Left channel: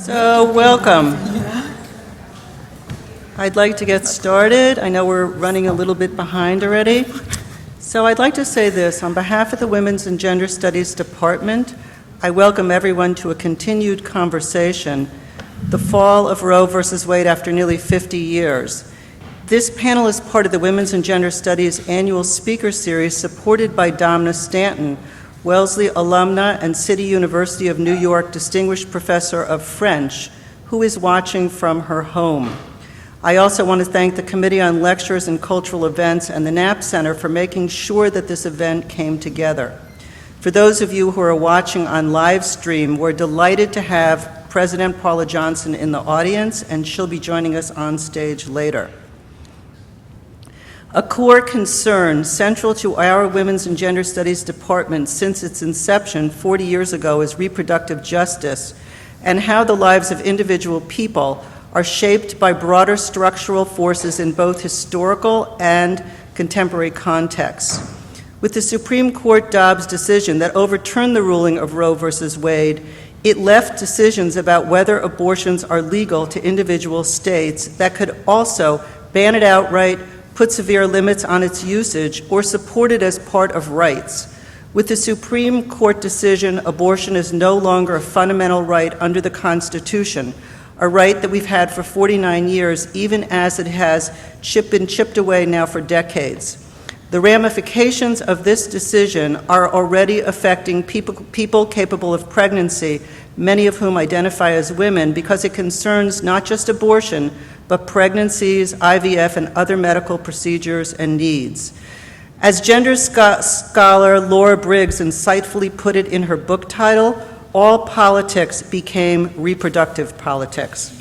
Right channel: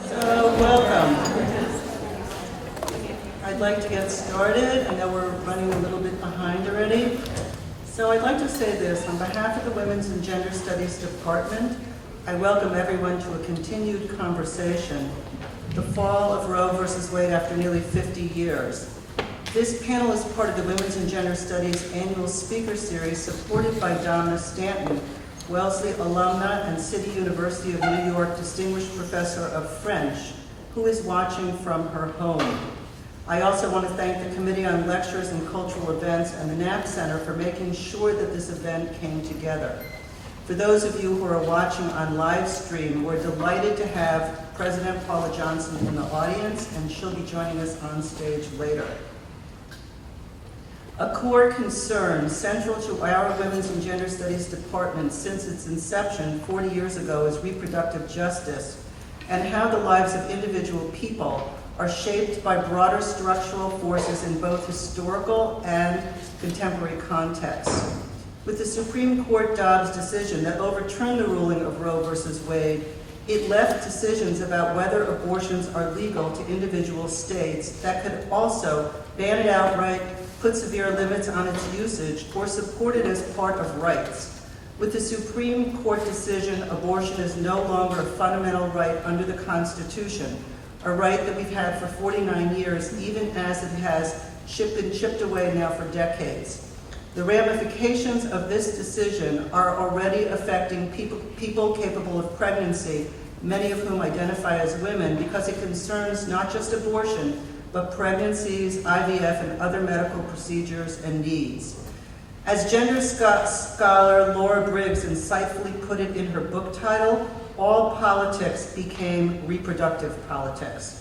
So, welcome. I'd like to get started. I know we're running a little bit behind already. So I'd like to say this. On behalf of the Women's and Gender Studies Department, I welcome everyone to a continued conversation, the Fall of Roe versus Wade after nearly 50 years. This panel is part of the Women's and Gender Studies annual speaker series supported by Domna Stanton, Wellesley alumna and City University of New York Distinguished Professor of French, who is watching from her home. I also want to thank the Committee on Lectures and Cultural Events and the Knapp Center for making sure that this event came together. For those of you who are watching on live stream, we're delighted to have President Paula Johnson in the audience, and she'll be joining us on stage later. A core concern central to our Women's and Gender Studies Department since its inception 40 years ago is reproductive justice and how the lives of individual people are shaped by broader structural forces in both historical and contemporary contexts. With the Supreme Court Dobbs decision that overturned the ruling of Roe versus Wade, it left decisions about whether abortions are legal to individual states that could also ban it outright, put severe limits on its usage, or support it as part of rights. With the Supreme Court decision, abortion is no longer a fundamental right under the Constitution, a right that we've had for 49 years, even as it has been chipped away now for decades. The ramifications of this decision are already affecting people capable of pregnancy, many of whom identify as women, because it concerns not just abortion, but pregnancies, IVF, and other medical procedures and needs. As gender scholar Laura Briggs insightfully put it in her book title, all politics became reproductive politics.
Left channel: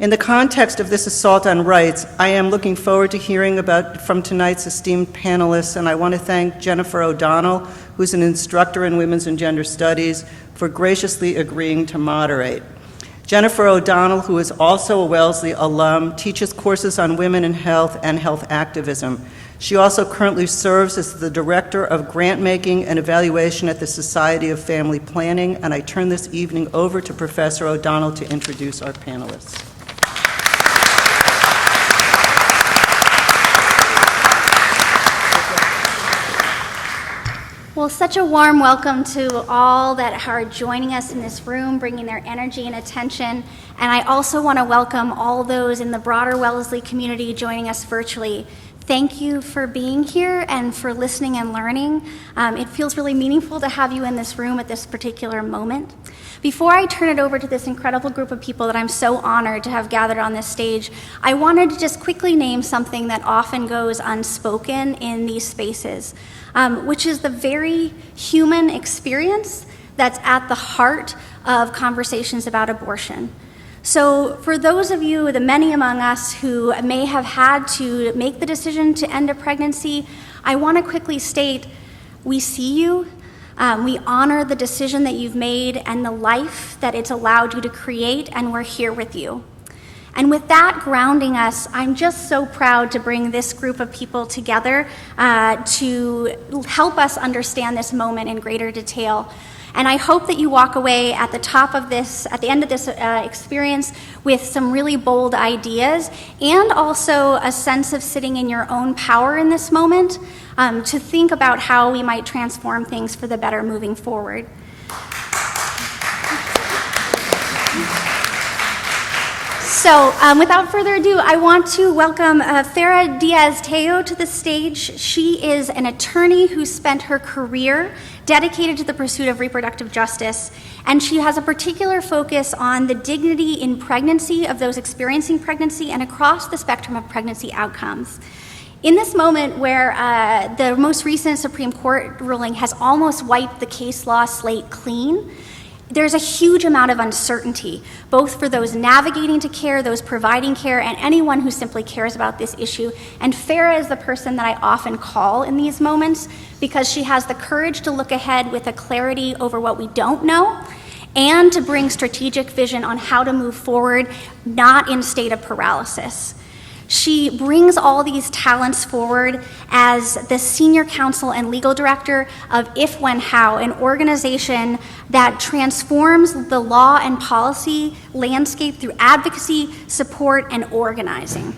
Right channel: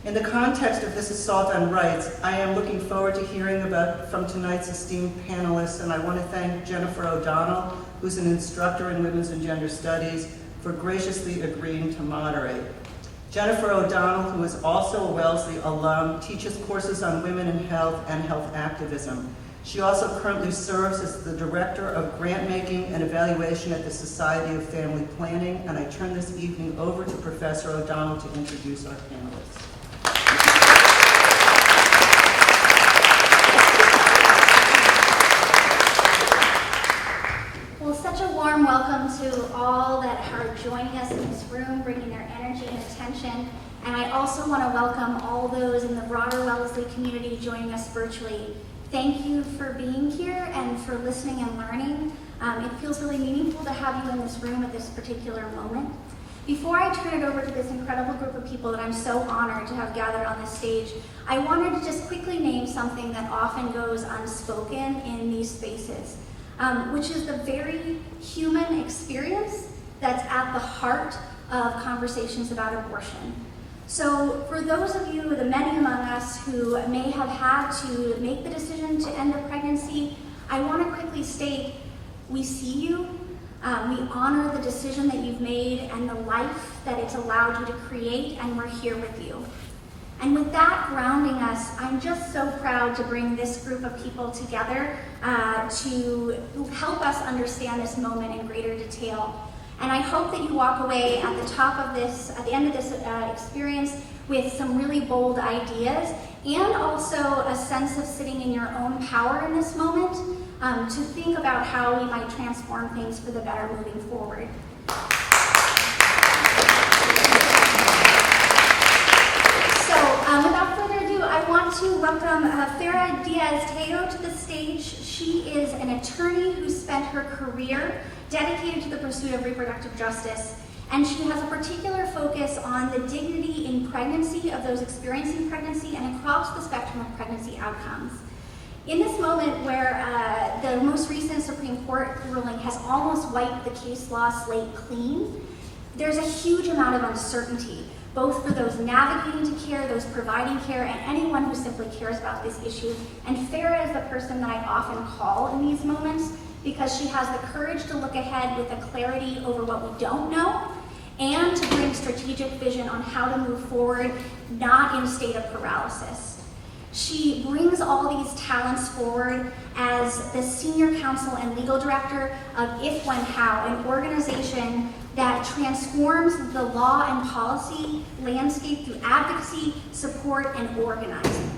In the context of this assault on rights, I am looking forward to hearing from tonight's esteemed panelists, and I want to thank Jennifer O'Donnell, who's an instructor in Women's and Gender Studies, for graciously agreeing to moderate. Jennifer O'Donnell, who is also a Wellesley alum, teaches courses on women in health and health activism. She also currently serves as the Director of Grant Making and Evaluation at the Society of Family Planning, and I turn this evening over to Professor O'Donnell to introduce our panelists. Well, such a warm welcome to all that are joining us in this room, bringing their energy and attention. And I also want to welcome all those in the broader Wellesley community joining us virtually. Thank you for being here and for listening and learning. It feels really meaningful to have you in this room at this particular moment. Before I turn it over to this incredible group of people that I'm so honored to have gathered on this stage, I wanted to just quickly name something that often goes unspoken in these spaces. Which is the very human experience that's at the heart of conversations about abortion. So for those of you, the many among us who may have had to make the decision to end a pregnancy, I want to quickly state, we see you, we honor the decision that you've made and the life that it's allowed you to create, and we're here with you. And with that grounding us, I'm just so proud to bring this group of people together to help us understand this moment in greater detail. And I hope that you walk away at the end of this experience with some really bold ideas and also a sense of sitting in your own power in this moment to think about how we might transform things for the better moving forward. So without further ado, I want to welcome Farah Diaz Teo to the stage. She is an attorney who spent her career dedicated to the pursuit of reproductive justice, and she has a particular focus on the dignity in pregnancy of those experiencing pregnancy and across the spectrum of pregnancy outcomes. In this moment where the most recent Supreme Court ruling has almost wiped the case law slate clean, there's a huge amount of uncertainty, both for those navigating to care, those providing care, and anyone who simply cares about this issue. And Farah is the person that I often call in these moments because she has the courage to look ahead with a clarity over what we don't know and to bring strategic vision on how to move forward, not in a state of paralysis. She brings all these talents forward as the Senior Counsel and Legal Director of If, When, How, an organization that transforms the law and policy landscape through advocacy, support, and organizing.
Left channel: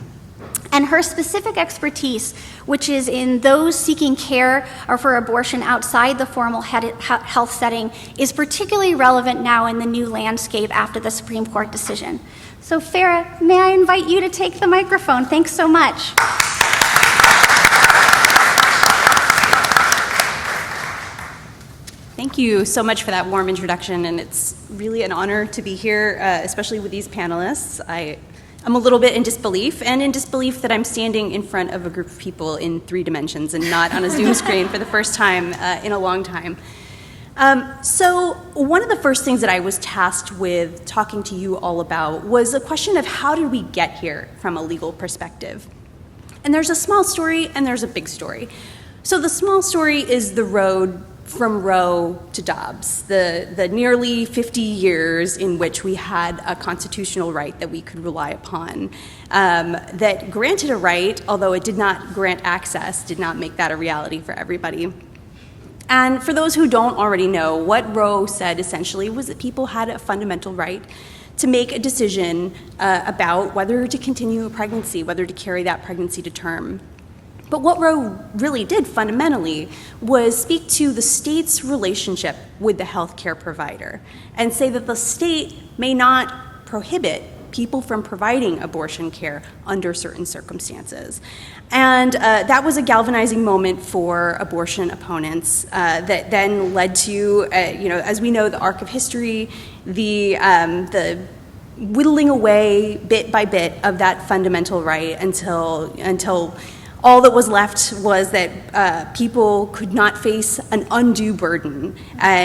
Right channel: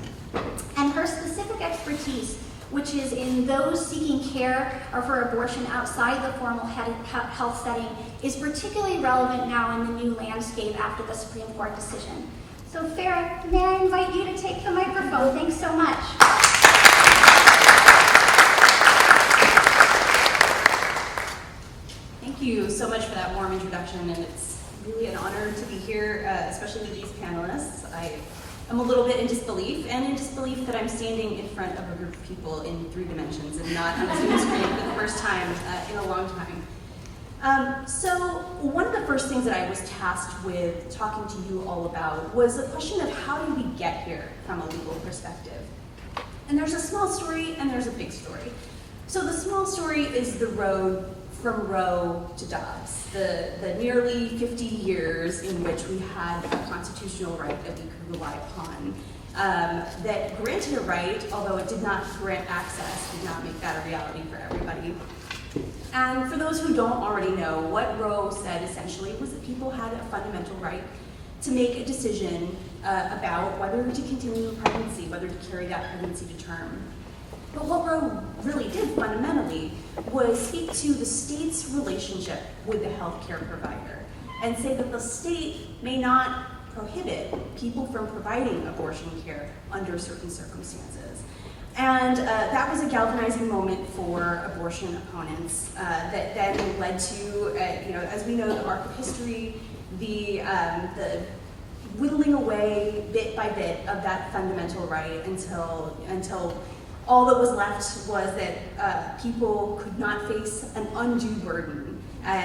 And her specific expertise, which is in those seeking care or for abortion outside the formal health setting, is particularly relevant now in the new landscape after the Supreme Court decision. So Farah, may I invite you to take the microphone? Thanks so much. Thank you so much for that warm introduction, and it's really an honor to be here, especially with these panelists. I'm a little bit in disbelief, and in disbelief that I'm standing in front of a group of people in 3 dimensions and not on a Zoom screen for the first time in a long time. So one of the first things that I was tasked with talking to you all about was a question of how did we get here from a legal perspective? And there's a small story and there's a big story. So the small story is the road from Roe to Dobbs, the nearly 50 years in which we had a constitutional right that we could rely upon, that granted a right, although it did not grant access, did not make that a reality for everybody. And for those who don't already know, what Roe said essentially was that people had a fundamental right to make a decision about whether to continue a pregnancy, whether to carry that pregnancy to term. But what Roe really did fundamentally was speak to the state's relationship with the healthcare provider and say that the state may not prohibit people from providing abortion care under certain circumstances. And that was a galvanizing moment for abortion opponents that then led to, as we know, the arc of history, the whittling away bit by bit of that fundamental right until all that was left was that people could not face an undue burden,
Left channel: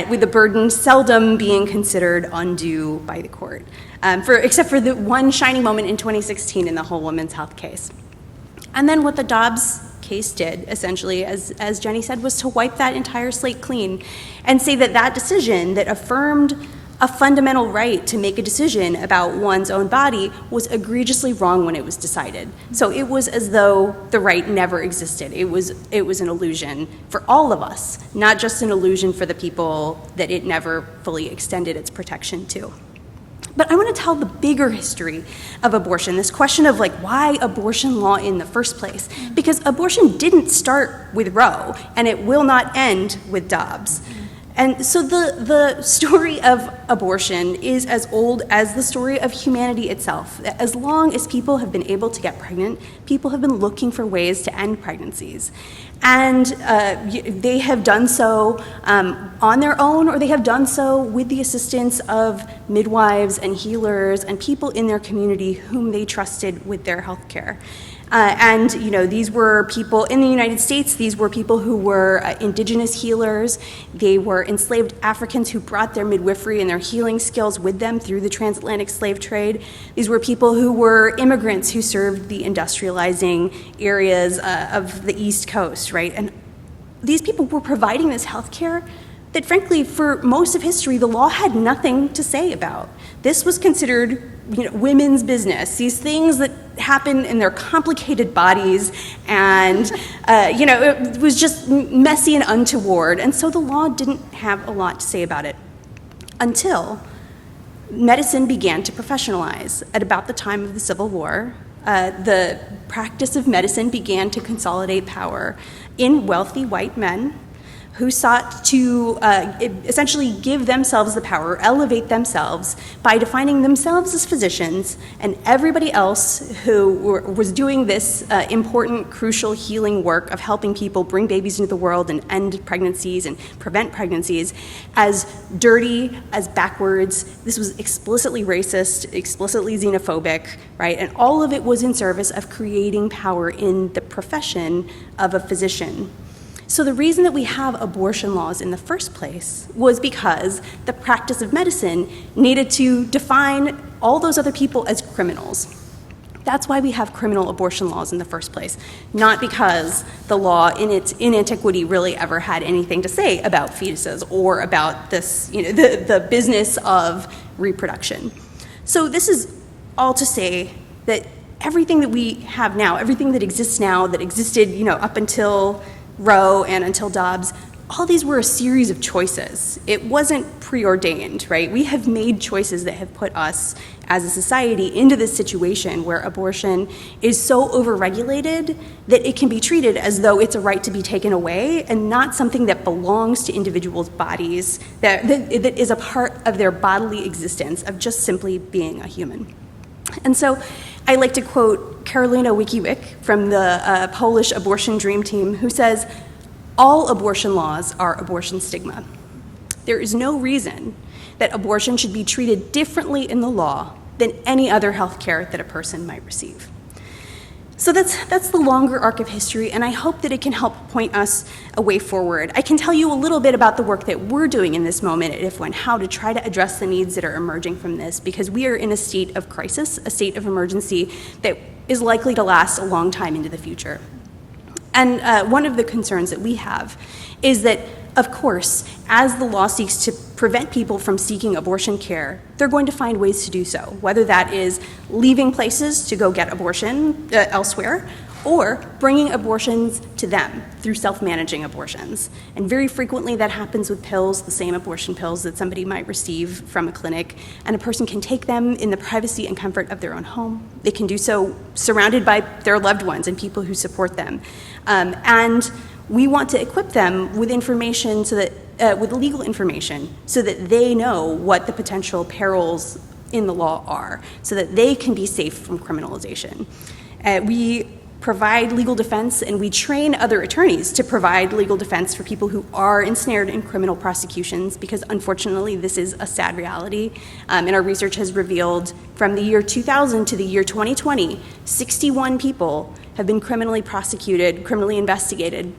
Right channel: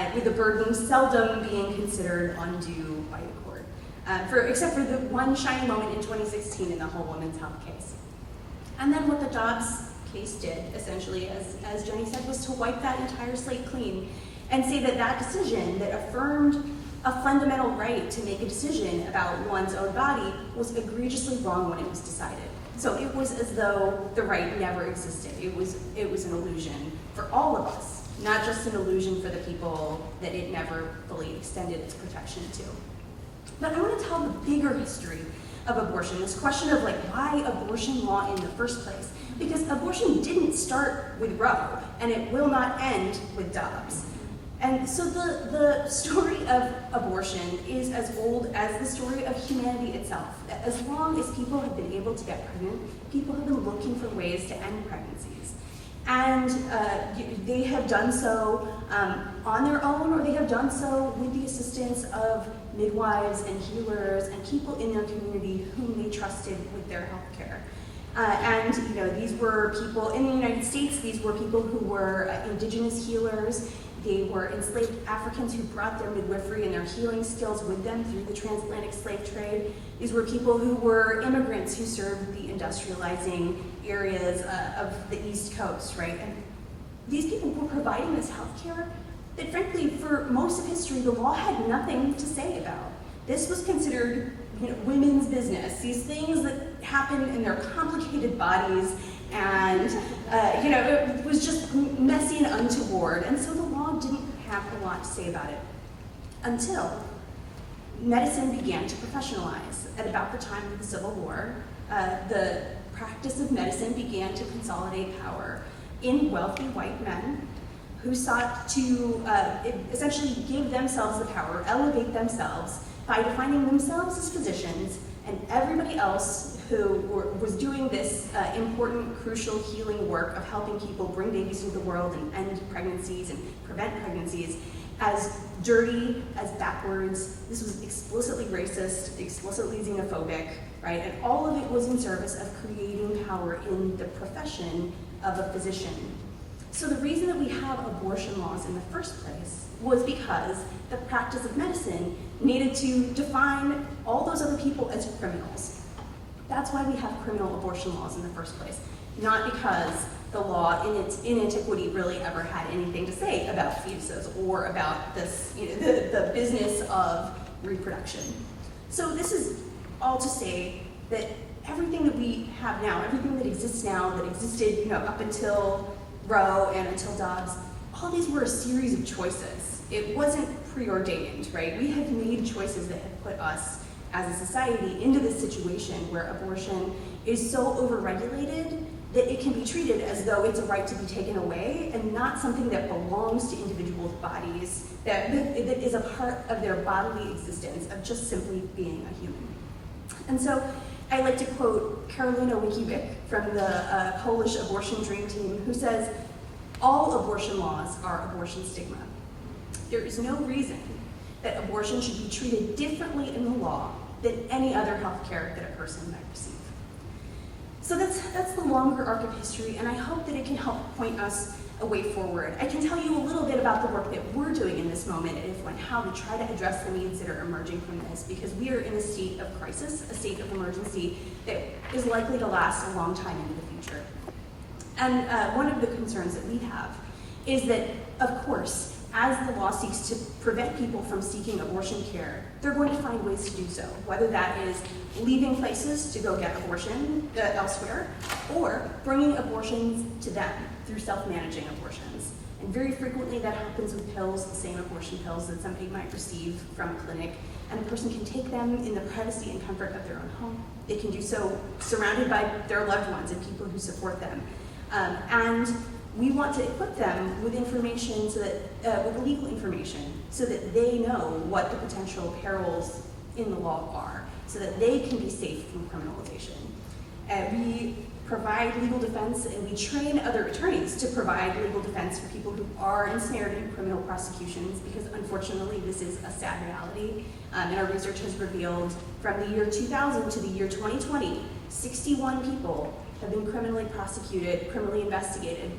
with the burden seldom being considered undue by the court, except for the one shining moment in 2016 in the whole women's health case. And then what the Dobbs case did, essentially, as Jenny said, was to wipe that entire slate clean and say that that decision that affirmed a fundamental right to make a decision about one's own body was egregiously wrong when it was decided. So it was as though the right never existed. It was an illusion for all of us, not just an illusion for the people that it never fully extended its protection to. But I want to tell the bigger history of abortion, this question of why abortion law in the first place? Because abortion didn't start with Roe, and it will not end with Dobbs. And so the story of abortion is as old as the story of humanity itself. As long as people have been able to get pregnant, people have been looking for ways to end pregnancies. And they have done so on their own, or they have done so with the assistance of midwives and healers and people in their community whom they trusted with their health care. And these were people in the United States. These were people who were indigenous healers. They were enslaved Africans who brought their midwifery and their healing skills with them through the transatlantic slave trade. These were people who were immigrants who served the industrializing areas of the East Coast, right? And these people were providing this health care that, frankly, for most of history, the law had nothing to say about. This was considered, women's business. These things that happen in their complicated bodies, and it was just messy and untoward. And so the law didn't have a lot to say about it until medicine began to professionalize. At about the time of the Civil War, the practice of medicine began to consolidate power in wealthy white men who sought to essentially give themselves the power, elevate themselves by defining themselves as physicians, and everybody else who was doing this important, crucial healing work of helping people bring babies into the world and end pregnancies and prevent pregnancies as dirty, as backwards. This was explicitly racist, explicitly xenophobic, right? And all of it was in service of creating power in the profession of a physician. So the reason that we have abortion laws in the first place was because the practice of medicine needed to define all those other people as criminals. That's why we have criminal abortion laws in the first place, not because the law in antiquity really ever had anything to say about fetuses or about this, the business of reproduction. So this is all to say that everything that we have now, everything that exists now, that existed, up until Roe and until Dobbs, all these were a series of choices. It wasn't preordained, right? We have made choices that have put us as a society into this situation where abortion is so overregulated that it can be treated as though it's a right to be taken away and not something that belongs to individuals' bodies, that is a part of their bodily existence of just simply being a human. And so I like to quote Karolina Wikiwick from the Polish abortion dream team, who says, "All abortion laws are abortion stigma. There is no reason that abortion should be treated differently in the law than any other health care that a person might receive." So that's the longer arc of history, and I hope that it can help point us a way forward. I can tell you a little bit about the work that we're doing in this moment at IFWA and how to try to address the needs that are emerging from this, because we are in a state of crisis, a state of emergency that is likely to last a long time into the future. And one of the concerns that we have is that, of course, as the law seeks to prevent people from seeking abortion care, they're going to find ways to do so, whether that is leaving places to go get abortion elsewhere, or bringing abortions to them through self-managing abortions. And very frequently that happens with pills, the same abortion pills that somebody might receive from a clinic, and a person can take them in the privacy and comfort of their own home. They can do so surrounded by their loved ones and people who support them. And we want to equip them with information so that, with legal information, so that they know what the potential perils in the law are, so that they can be safe from criminalization. We provide legal defense, and we train other attorneys to provide legal defense for people who are ensnared in criminal prosecutions, because unfortunately this is a sad reality. And our research has revealed from the year 2000 to the year 2020, 61 people have been criminally prosecuted, criminally investigated,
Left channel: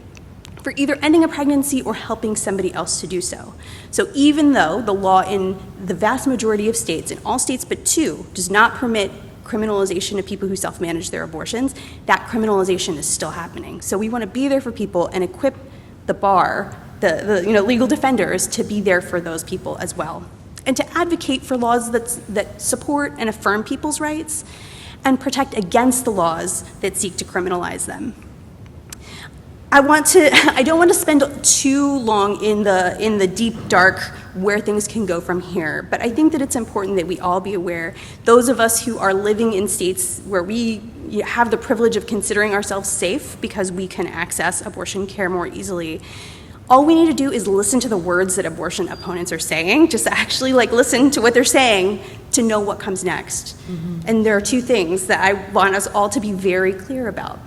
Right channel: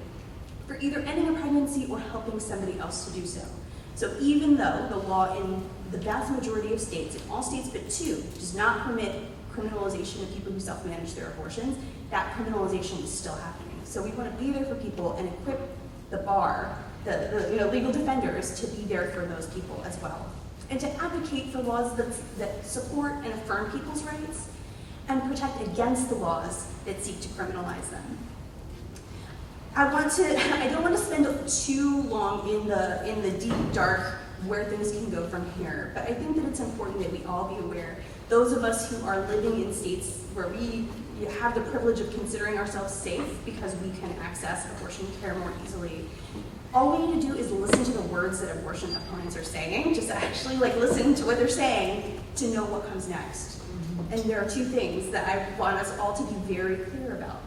for either ending a pregnancy or helping somebody else to do so. So even though the law in the vast majority of states, in all states but 2, does not permit criminalization of people who self-manage their abortions, that criminalization is still happening. So we want to be there for people and equip the bar, the legal defenders, to be there for those people as well, and to advocate for laws that support and affirm people's rights and protect against the laws that seek to criminalize them. I don't want to spend too long in the deep, dark, where things can go from here, but I think that it's important that we all be aware, those of us who are living in states where we have the privilege of considering ourselves safe because we can access abortion care more easily, all we need to do is listen to the words that abortion opponents are saying, just actually listen to what they're saying to know what comes next. Mm-hmm. And there are 2 things that I want us all to be very clear about.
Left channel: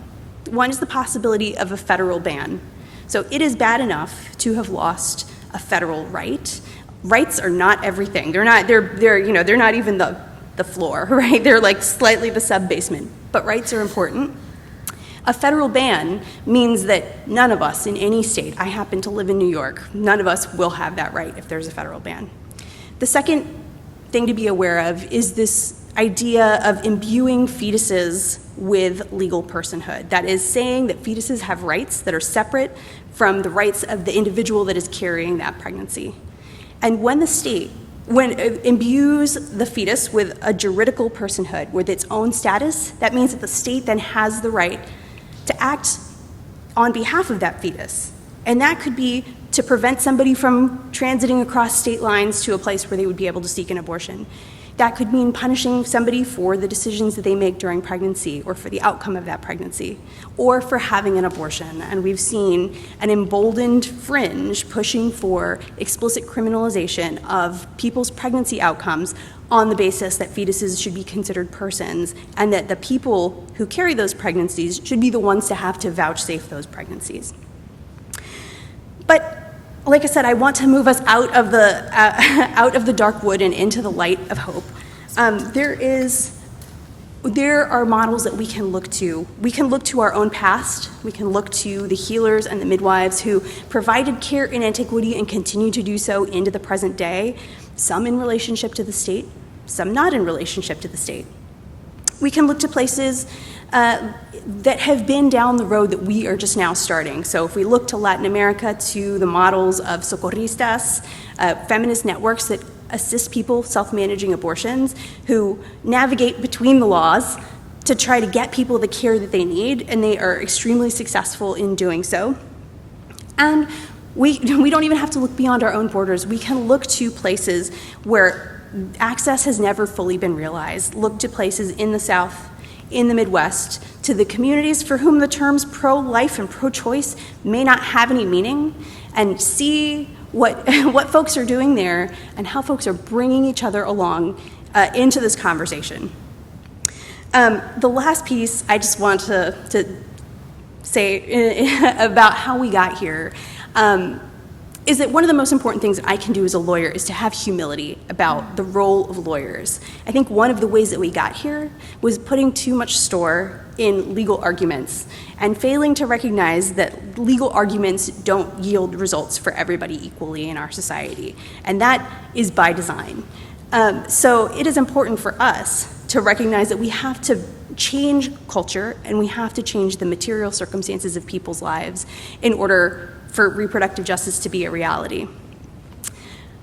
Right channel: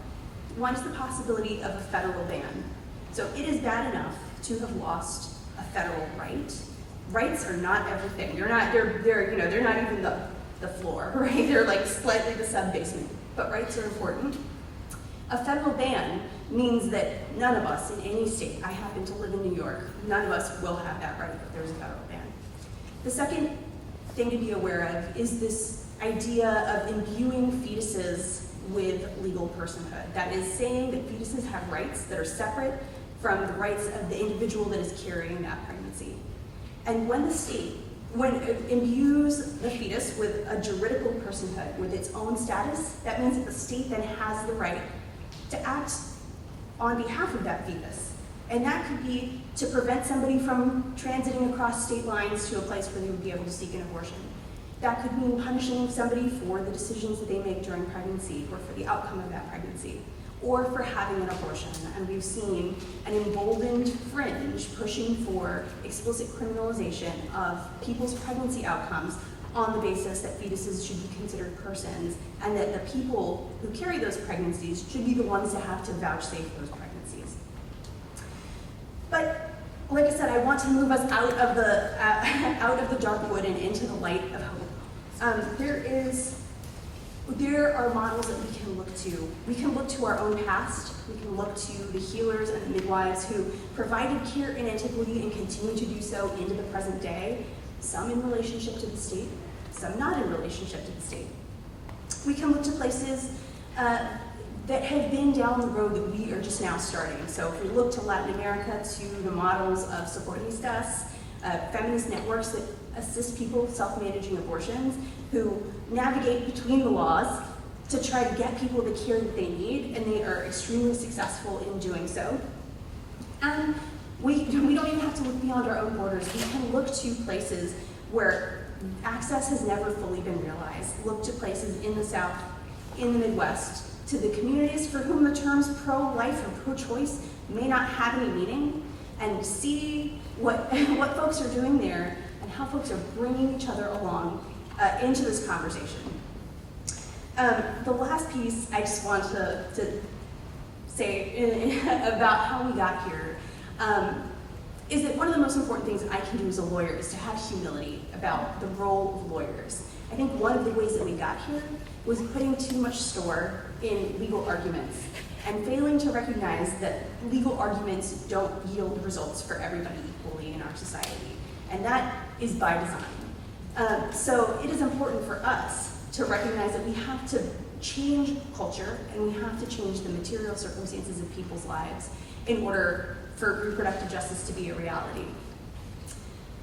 One is the possibility of a federal ban. So it is bad enough to have lost a federal right. Rights are not everything. They're not even the floor, right? They're slightly the sub-basement, but rights are important. A federal ban means that none of us in any state, I happen to live in New York, none of us will have that right if there's a federal ban. The second thing to be aware of is this idea of imbuing fetuses with legal personhood. That is saying that fetuses have rights that are separate from the rights of the individual that is carrying that pregnancy. And when the state imbues the fetus with a juridical personhood, with its own status, that means that the state then has the right to act on behalf of that fetus. And that could be to prevent somebody from transiting across state lines to a place where they would be able to seek an abortion. That could mean punishing somebody for the decisions that they make during pregnancy, or for the outcome of that pregnancy, or for having an abortion. And we've seen an emboldened fringe pushing for explicit criminalization of people's pregnancy outcomes on the basis that fetuses should be considered persons, and that the people who carry those pregnancies should be the ones to have to vouchsafe those pregnancies. But like I said, I want to move us out of the dark wood and into the light of hope. There are models that we can look to. We can look to our own past. We can look to the healers and the midwives who provided care in antiquity and continue to do so into the present day, some in relationship to the state, some not in relationship to the state. We can look to places that have been down the road that we are just now starting. So if we look to Latin America, to the models of socorristas, feminist networks that assist people self-managing abortions, who navigate between the laws to try to get people the care that they need, and they are extremely successful in doing so. And we don't even have to look beyond our own borders. We can look to places where access has never fully been realized. Look to places in the South, in the Midwest, to the communities for whom the terms pro-life and pro-choice may not have any meaning, and see what folks are doing there and how folks are bringing each other along into this conversation. The last piece I just want to say about how we got here is that one of the most important things I can do as a lawyer is to have humility about the role of lawyers. I think one of the ways that we got here was putting too much store in legal arguments and failing to recognize that legal arguments don't yield results for everybody equally in our society. And that is by design. So it is important for us to recognize that we have to change culture and we have to change the material circumstances of people's lives in order for reproductive justice to be a reality.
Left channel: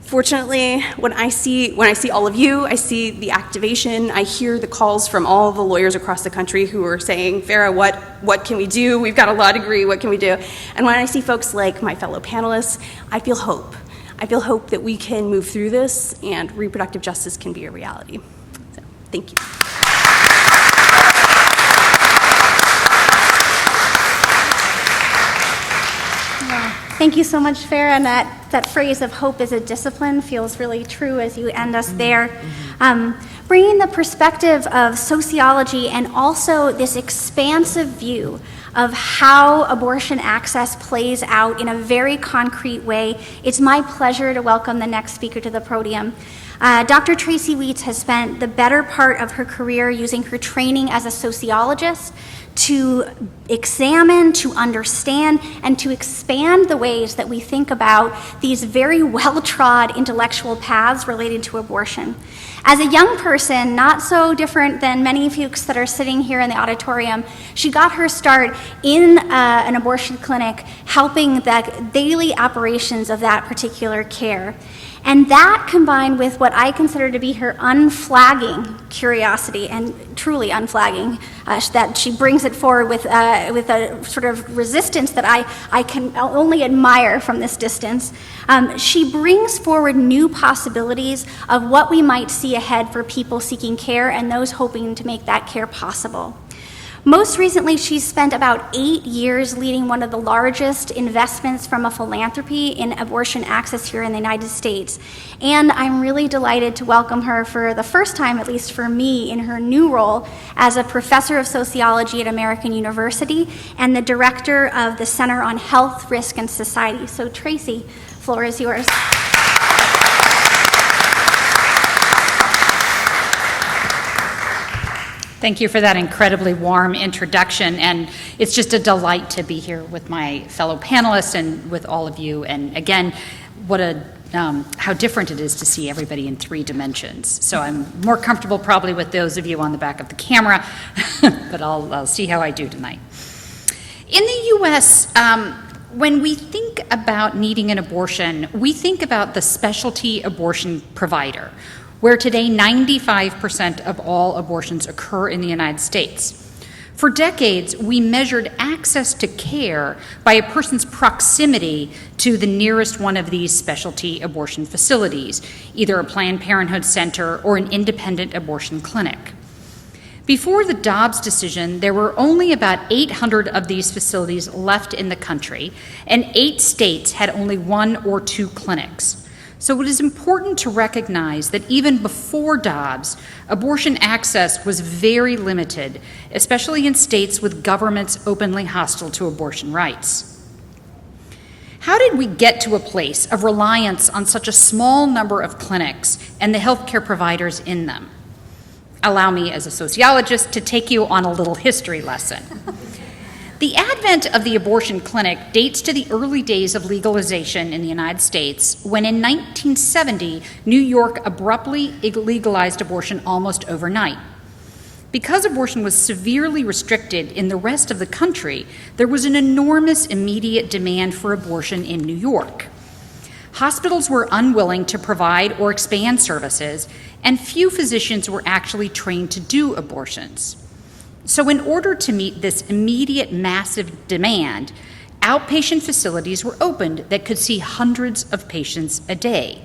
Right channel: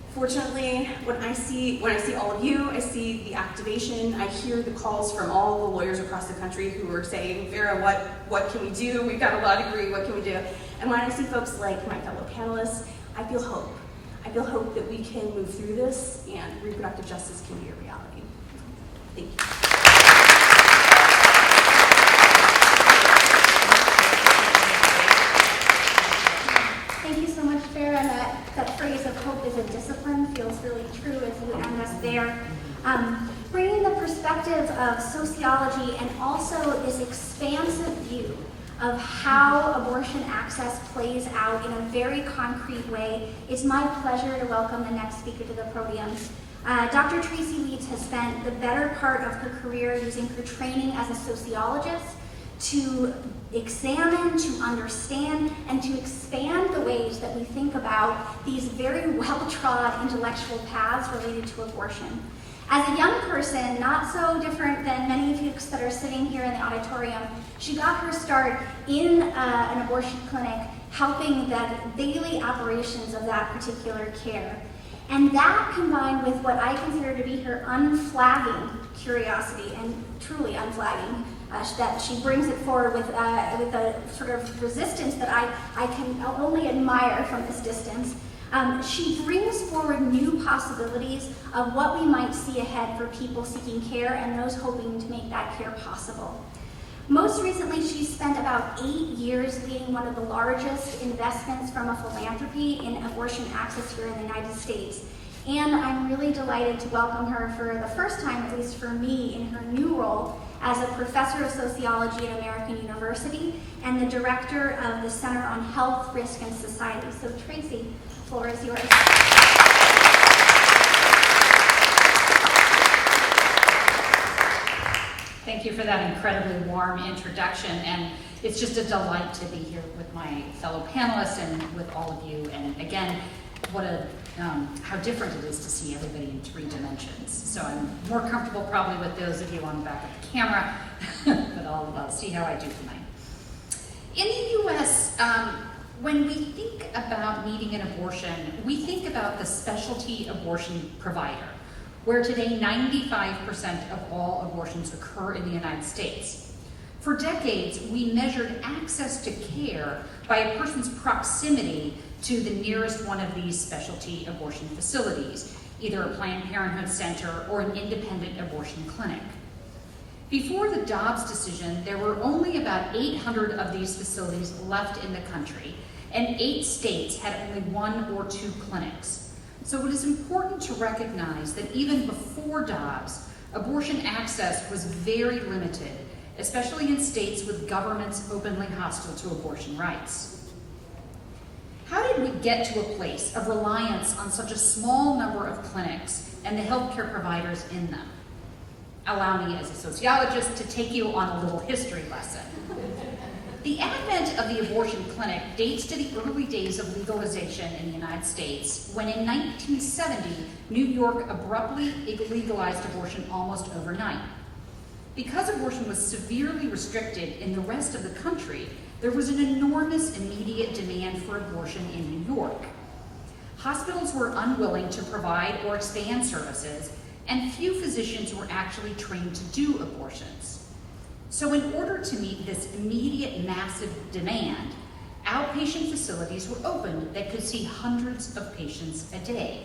Fortunately, when I see all of you, I see the activation, I hear the calls from all the lawyers across the country who are saying, Farah, what can we do? We've got a law degree, what can we do? And when I see folks like my fellow panelists, I feel hope. I feel hope that we can move through this and reproductive justice can be a reality. So, thank you. Thank you so much, Farah. And that phrase of hope is a discipline feels really true as you end us there. Bringing the perspective of sociology and also this expansive view of how abortion access plays out in a very concrete way, it's my pleasure to welcome the next speaker to the podium. Dr. Tracy Weeds has spent the better part of her career using her training as a sociologist to examine, to understand, and to expand the ways that we think about these very well-trod intellectual paths related to abortion. As a young person, not so different than many folks that are sitting here in the auditorium, she got her start in an abortion clinic, helping the daily operations of that particular care. And that combined with what I consider to be her unflagging curiosity, and truly unflagging, that she brings it forward with a sort of resistance that I can only admire from this distance. She brings forward new possibilities of what we might see ahead for people seeking care and those hoping to make that care possible. Most recently, she's spent about 8 years leading one of the largest investments from a philanthropy in abortion access here in the United States. And I'm really delighted to welcome her for the first time, at least for me, in her new role as a professor of sociology at American University and the director of the Center on Health, Risk, and Society. So Tracy, floor is yours. Thank you for that incredibly warm introduction, and it's just a delight to be here with my fellow panelists and with all of you. And again, how different it is to see everybody in 3 dimensions. So I'm more comfortable probably with those of you on the back of the camera, but I'll see how I do tonight. In the U.S., when we think about needing an abortion, we think about the specialty abortion provider, where today 95% of all abortions occur in the United States. For decades, we measured access to care by a person's proximity to the nearest one of these specialty abortion facilities, either a Planned Parenthood center or an independent abortion clinic. Before the Dobbs decision, there were only about 800 of these facilities left in the country, and 8 states had only 1 or 2 clinics. So it is important to recognize that even before Dobbs, abortion access was very limited, especially in states with governments openly hostile to abortion rights. How did we get to a place of reliance on such a small number of clinics and the healthcare providers in them? Allow me, as a sociologist, to take you on a little history lesson. The advent of the abortion clinic dates to the early days of legalization in the United States, when in 1970, New York abruptly legalized abortion almost overnight. Because abortion was severely restricted in the rest of the country, there was an enormous immediate demand for abortion in New York. Hospitals were unwilling to provide or expand services, and few physicians were actually trained to do abortions. So in order to meet this immediate massive demand, outpatient facilities were opened that could see hundreds of patients a day.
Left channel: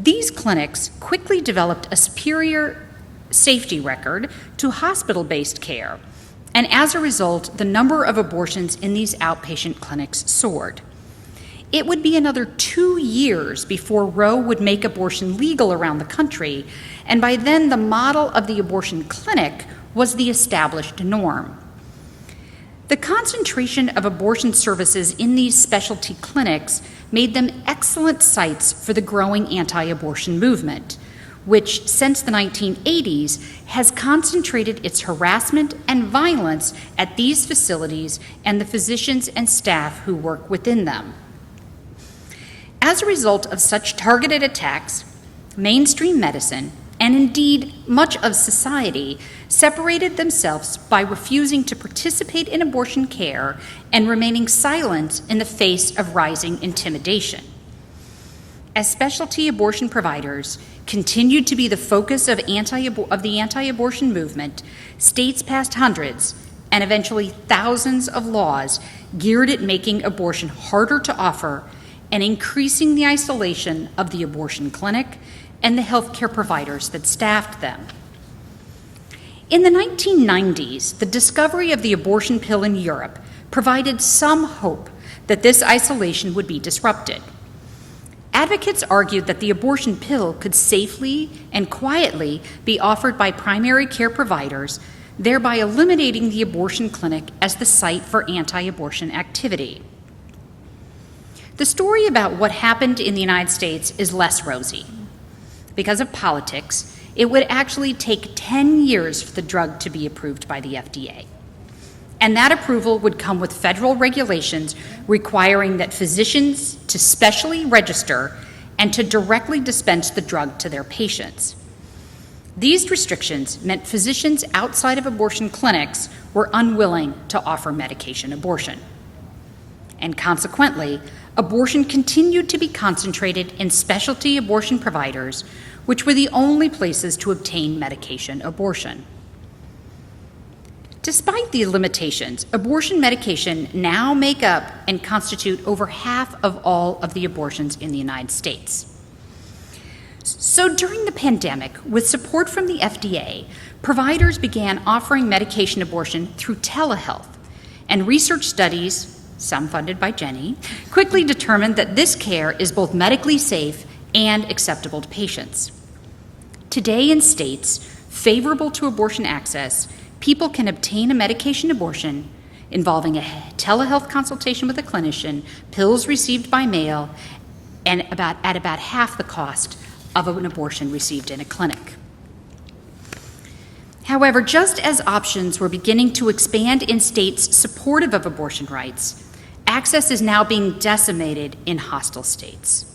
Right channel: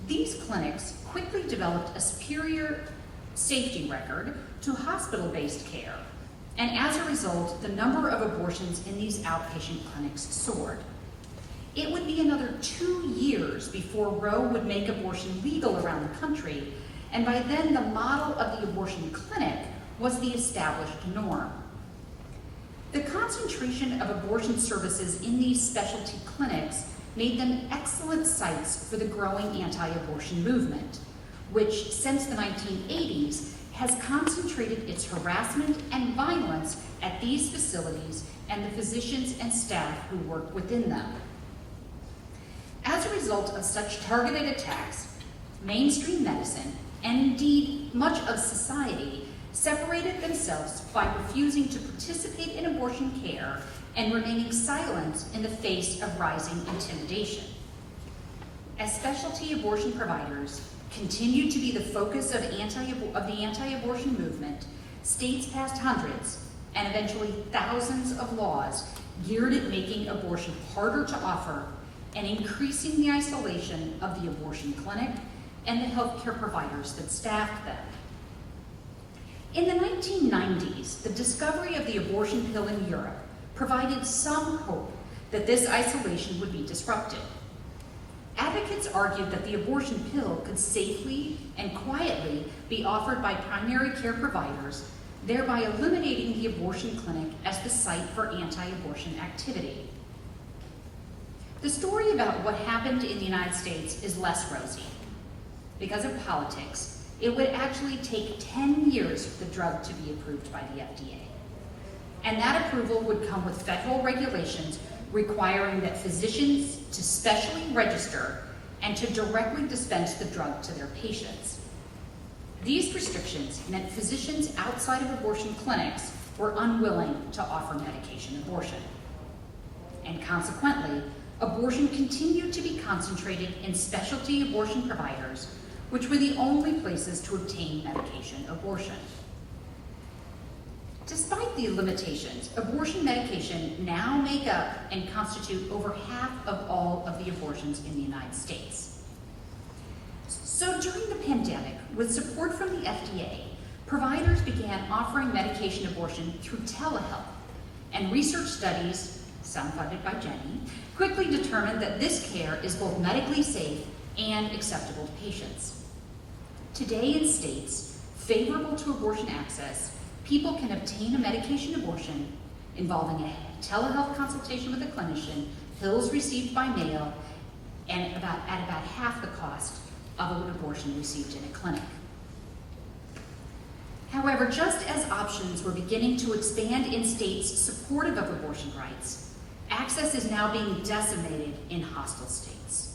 These clinics quickly developed a superior safety record to hospital-based care, and as a result, the number of abortions in these outpatient clinics soared. It would be another 2 years before Roe would make abortion legal around the country, and by then the model of the abortion clinic was the established norm. The concentration of abortion services in these specialty clinics made them excellent sites for the growing anti-abortion movement, which since the 1980s has concentrated its harassment and violence at these facilities and the physicians and staff who work within them. As a result of such targeted attacks, mainstream medicine, and indeed much of society, separated themselves by refusing to participate in abortion care and remaining silent in the face of rising intimidation. As specialty abortion providers continued to be the focus of the anti-abortion movement, states passed hundreds and eventually thousands of laws geared at making abortion harder to offer and increasing the isolation of the abortion clinic and the healthcare providers that staffed them. In the 1990s, the discovery of the abortion pill in Europe provided some hope that this isolation would be disrupted. Advocates argued that the abortion pill could safely and quietly be offered by primary care providers, thereby eliminating the abortion clinic as the site for anti-abortion activity. The story about what happened in the United States is less rosy. Because of politics, it would actually take 10 years for the drug to be approved by the FDA. And that approval would come with federal regulations requiring that physicians to specially register and to directly dispense the drug to their patients. These restrictions meant physicians outside of abortion clinics were unwilling to offer medication abortion. And consequently, abortion continued to be concentrated in specialty abortion providers, which were the only places to obtain medication abortion. Despite these limitations, abortion medication now make up and constitute over half of all of the abortions in the United States. So during the pandemic, with support from the FDA, providers began offering medication abortion through telehealth, and research studies, some funded by Jenny, quickly determined that this care is both medically safe and acceptable to patients. Today in states favorable to abortion access, people can obtain a medication abortion involving a telehealth consultation with a clinician, pills received by mail, and at about half the cost of an abortion received in a clinic. However, just as options were beginning to expand in states supportive of abortion rights, access is now being decimated in hostile states.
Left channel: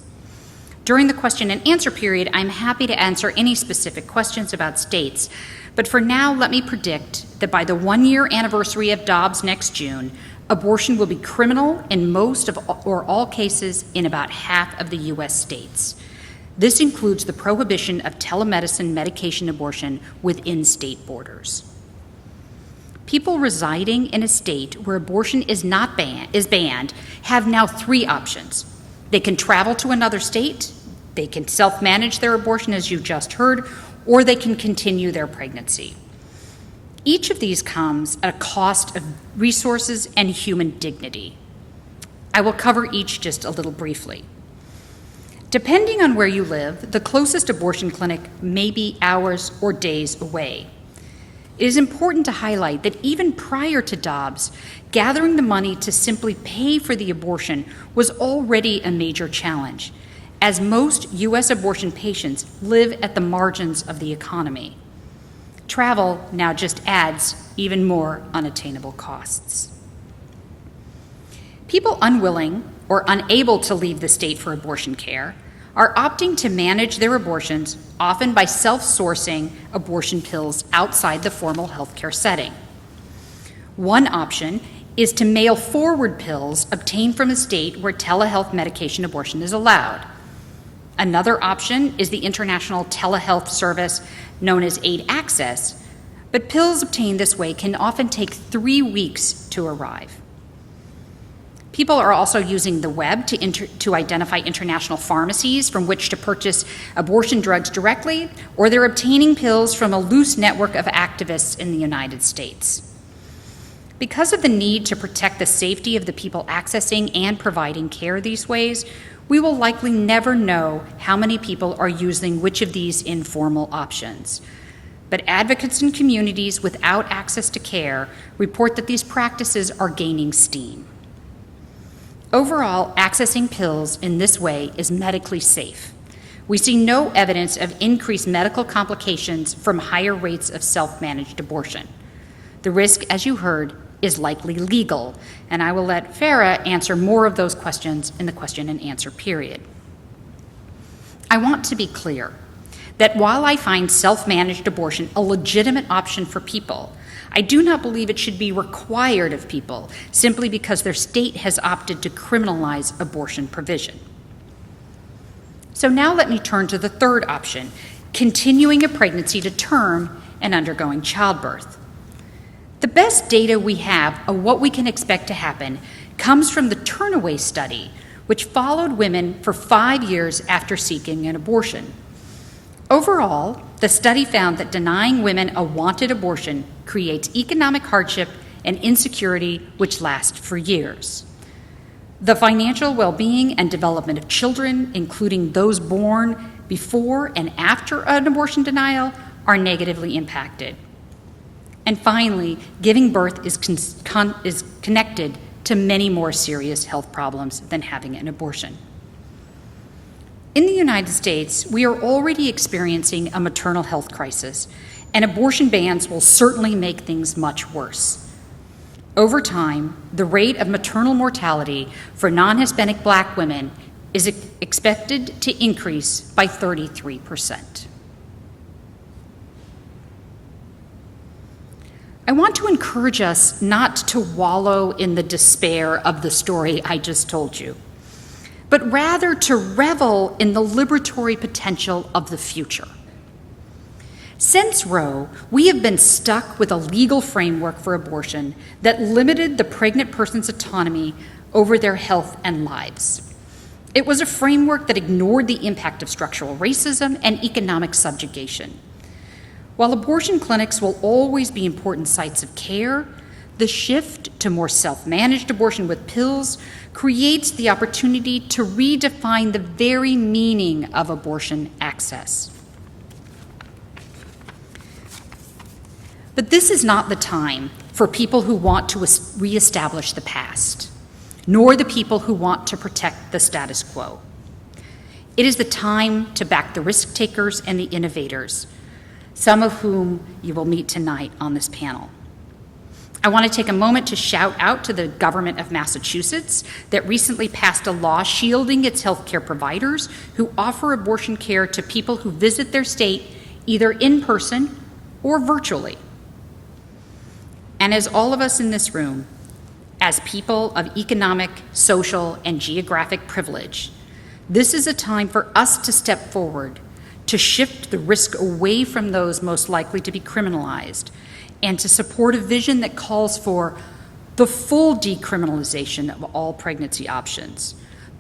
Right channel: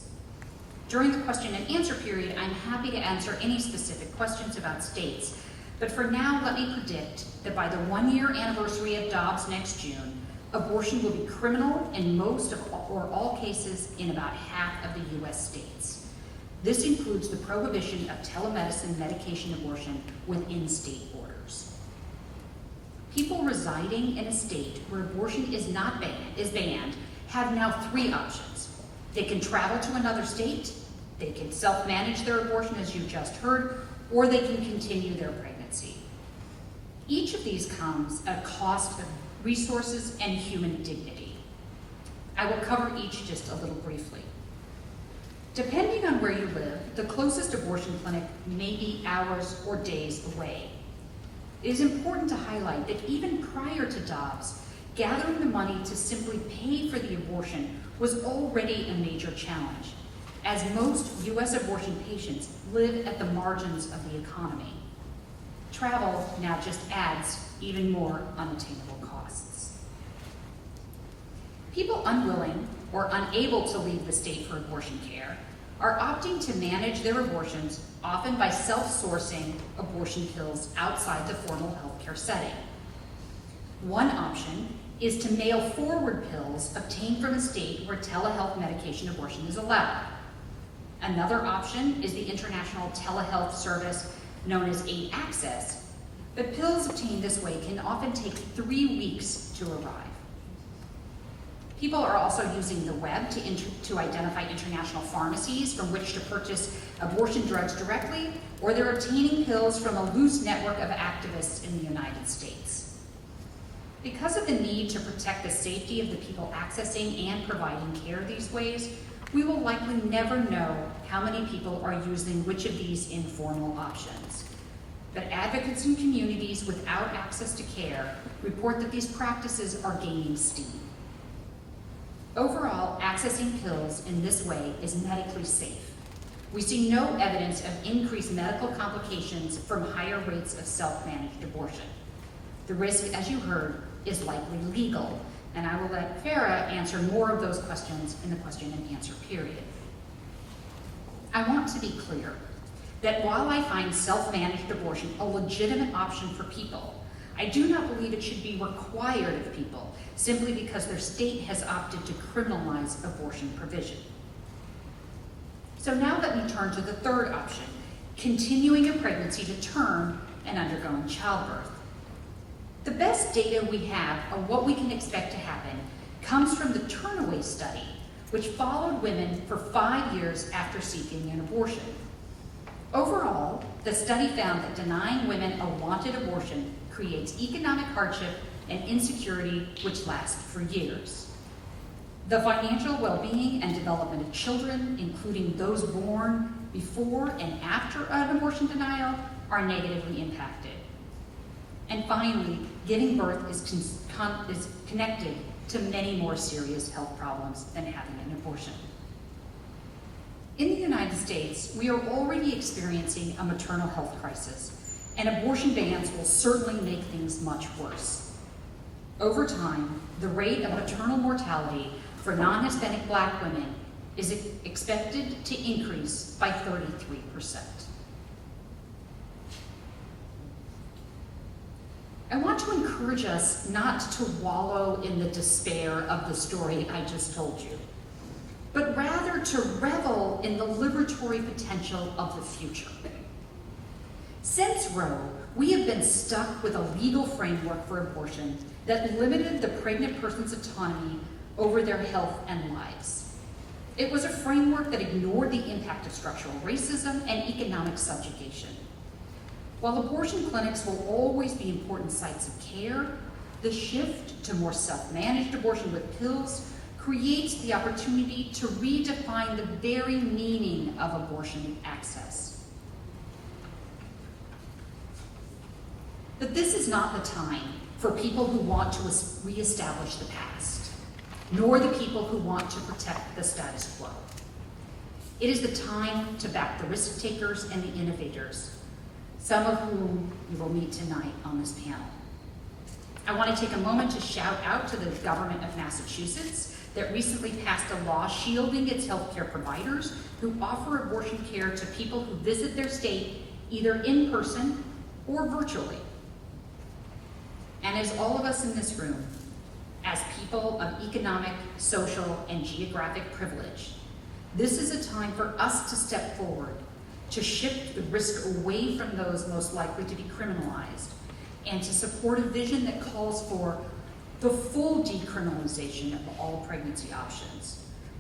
During the question and answer period, I'm happy to answer any specific questions about states, but for now, let me predict that by the 1-year anniversary of Dobbs next June, abortion will be criminal in most of or all cases in about half of the U.S. states. This includes the prohibition of telemedicine medication abortion within state borders. People residing in a state where abortion is banned have now 3 options. They can travel to another state, they can self-manage their abortion as you just heard, or they can continue their pregnancy. Each of these comes at a cost of resources and human dignity. I will cover each just a little briefly. Depending on where you live, the closest abortion clinic may be hours or days away. It is important to highlight that even prior to Dobbs, gathering the money to simply pay for the abortion was already a major challenge, as most U.S. abortion patients live at the margins of the economy. Travel now just adds even more unattainable costs. People unwilling or unable to leave the state for abortion care are opting to manage their abortions, often by self-sourcing abortion pills outside the formal healthcare setting. One option is to mail forward pills obtained from a state where telehealth medication abortion is allowed. Another option is the international telehealth service known as Aid Access, but pills obtained this way can often take 3 weeks to arrive. People are also using the web to identify international pharmacies from which to purchase abortion drugs directly, or they're obtaining pills from a loose network of activists in the United States. Because of the need to protect the safety of the people accessing and providing care these ways, we will likely never know how many people are using which of these informal options. But advocates and communities without access to care report that these practices are gaining steam. Overall, accessing pills in this way is medically safe. We see no evidence of increased medical complications from higher rates of self-managed abortion. The risk, as you heard, is likely legal, and I will let Farah answer more of those questions in the question and answer period. I want to be clear that while I find self-managed abortion a legitimate option for people, I do not believe it should be required of people simply because their state has opted to criminalize abortion provision. So now let me turn to the third option, continuing a pregnancy to term and undergoing childbirth. The best data we have of what we can expect to happen comes from the Turnaway study, which followed women for 5 years after seeking an abortion. Overall, the study found that denying women a wanted abortion creates economic hardship and insecurity which last for years. The financial well-being and development of children, including those born before and after an abortion denial, are negatively impacted. And finally, giving birth is connected to many more serious health problems than having an abortion. In the United States, we are already experiencing a maternal health crisis, and abortion bans will certainly make things much worse. Over time, the rate of maternal mortality for non-Hispanic Black women is expected to increase by 33%. I want to encourage us not to wallow in the despair of the story I just told you, but rather to revel in the liberatory potential of the future. Since Roe, we have been stuck with a legal framework for abortion that limited the pregnant person's autonomy over their health and lives. It was a framework that ignored the impact of structural racism and economic subjugation. While abortion clinics will always be important sites of care, the shift to more self-managed abortion with pills creates the opportunity to redefine the very meaning of abortion access. But this is not the time for people who want to reestablish the past, nor the people who want to protect the status quo. It is the time to back the risk takers and the innovators, some of whom you will meet tonight on this panel. I want to take a moment to shout out to the government of Massachusetts that recently passed a law shielding its healthcare providers who offer abortion care to people who visit their state either in person or virtually. And as all of us in this room, as people of economic, social, and geographic privilege, this is a time for us to step forward, to shift the risk away from those most likely to be criminalized, and to support a vision that calls for the full decriminalization of all pregnancy options,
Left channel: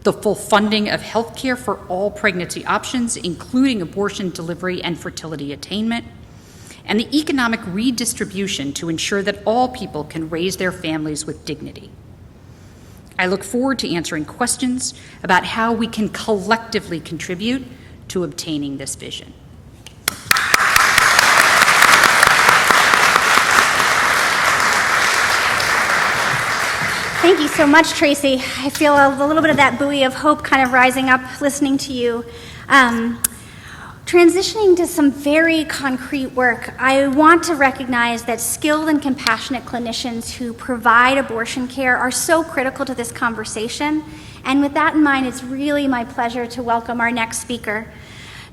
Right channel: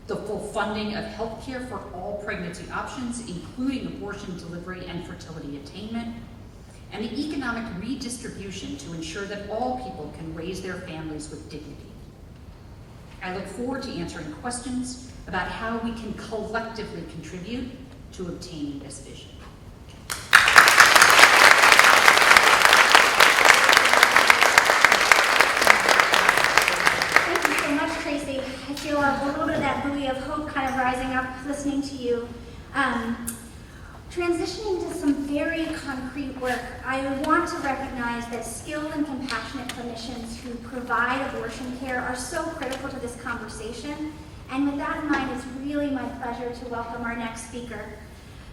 the full funding of health care for all pregnancy options, including abortion, delivery, and fertility attainment, and the economic redistribution to ensure that all people can raise their families with dignity. I look forward to answering questions about how we can collectively contribute to obtaining this vision. Thank you so much, Tracy. I feel a little bit of that buoy of hope kind of rising up listening to you. Transitioning to some very concrete work, I want to recognize that skilled and compassionate clinicians who provide abortion care are so critical to this conversation. And with that in mind, it's really my pleasure to welcome our next speaker.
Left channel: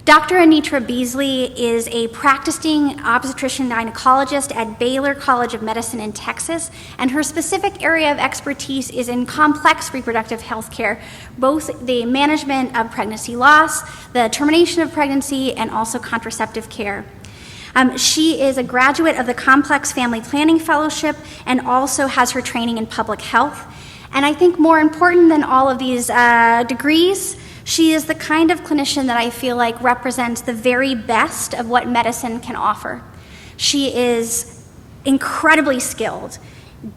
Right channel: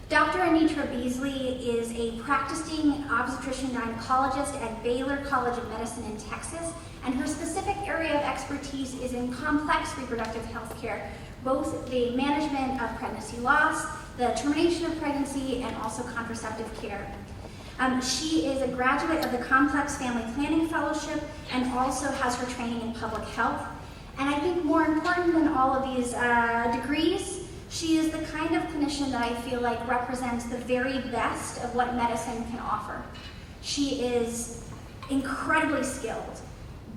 Dr. Anitra Beasley is a practicing obstetrician gynecologist at Baylor College of Medicine in Texas, and her specific area of expertise is in complex reproductive health care, both the management of pregnancy loss, the termination of pregnancy, and also contraceptive care. She is a graduate of the Complex Family Planning Fellowship and also has her training in public health. And I think more important than all of these degrees, she is the kind of clinician that I feel like represents the very best of what medicine can offer. She is incredibly skilled,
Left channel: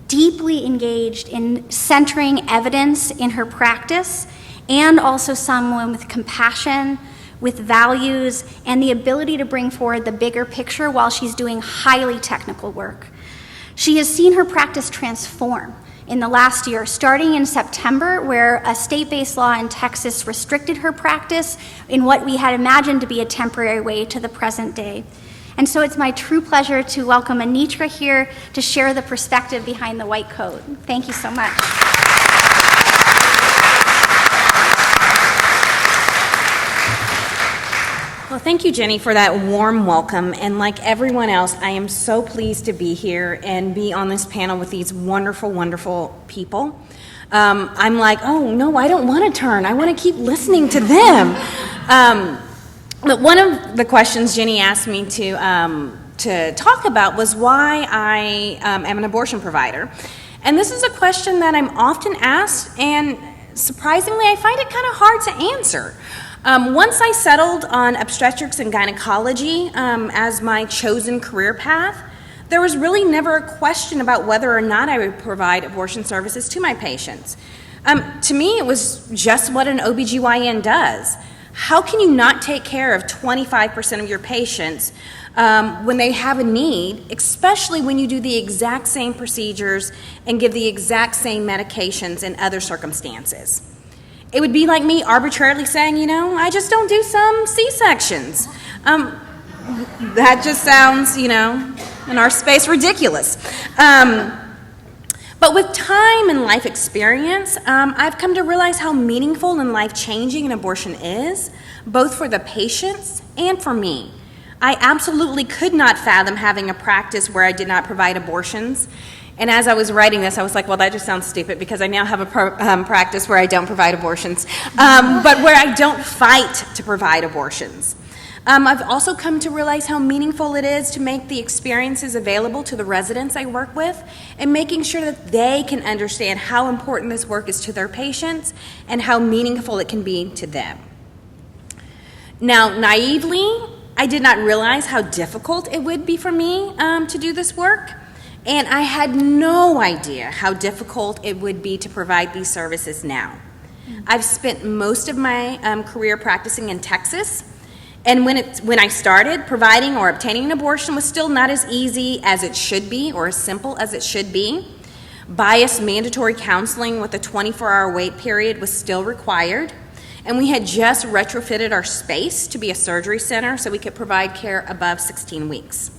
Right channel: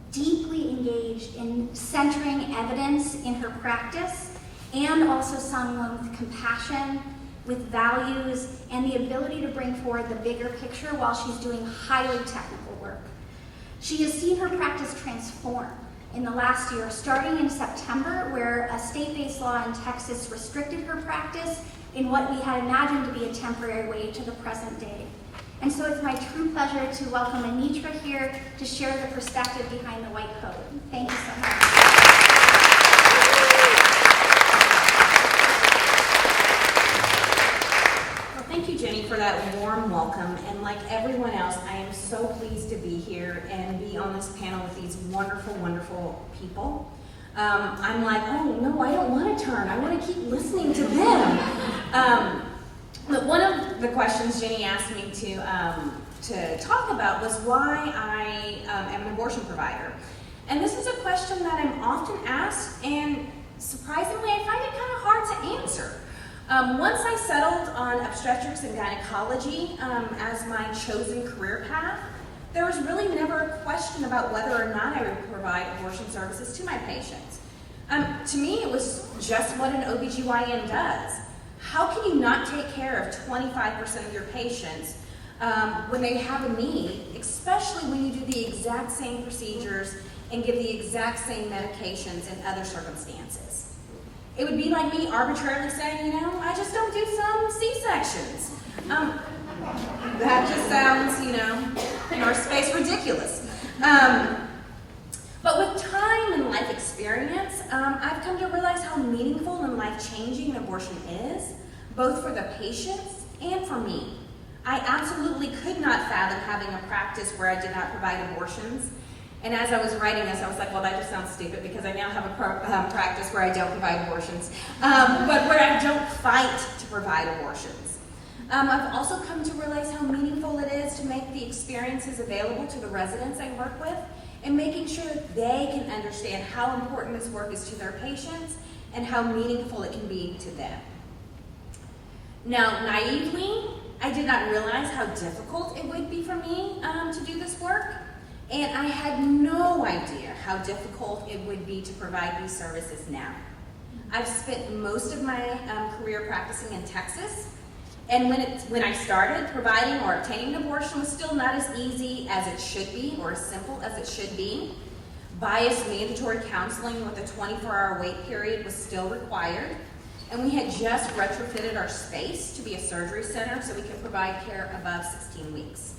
deeply engaged in centering evidence in her practice, and also someone with compassion, with values, and the ability to bring forward the bigger picture while she's doing highly technical work. She has seen her practice transform in the last year, starting in September, where a state-based law in Texas restricted her practice in what we had imagined to be a temporary way to the present day. And so it's my true pleasure to welcome Anitra here to share the perspective behind the white coat. Thank you so much. Well, thank you, Jenny, for that warm welcome. And like everyone else, I am so pleased to be here and be on this panel with these wonderful, wonderful people. I'm like, oh, no, I don't want to turn. I want to keep listening to them. But one of the questions Jenny asked me to talk about was why I am an abortion provider. And this is a question that I'm often asked, and surprisingly, I find it kind of hard to answer. Once I settled on obstetrics and gynecology as my chosen career path, there was really never a question about whether or not I would provide abortion services to my patients. To me, it was just what an OBGYN does. How can you not take care of 25% of your patients when they have a need, especially when you do the exact same procedures and give the exact same medications in other circumstances? It would be like me arbitrarily saying, I just don't do some C-sections. That just sounds, in our space, ridiculous. But with time and life experience, I've come to realize how meaningful and life-changing an abortion is, both for the patients and for me. I absolutely could not fathom having a practice where I did not provide abortions. And as I was writing this, I was like, well, that just sounds stupid because I now have a practice where I don't provide abortions, but where I don't fight to provide abortions. I've also come to realize how meaningful it is to make the experiences available to the residents I work with and making sure that they can understand how important this work is to their patients and how meaningful it can be to them. Now, naively, I did not realize how difficult it would be for me to do this work. And I had no idea how difficult it would be to provide these services now. I've spent most of my career practicing in Texas, and when I started, providing or obtaining an abortion was still not as easy as it should be or as simple as it should be. Biased mandatory counseling with a 24-hour wait period was still required, and we had just retrofitted our space to be a surgery center so we could provide care above 16 weeks.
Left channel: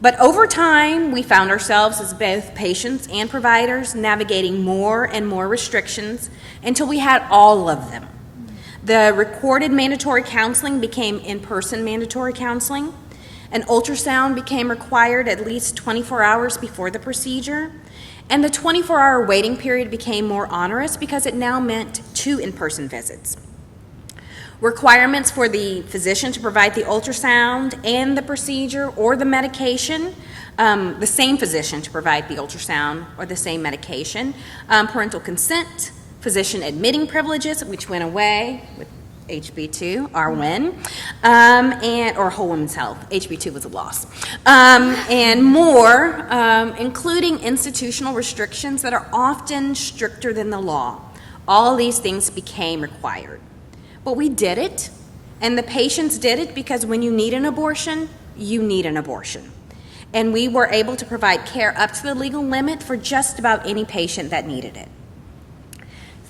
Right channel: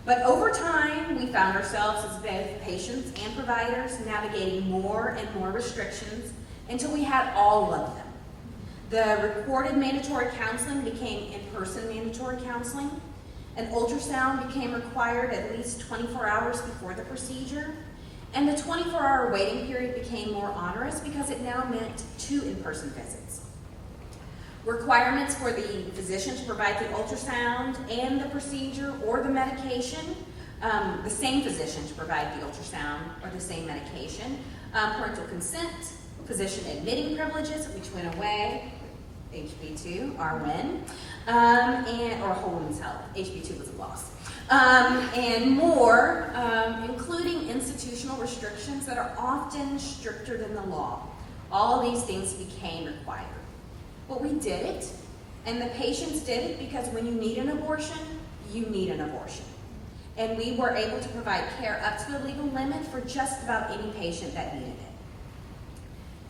But over time, we found ourselves as both patients and providers navigating more and more restrictions until we had all of them. The recorded mandatory counseling became in-person mandatory counseling. An ultrasound became required at least 24 hours before the procedure. And the 24-hour waiting period became more onerous because it now meant 2 in-person visits. Requirements for the physician to provide the ultrasound and the procedure or the medication, the same physician to provide the ultrasound or the same medication, parental consent, physician admitting privileges, which went away with HB2, RWIN, or Whole Woman's Health. HB2 was a loss. And more, including institutional restrictions that are often stricter than the law. All these things became required. But we did it, and the patients did it because when you need an abortion, you need an abortion. And we were able to provide care up to the legal limit for just about any patient that needed it.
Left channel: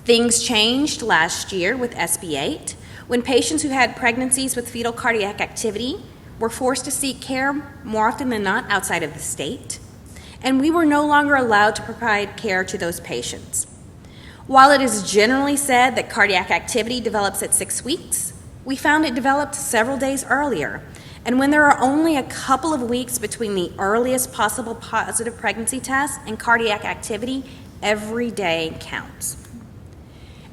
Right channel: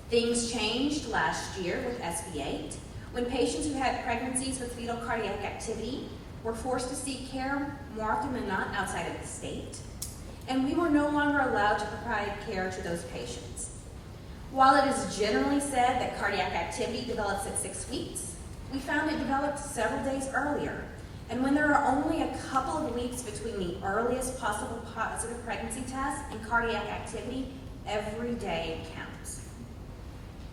Things changed last year with SB 8, when patients who had pregnancies with fetal cardiac activity were forced to seek care more often than not outside of the state, and we were no longer allowed to provide care to those patients. While it is generally said that cardiac activity develops at 6 weeks, we found it developed several days earlier. And when there are only a couple of weeks between the earliest possible positive pregnancy test and cardiac activity, every day counts.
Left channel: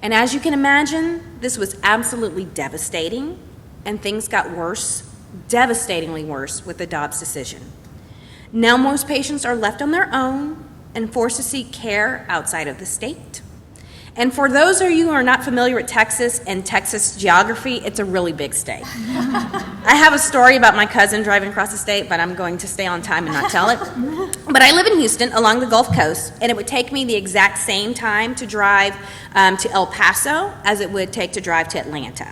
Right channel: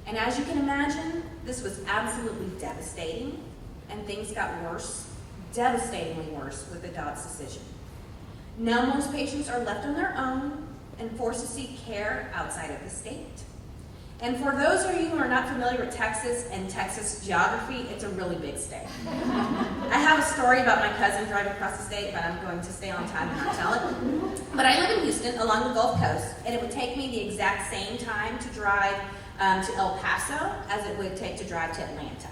And as you can imagine, this was absolutely devastating, and things got worse devastatingly worse with the Dobbs decision. Now most patients are left on their own and forced to seek care outside of the state. And for those of you who are not familiar with Texas and Texas geography, it's a really big state. I have a story about my cousin driving across the state, but I'm going to stay on time and not tell it. But I live in Houston along the Gulf Coast, and it would take me the exact same time to drive to El Paso as it would take to drive to Atlanta.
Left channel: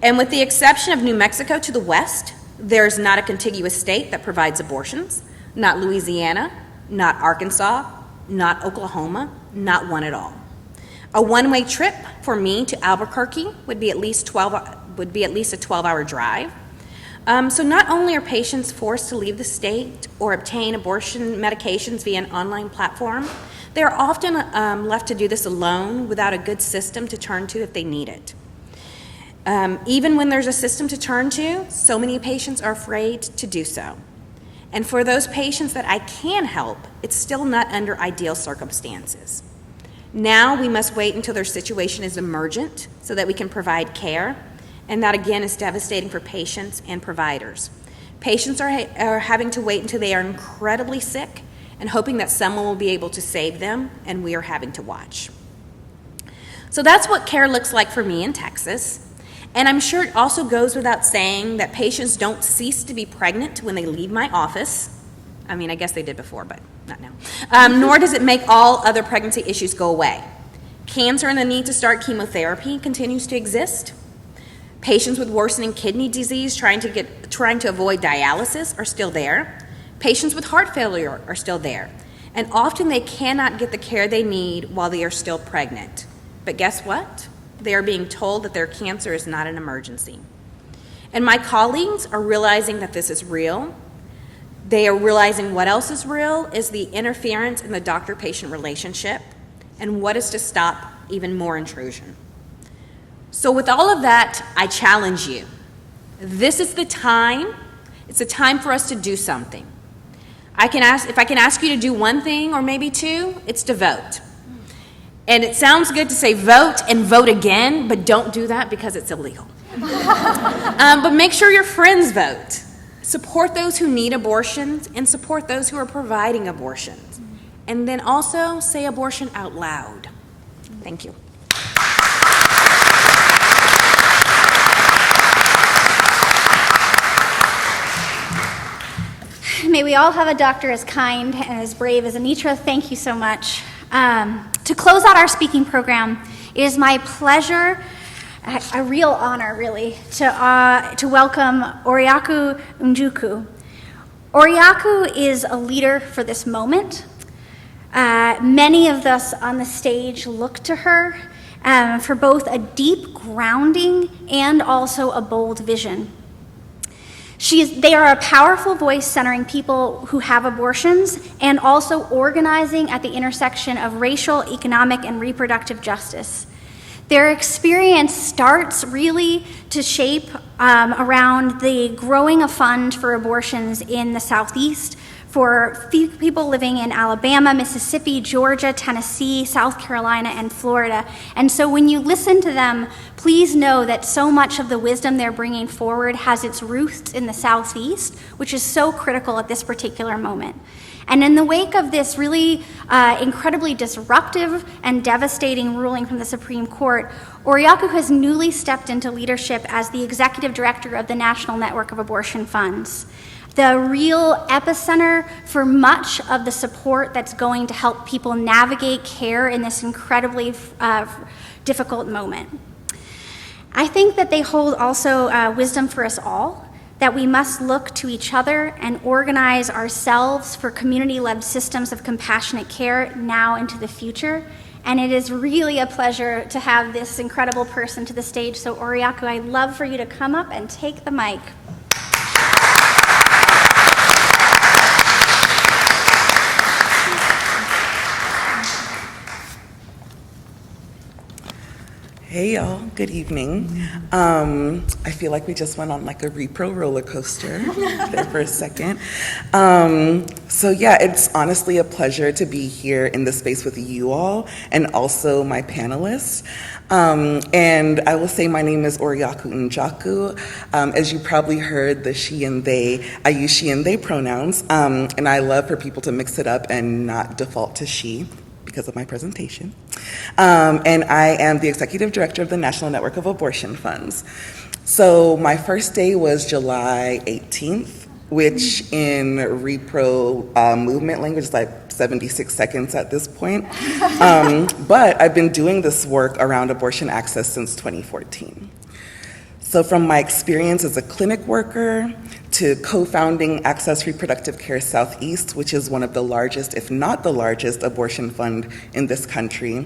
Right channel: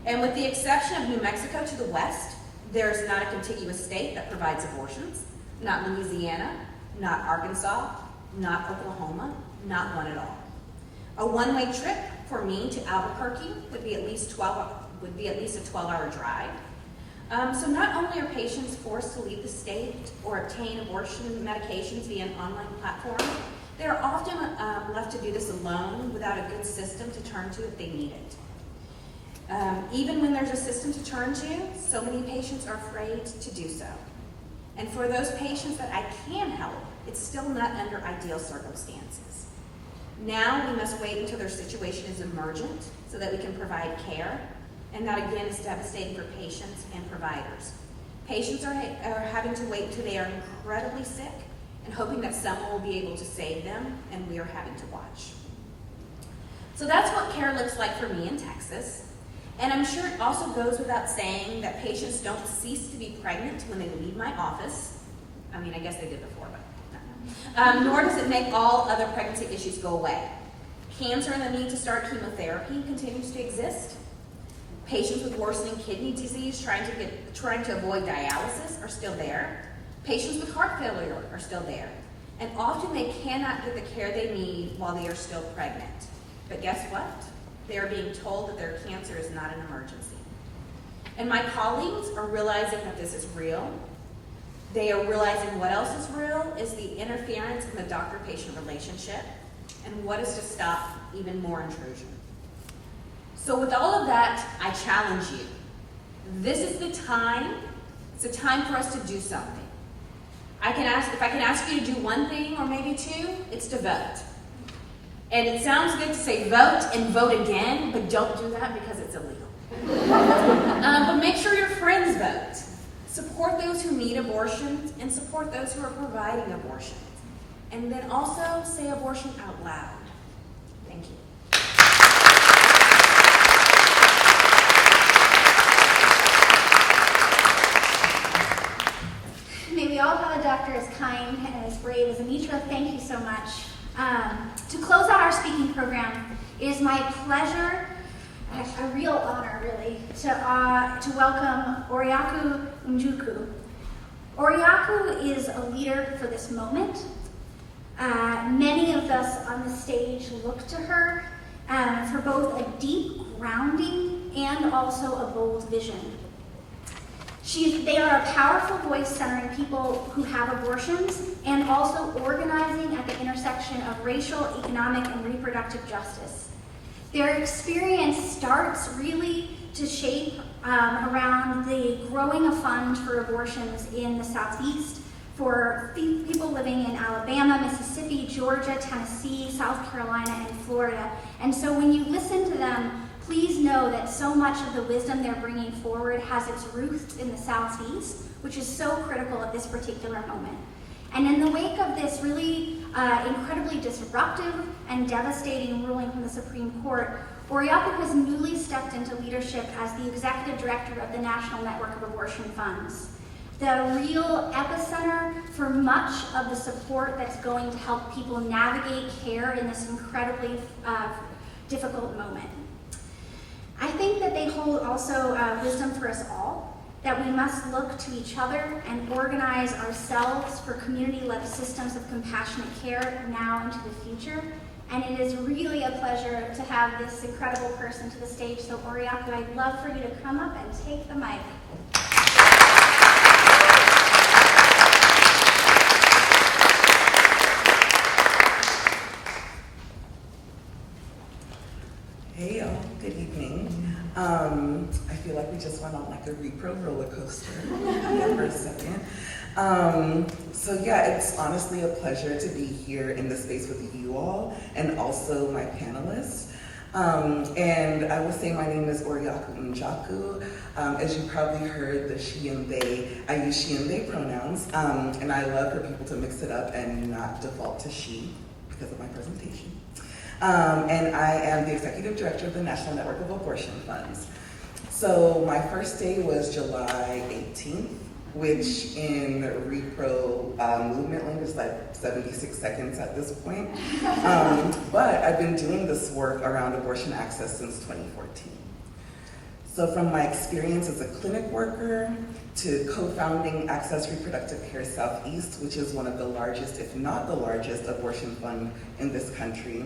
And with the exception of New Mexico to the west, there's not a contiguous state that provides abortions, not Louisiana, not Arkansas, not Oklahoma, not one at all. A one-way trip for me to Albuquerque would be at least a 12-hour drive. So not only are patients forced to leave the state or obtain abortion medications via an online platform, they are often left to do this alone without a good system to turn to if they need it. Even when there's a system to turn to, so many patients are afraid to do so. And for those patients that I can help, it's still not under ideal circumstances. Now we must wait until their situation is emergent so that we can provide care, and that again is devastating for patients and providers. Patients are having to wait until they are incredibly sick and hoping that someone will be able to save them, and we are having to watch. So that's what care looks like for me in Texas. And I'm sure it also goes without saying that patients don't cease to be pregnant when they leave my office. I mean, I guess they did before, but not now. Nor does it make all other pregnancy issues go away. Cancer and the need to start chemotherapy continues to exist. Patients with worsening kidney disease trying to avoid dialysis are still there. Patients with heart failure are still there. And often they cannot get the care they need while they are still pregnant. But guess what? They are being told that their cancer is not an emergency. And my colleagues are realizing that this is real. They are realizing what else is real is the interference in the doctor-patient relationship and what is to stop even more intrusion. So with all of that, I challenge you. This is the time. It's a time for us to do something. If I can ask you to do one thing or maybe two, it's to vote. And it sounds good to say vote and vote again, but don't do that because it's illegal. But make sure your friends vote. Support those who need abortions and support those who are providing abortions. And then also say abortion out loud. Thank you. May we all have a doctor as kind and as brave as Anitra. Thank you so much. To close out our speaking program, it is my pleasure, a real honor really, to welcome Oriaku Njoku. Oriaku is a leader for this moment. Many of us on the stage look to her for both a deep grounding and also a bold vision. They are a powerful voice centering people who have abortions and also organizing at the intersection of racial, economic, and reproductive justice. Their experience starts really to shape around the growing a fund for abortions in the Southeast for people living in Alabama, Mississippi, Georgia, Tennessee, South Carolina, and Florida. And so when you listen to them, please know that so much of the wisdom they're bringing forward has its roots in the Southeast, which is so critical at this particular moment. And in the wake of this really incredibly disruptive and devastating ruling from the Supreme Court, Oriaku has newly stepped into leadership as the executive director of the National Network of Abortion Funds, the real epicenter for much of the support that's going to help people navigate care in this incredibly difficult moment. I think that they hold also wisdom for us all, that we must look to each other and organize ourselves for community-led systems of compassionate care now into the future. And it is really a pleasure to have this incredible person to the stage. So Oriaku, I'd love for you to come up and take the mic. Hey y'all, good evening. I feel like we just went on like a repro roller coaster there for a second. So yeah, it's honestly a pleasure to be here in this space with you all and also my panelists. And I will say my name is Oriaku Njoku. As you probably heard, the she and they, I use she and they pronouns, and I love for people to mix it up and not default to she because of my presentation. And I am the Executive Director of the National Network of Abortion Funds. So my first day was July 18th, which in repro movement language is like 76 seconds at this point. But I've been doing this work around abortion access since 2014. So from my experience as a clinic worker to co-founding Access Reproductive Care Southeast, which is one of the largest, if not the largest, abortion fund in this country,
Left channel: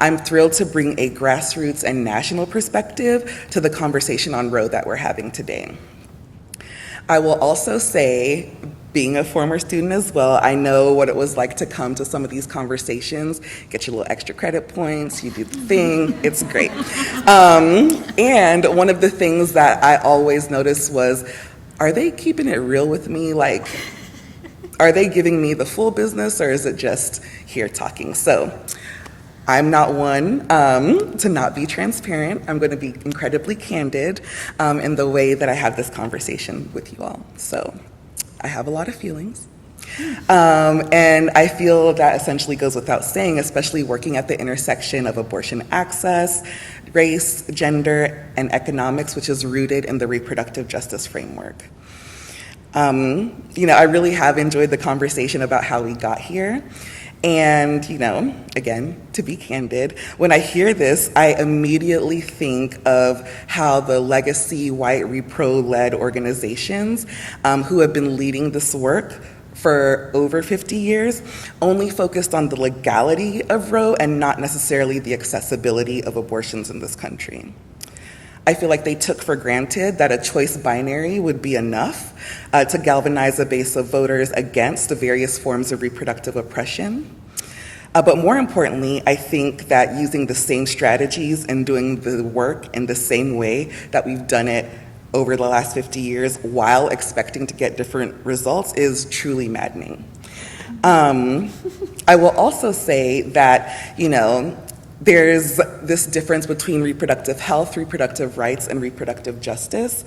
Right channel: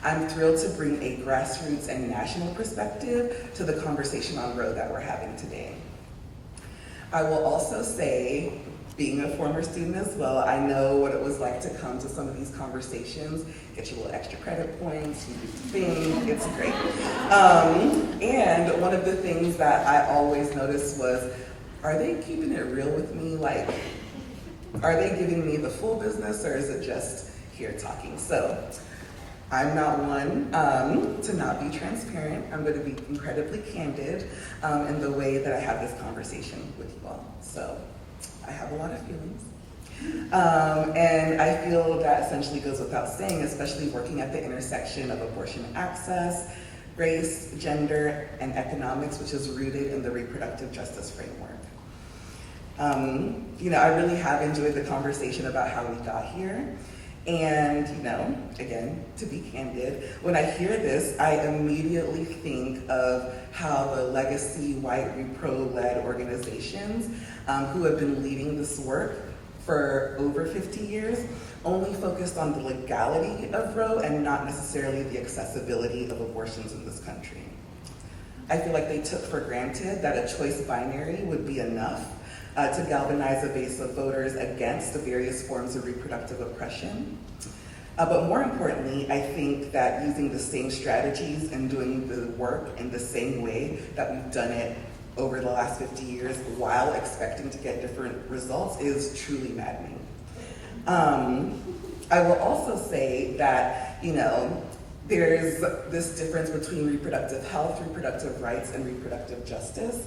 I'm thrilled to bring a grassroots and national perspective to the conversation on Roe that we're having today. I will also say, being a former student as well, I know what it was like to come to some of these conversations, get your little extra credit points, you do the thing, it's great. And one of the things that I always noticed was, are they keeping it real with me? Like, are they giving me the full business or is it just here talking? So I'm not one to not be transparent. I'm going to be incredibly candid in the way that I have this conversation with you all. So I have a lot of feelings. And I feel that essentially goes without saying, especially working at the intersection of abortion access, race, gender, and economics, which is rooted in the reproductive justice framework. I really have enjoyed the conversation about how we got here. And, again, to be candid, when I hear this, I immediately think of how the legacy white repro-led organizations who have been leading this work for over 50 years only focused on the legality of Roe and not necessarily the accessibility of abortions in this country. I feel like they took for granted that a choice binary would be enough to galvanize a base of voters against the various forms of reproductive oppression. But more importantly, I think that using the same strategies and doing the work in the same way that we've done it over the last 50 years while expecting to get different results is truly maddening. I will also say that, there's this difference between reproductive health, reproductive rights, and reproductive justice.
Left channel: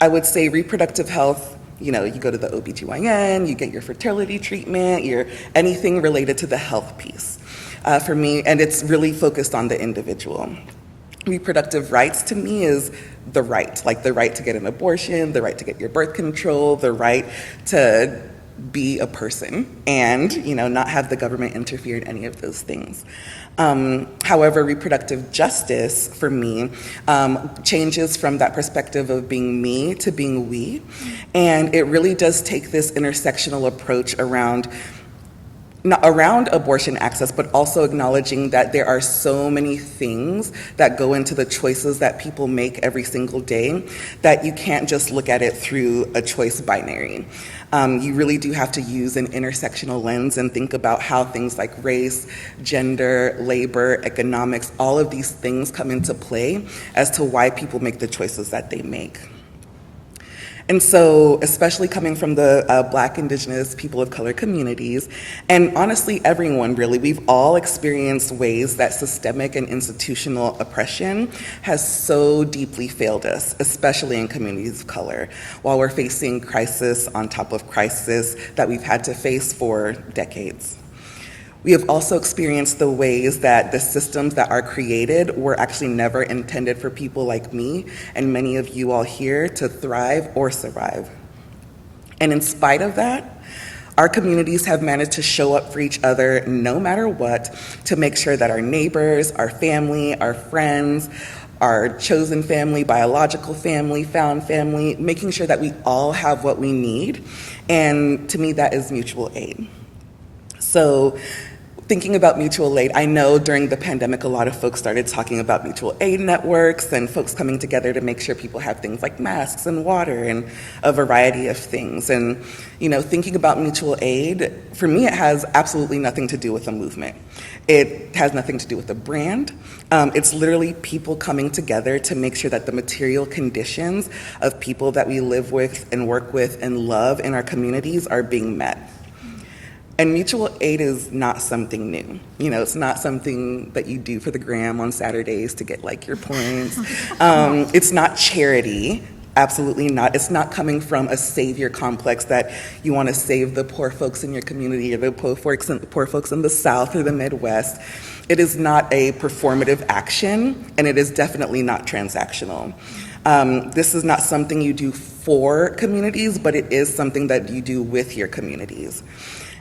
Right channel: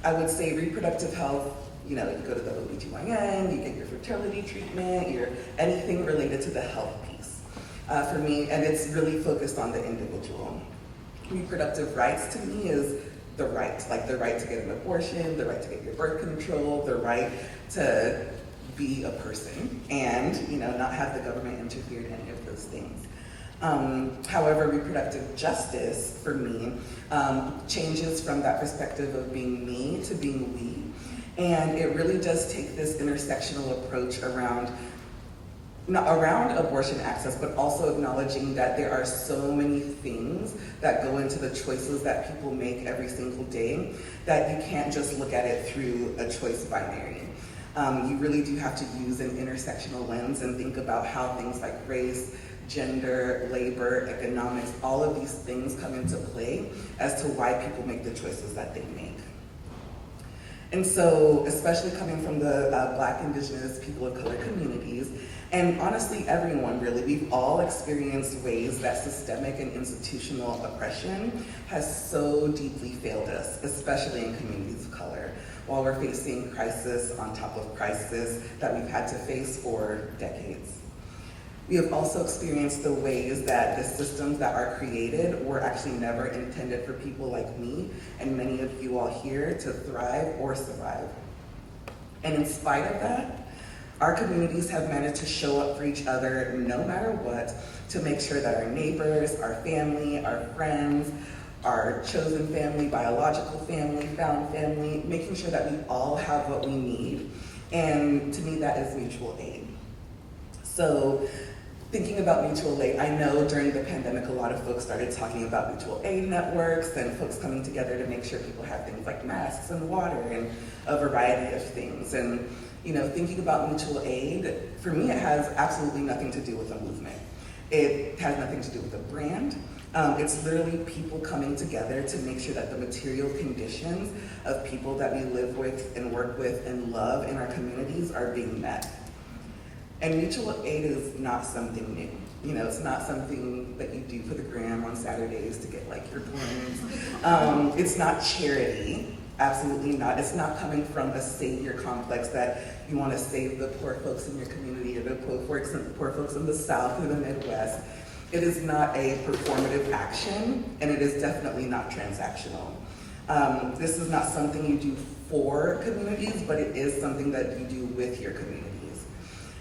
I would say reproductive health, you go to the OBGYN, you get your fertility treatment, anything related to the health piece. For me, and it's really focused on the individual. Reproductive rights to me is the right, like the right to get an abortion, the right to get your birth control, the right to be a person and, not have the government interfere in any of those things. However, reproductive justice for me changes from that perspective of being me to being we. And it really does take this intersectional approach around abortion access, but also acknowledging that there are so many things that go into the choices that people make every single day that you can't just look at it through a choice binary. You really do have to use an intersectional lens and think about how things like race, gender, labor, economics, all of these things come into play as to why people make the choices that they make. And so, especially coming from the Black, Indigenous, people of color communities, and honestly everyone really, we've all experienced ways that systemic and institutional oppression has so deeply failed us, especially in communities of color, while we're facing crisis on top of crisis that we've had to face for decades. We have also experienced the ways that the systems that are created were actually never intended for people like me and many of you all here to thrive or survive. And in spite of that, our communities have managed to show up for each other no matter what to make sure that our neighbors, our family, our friends, our chosen family, biological family, found family, making sure that we all have what we need. And to me, that is mutual aid. So, thinking about mutual aid, I know during the pandemic, a lot of folks started talking about mutual aid networks and folks coming together to make sure people have things like masks and water and a variety of things. And, thinking about mutual aid, for me, it has absolutely nothing to do with a movement. It has nothing to do with the brand. It's literally people coming together to make sure that the material conditions of people that we live with and work with and love in our communities are being met. And mutual aid is not something new. You know, it's not something that you do for the gram on Saturdays to get like your points. It's not charity, absolutely not. It's not coming from a savior complex that you want to save the poor folks in your community or the poor folks in the South or the Midwest. It is not a performative action, and it is definitely not transactional. This is not something you do for communities, but it is something that you do with your communities.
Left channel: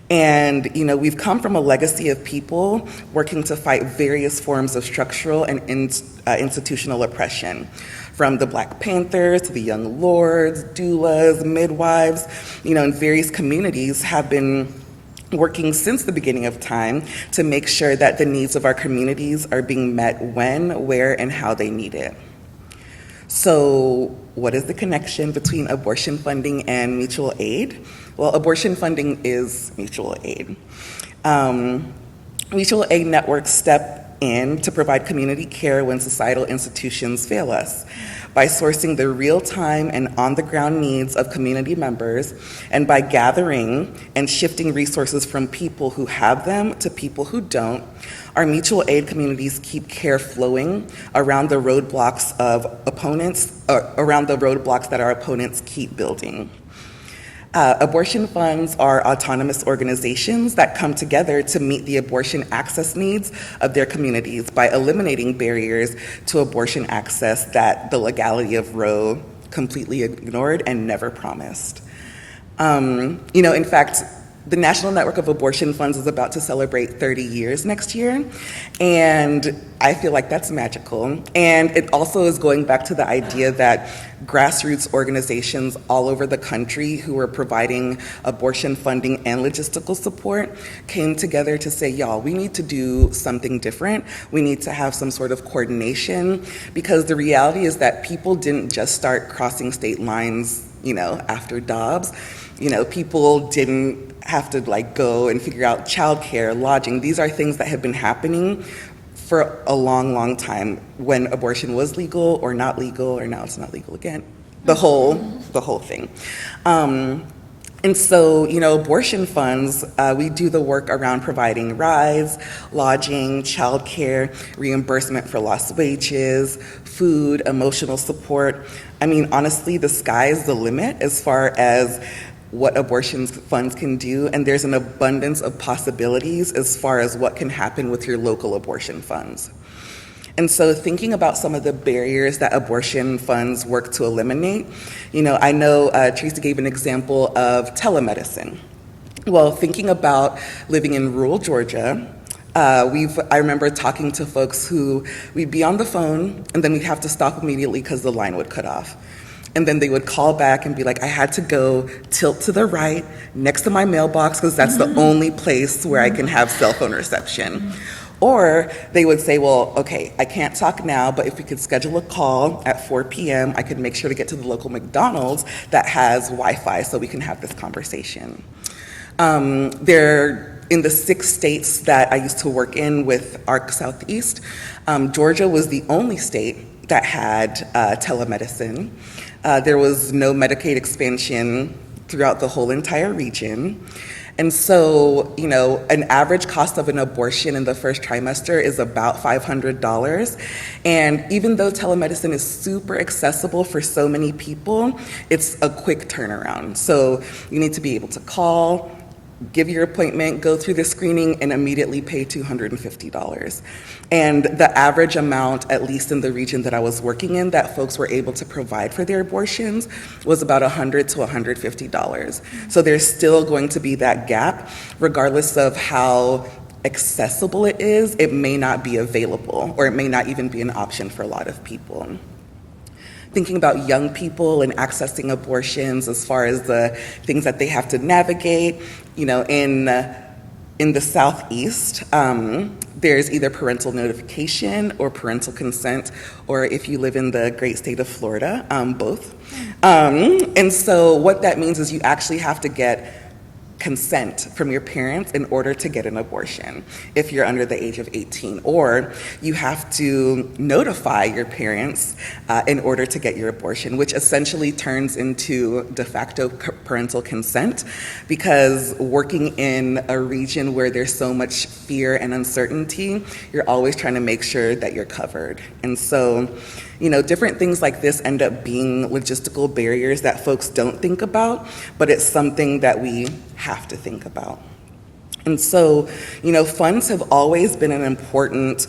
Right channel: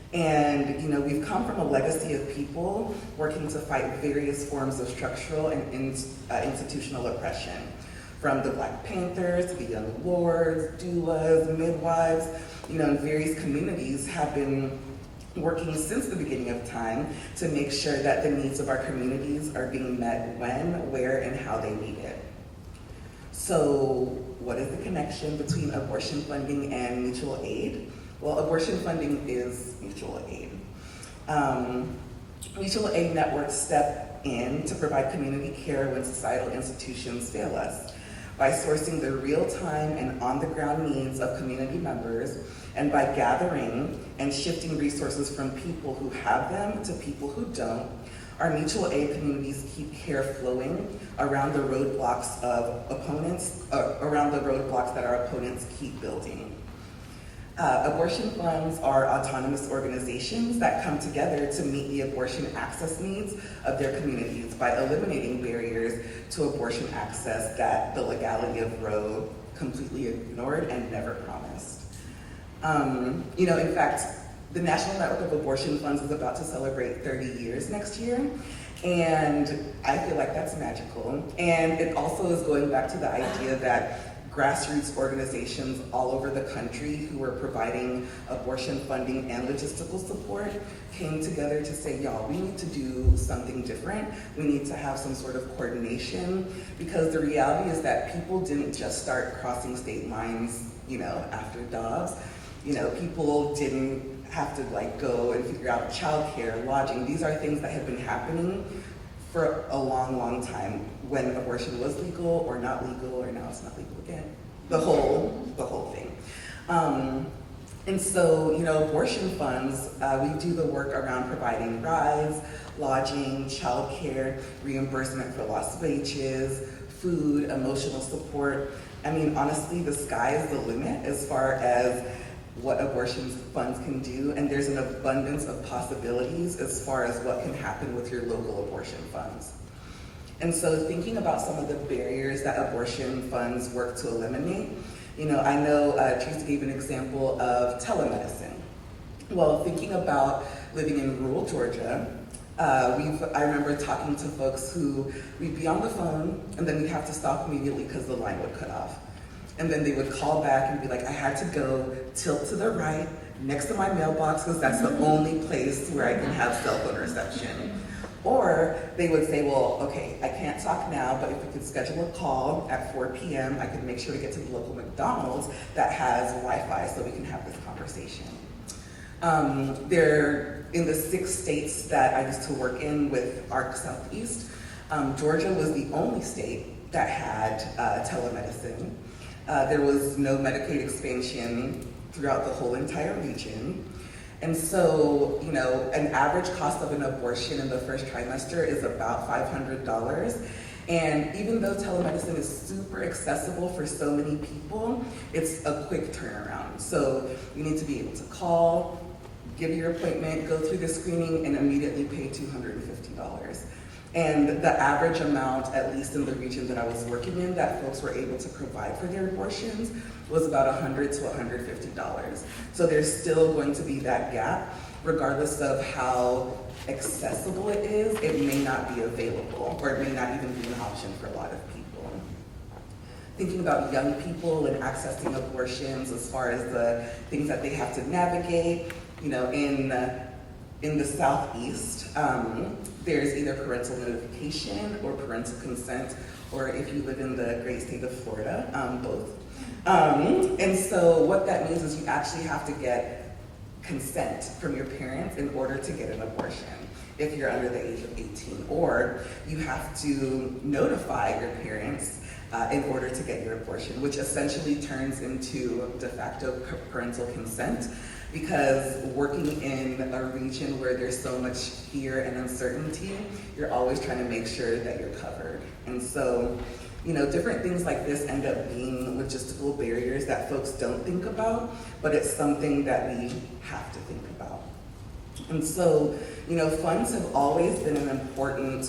And, you know, we've come from a legacy of people working to fight various forms of structural and institutional oppression, from the Black Panthers to the Young Lords, doulas, midwives, you know, and various communities have been working since the beginning of time to make sure that the needs of our communities are being met when, where, and how they need it. So what is the connection between abortion funding and mutual aid? Well, abortion funding is mutual aid. Mutual aid networks step in to provide community care when societal institutions fail us by sourcing the real-time and on-the-ground needs of community members, and by gathering and shifting resources from people who have them to people who don't. Our mutual aid communities keep care flowing around the roadblocks that our opponents keep building. Abortion funds are autonomous organizations that come together to meet the abortion access needs of their communities by eliminating barriers to abortion access that the legality of Roe completely ignored and never promised. You know, in fact, the National Network of Abortion Funds is about to celebrate 30 years next year, and I feel like that's magical. And it also is going back to the idea that grassroots organizations all over the country who are providing abortion funding and logistical support came together to say, y'all, we need to do something different. We need to have some sort of coordination, because the reality is that people didn't just start crossing state lines, you know, after Dobbs. You know, people didn't have to like go and figure out childcare, lodging. These are things that have been happening for a long, long time, when abortion was legal or not legal, or now it's not legal again. The whole thing. And so, you know, abortion funds, we do the work around providing rides, lodging, childcare, reimbursement for lost wages, food, emotional support. I mean, honestly, the sky's the limit as far as what abortion funds can do, and there's an abundance of possibilities as far as what can happen with your local abortion funds. And so thinking about some of the barriers that abortion funds work to eliminate, you know, I know Tracy gave an example of telemedicine. Well, thinking about living in rural Georgia, I remember talking to folks who we'd be on the phone and then we'd have to stop immediately because the line would cut off. And then they would call back and be like, I had to go tilt to the right next to my mailbox because that's the only place where I can have cell phone reception. Or they would say, well, okay, I can't talk now, but if we could schedule a call at 4 p.m., I could make sure to get to the local McDonald's that has Wi-Fi so we can have this conversation. In the 6 states that I used to work in with ARC Southeast, Georgia was the only state that had telemedicine. There was no Medicaid expansion throughout the whole entire region. And so, you know, an average cost of an abortion in the first trimester is about $500. And even though telemedicine is super accessible for so many people, it's a quick turnaround. So you need to be able to call, give your appointment, go through the screening, and immediately pay $250. And the average amount, at least in the region that I was working in, that folks were able to provide for their abortions was about $100 to $150. So there's still going to be that gap, regardless of how accessible it is. It may not be available, or it may not even be an option for a lot of people. Thinking about young people and accessing abortions as far as the things that they have to navigate, you know, in the Southeast, there's either parental notification or parental consent, or if you live in the great state of Florida, both. And so what that means is you actually have to get consent from your parents in order to get an abortion if you're under the age of 18, or you have to notify your parents in order to get your abortion, which essentially turns into de facto parental consent, because working in a region where there's so much fear and uncertainty, you're always trying to make sure that you're covered. And so, different things like this end up being logistical barriers that folks don't think about, but it's something that we have to think about. And so, funds have always been an important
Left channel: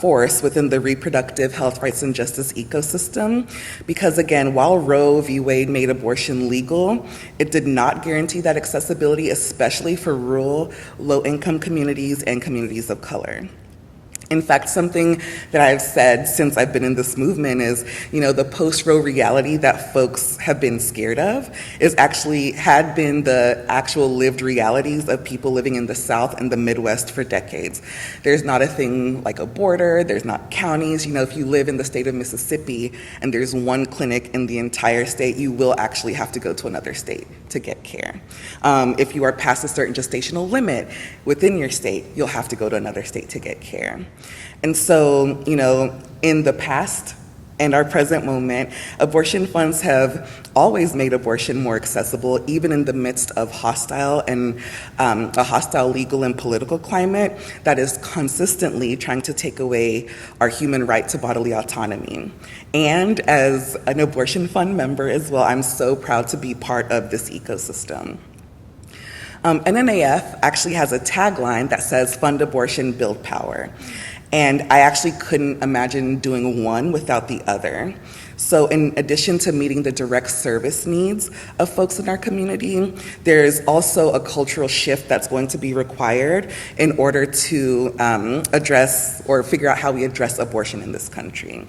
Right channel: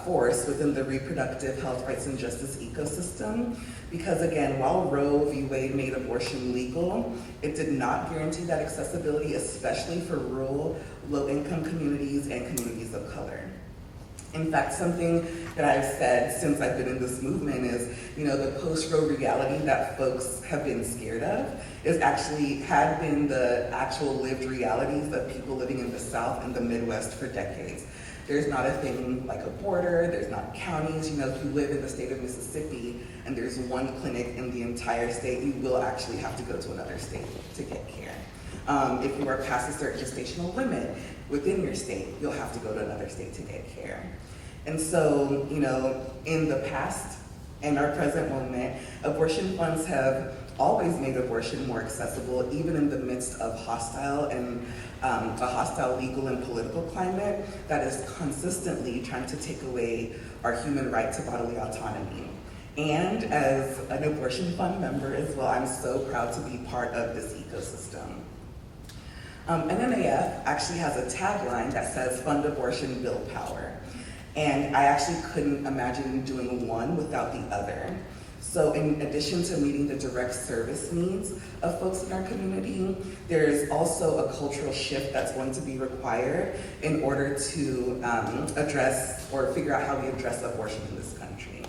force within the reproductive health, rights, and justice ecosystem, because again, while Roe v. Wade made abortion legal, it did not guarantee that accessibility, especially for rural, low-income communities and communities of color. In fact, something that I've said since I've been in this movement is, the post-Roe reality that folks have been scared of had been the actual lived realities of people living in the South and the Midwest for decades. There's not a thing like a border, there's not counties. If you live in the state of Mississippi and there's one clinic in the entire state, you will actually have to go to another state to get care. If you are past a certain gestational limit within your state, you'll have to go to another state to get care. And so, in the past and our present moment, abortion funds have always made abortion more accessible, even in the midst of a hostile legal and political climate that is consistently trying to take away our human right to bodily autonomy. And as an abortion fund member as well, I'm so proud to be part of this ecosystem. NNAF actually has a tagline that says, "Fund abortion, build power." And I actually couldn't imagine doing one without the other. So in addition to meeting the direct service needs of folks in our community, there's also a cultural shift that's going to be required in order to address or figure out how we address abortion in this country.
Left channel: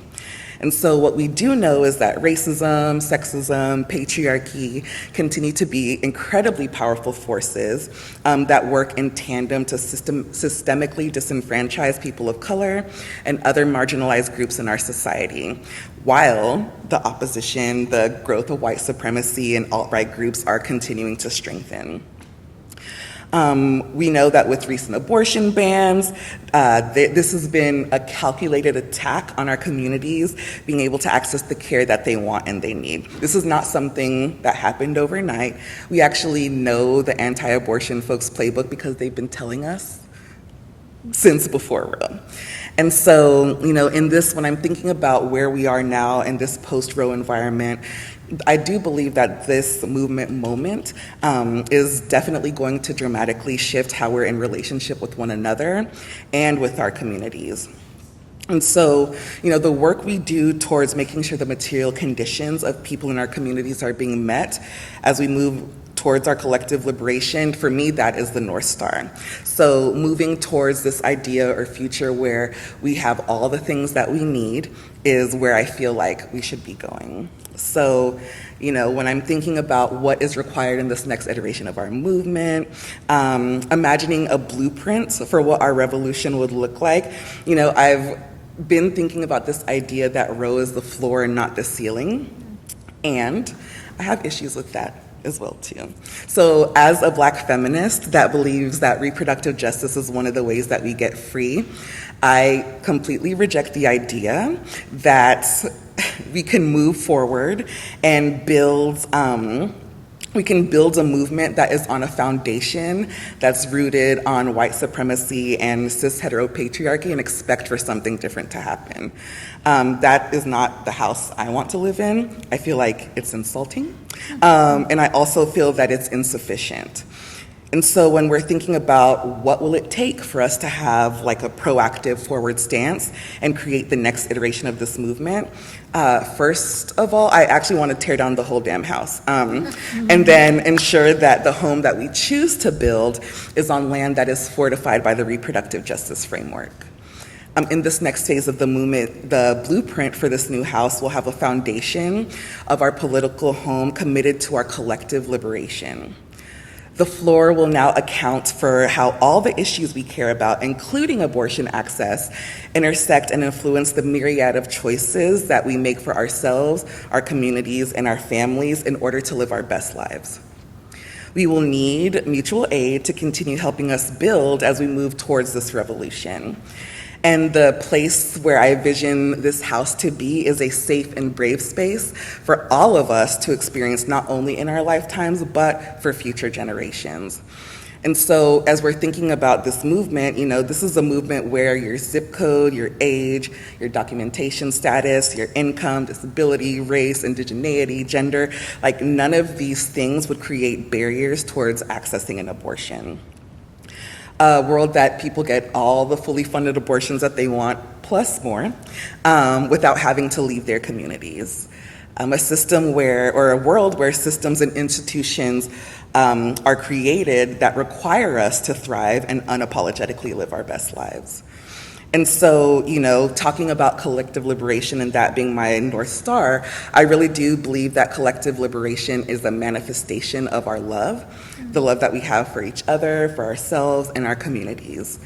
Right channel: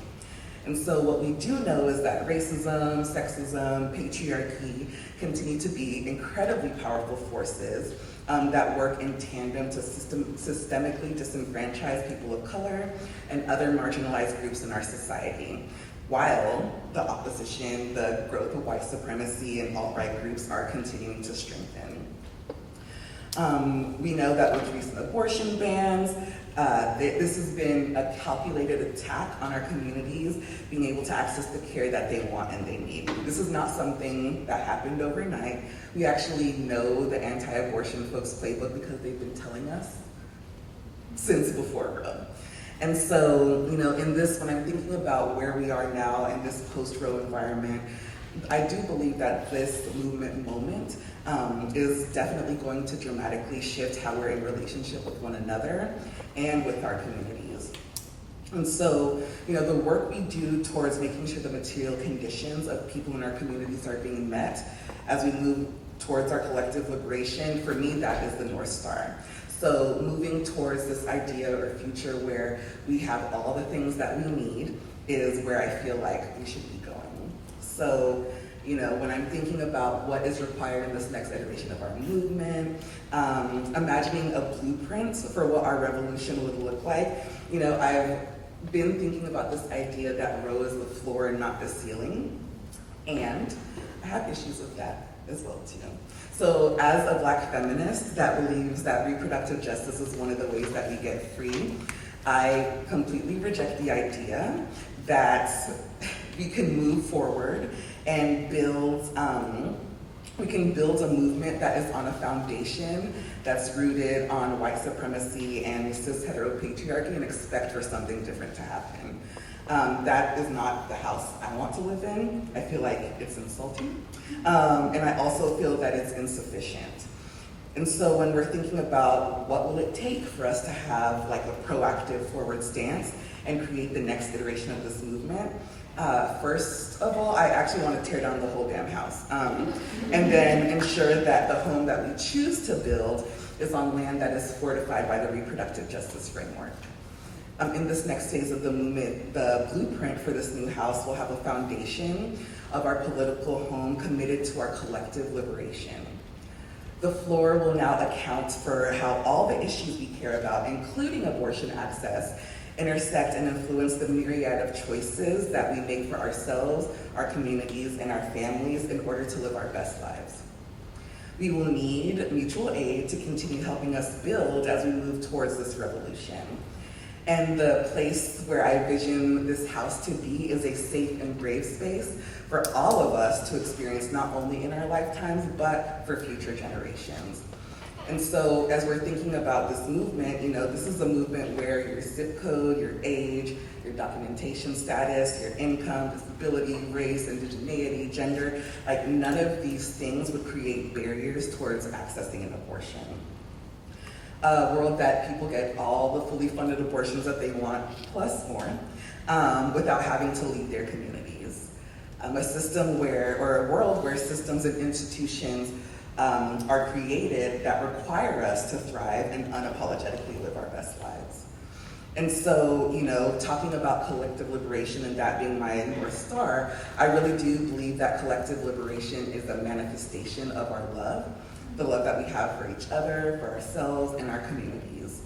And so what we do know is that racism, sexism, patriarchy continue to be incredibly powerful forces that work in tandem to systemically disenfranchise people of color and other marginalized groups in our society, while the opposition, the growth of white supremacy and alt-right groups are continuing to strengthen. We know that with recent abortion bans, this has been a calculated attack on our communities being able to access the care that they want and they need. This is not something that happened overnight. We actually know the anti-abortion folks' playbook because they've been telling us since before Roe. And so, in this, when I'm thinking about where we are now in this post-Roe environment, I do believe that this movement moment is definitely going to dramatically shift how we're in relationship with one another and with our communities. And so, the work we do towards making sure the material conditions of people in our communities are being met as we move towards our collective liberation, for me, that is the North Star. So moving towards this idea or future where we have all the things that we need is where I feel like we should be going. So, when I'm thinking about what is required in this next iteration of our movement, imagining a blueprint for what our revolution would look like, I've been thinking about this idea that Roe is the floor and not the ceiling, and I have issues with that as well too. So as a Black feminist that believes that reproductive justice is one of the ways that we get free, I completely reject the idea that we can move forward and we can build a movement that is on a foundation that's rooted on white supremacy and cis heteropatriarchy and expect for something different to happen. That is not the house I want to live in. I feel like it's insulting. And I also feel that it's insufficient. And so when we're thinking about what will it take for us to have like a proactive forward stance and create the next iteration of this movement, first of all, I actually want to tear down the whole damn house. And then ensure that the home that we choose to build is on land that is fortified by the reproductive justice framework. In this next phase of the movement, the blueprint for this new house will have a foundation of our political home committed to our collective liberation. The floor will now account for how all the issues we care about, including abortion access, intersect and influence the myriad of choices that we make for ourselves, our communities, and our families in order to live our best lives. We will need mutual aid to continue helping us build as we move towards this revolution. And the place where I envision this house to be is a safe and brave space for all of us to experience, not only in our lifetimes, but for future generations. And so as we're thinking about this movement, this is a movement where your zip code, your age, your documentation status, your income, disability, race, indigeneity, gender, like none of these things would create barriers towards accessing an abortion. A world that people get all the fully funded abortions that they want, plus more, without having to leave their communities. A world where systems and institutions are created that require us to thrive and unapologetically live our best lives. And so, talking about collective liberation and that being my North Star, I really do believe that collective liberation is a manifestation of our love, the love that we have for each other, for ourselves, and our communities.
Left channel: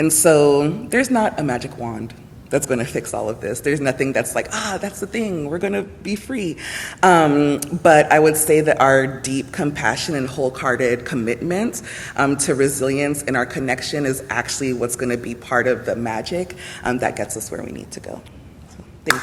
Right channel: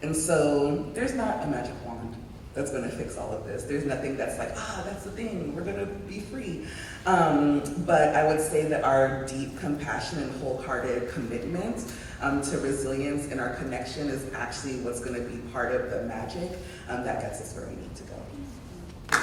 And so there's not a magic wand that's going to fix all of this. There's nothing that's like, that's the thing, we're going to be free. But I would say that our deep compassion and wholehearted commitment to resilience and our connection is actually what's going to be part of the magic that gets us where we need to go. So, thank you.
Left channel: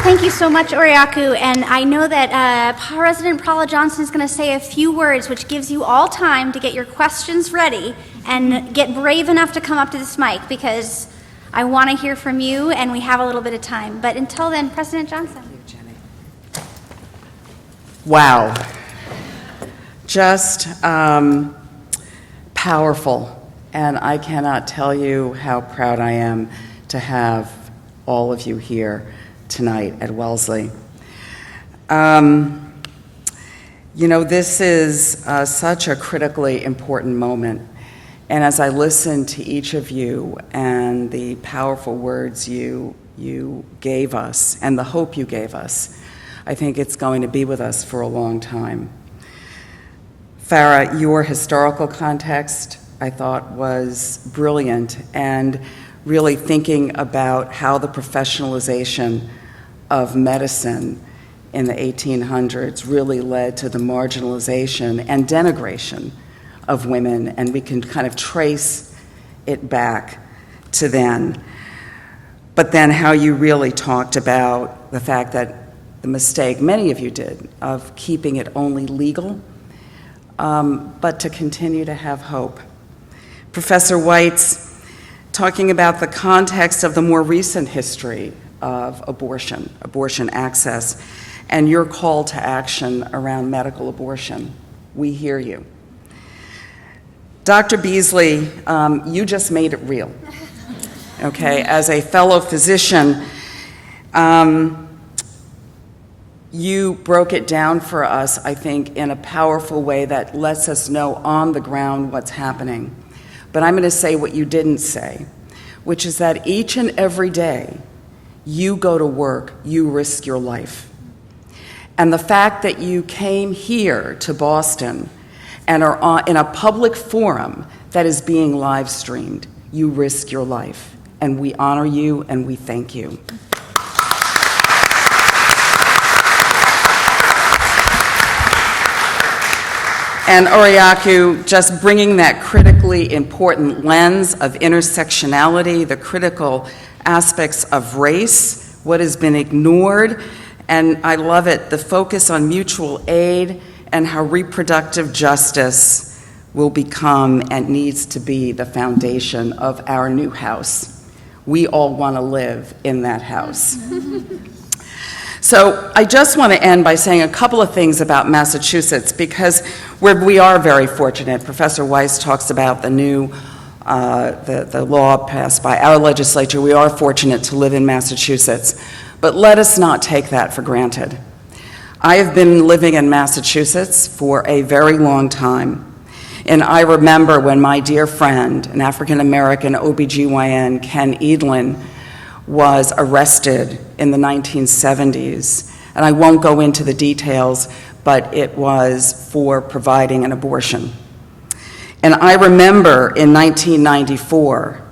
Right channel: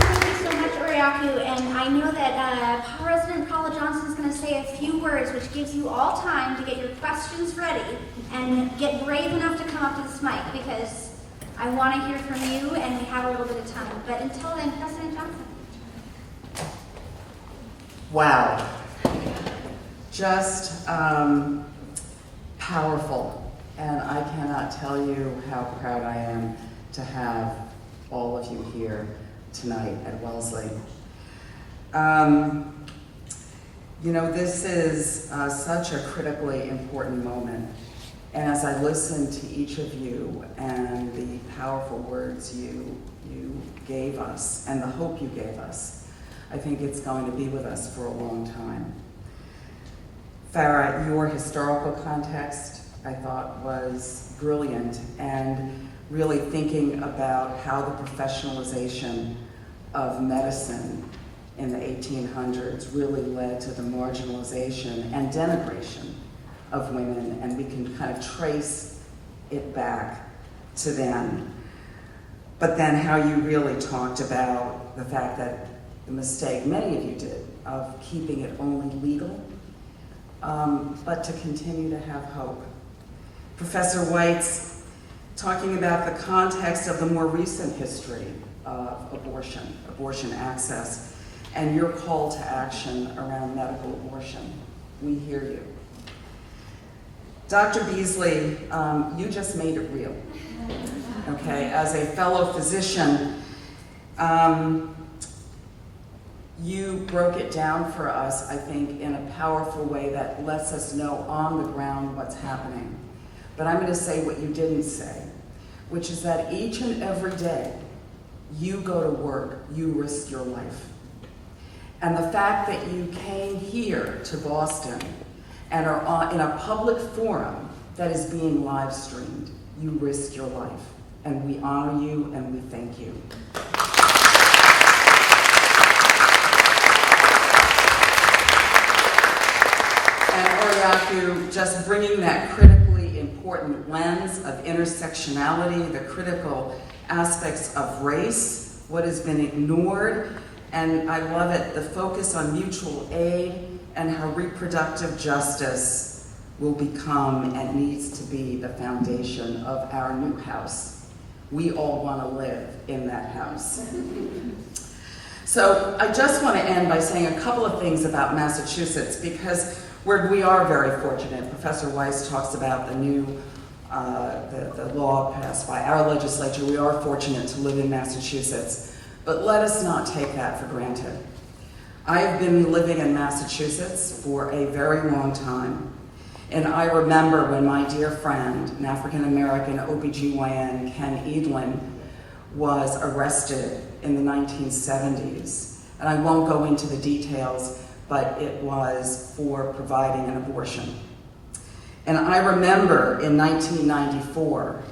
Thank you so much, Oriaku. And I know that President Paula Johnson is going to say a few words, which gives you all time to get your questions ready and get brave enough to come up to this mic, because I want to hear from you and we have a little bit of time. But until then, President Johnson. Wow. Just powerful. And I cannot tell you how proud I am to have all of you here tonight at Wellesley. This is such a critically important moment. And as I listen to each of you and the powerful words you gave us and the hope you gave us, I think it's going to be with us for a long time. Farah, your historical context, I thought, was brilliant, and really thinking about how the professionalization of medicine in the 1800s really led to the marginalization and denigration of women, and we can kind of trace it back to then. But then how you really talked about the fact that the mistake, many of you did, of keeping it only legal, but to continue to have hope. Professor White's talking about the context of the more recent history of abortion access, and your call to action around medical abortion. We hear you. Dr. Beasley, you just made it real. Okay, as a fellow physician, you broke it down for us, I think, in a powerful way that lets us know on the ground what's happening. But I'm going to say what you didn't say, which is that each and every day you go to work, you risk your life. And the fact that you came here to Boston and are in a public forum that is being live streamed, you risk your life. And we honor you and we thank you. And Oriaku, just bringing that critically important lens of intersectionality, the critical aspects of race, what has been ignored, and I love it, the focus on mutual aid and how reproductive justice will become and needs to be the foundation of our new house. We all want to live in that house. So I just want to end by saying a couple of things about Massachusetts, because we are very fortunate. Professor Weiss talks about the new the law passed by our legislature. We are fortunate to live in Massachusetts, but let us not take that for granted. I have been living in Massachusetts for a very long time, and I remember when my dear friend, an African-American OBGYN, Ken Edlin, was arrested in the 1970s. And I won't go into the details, but it was for providing an abortion. And I remember in 1994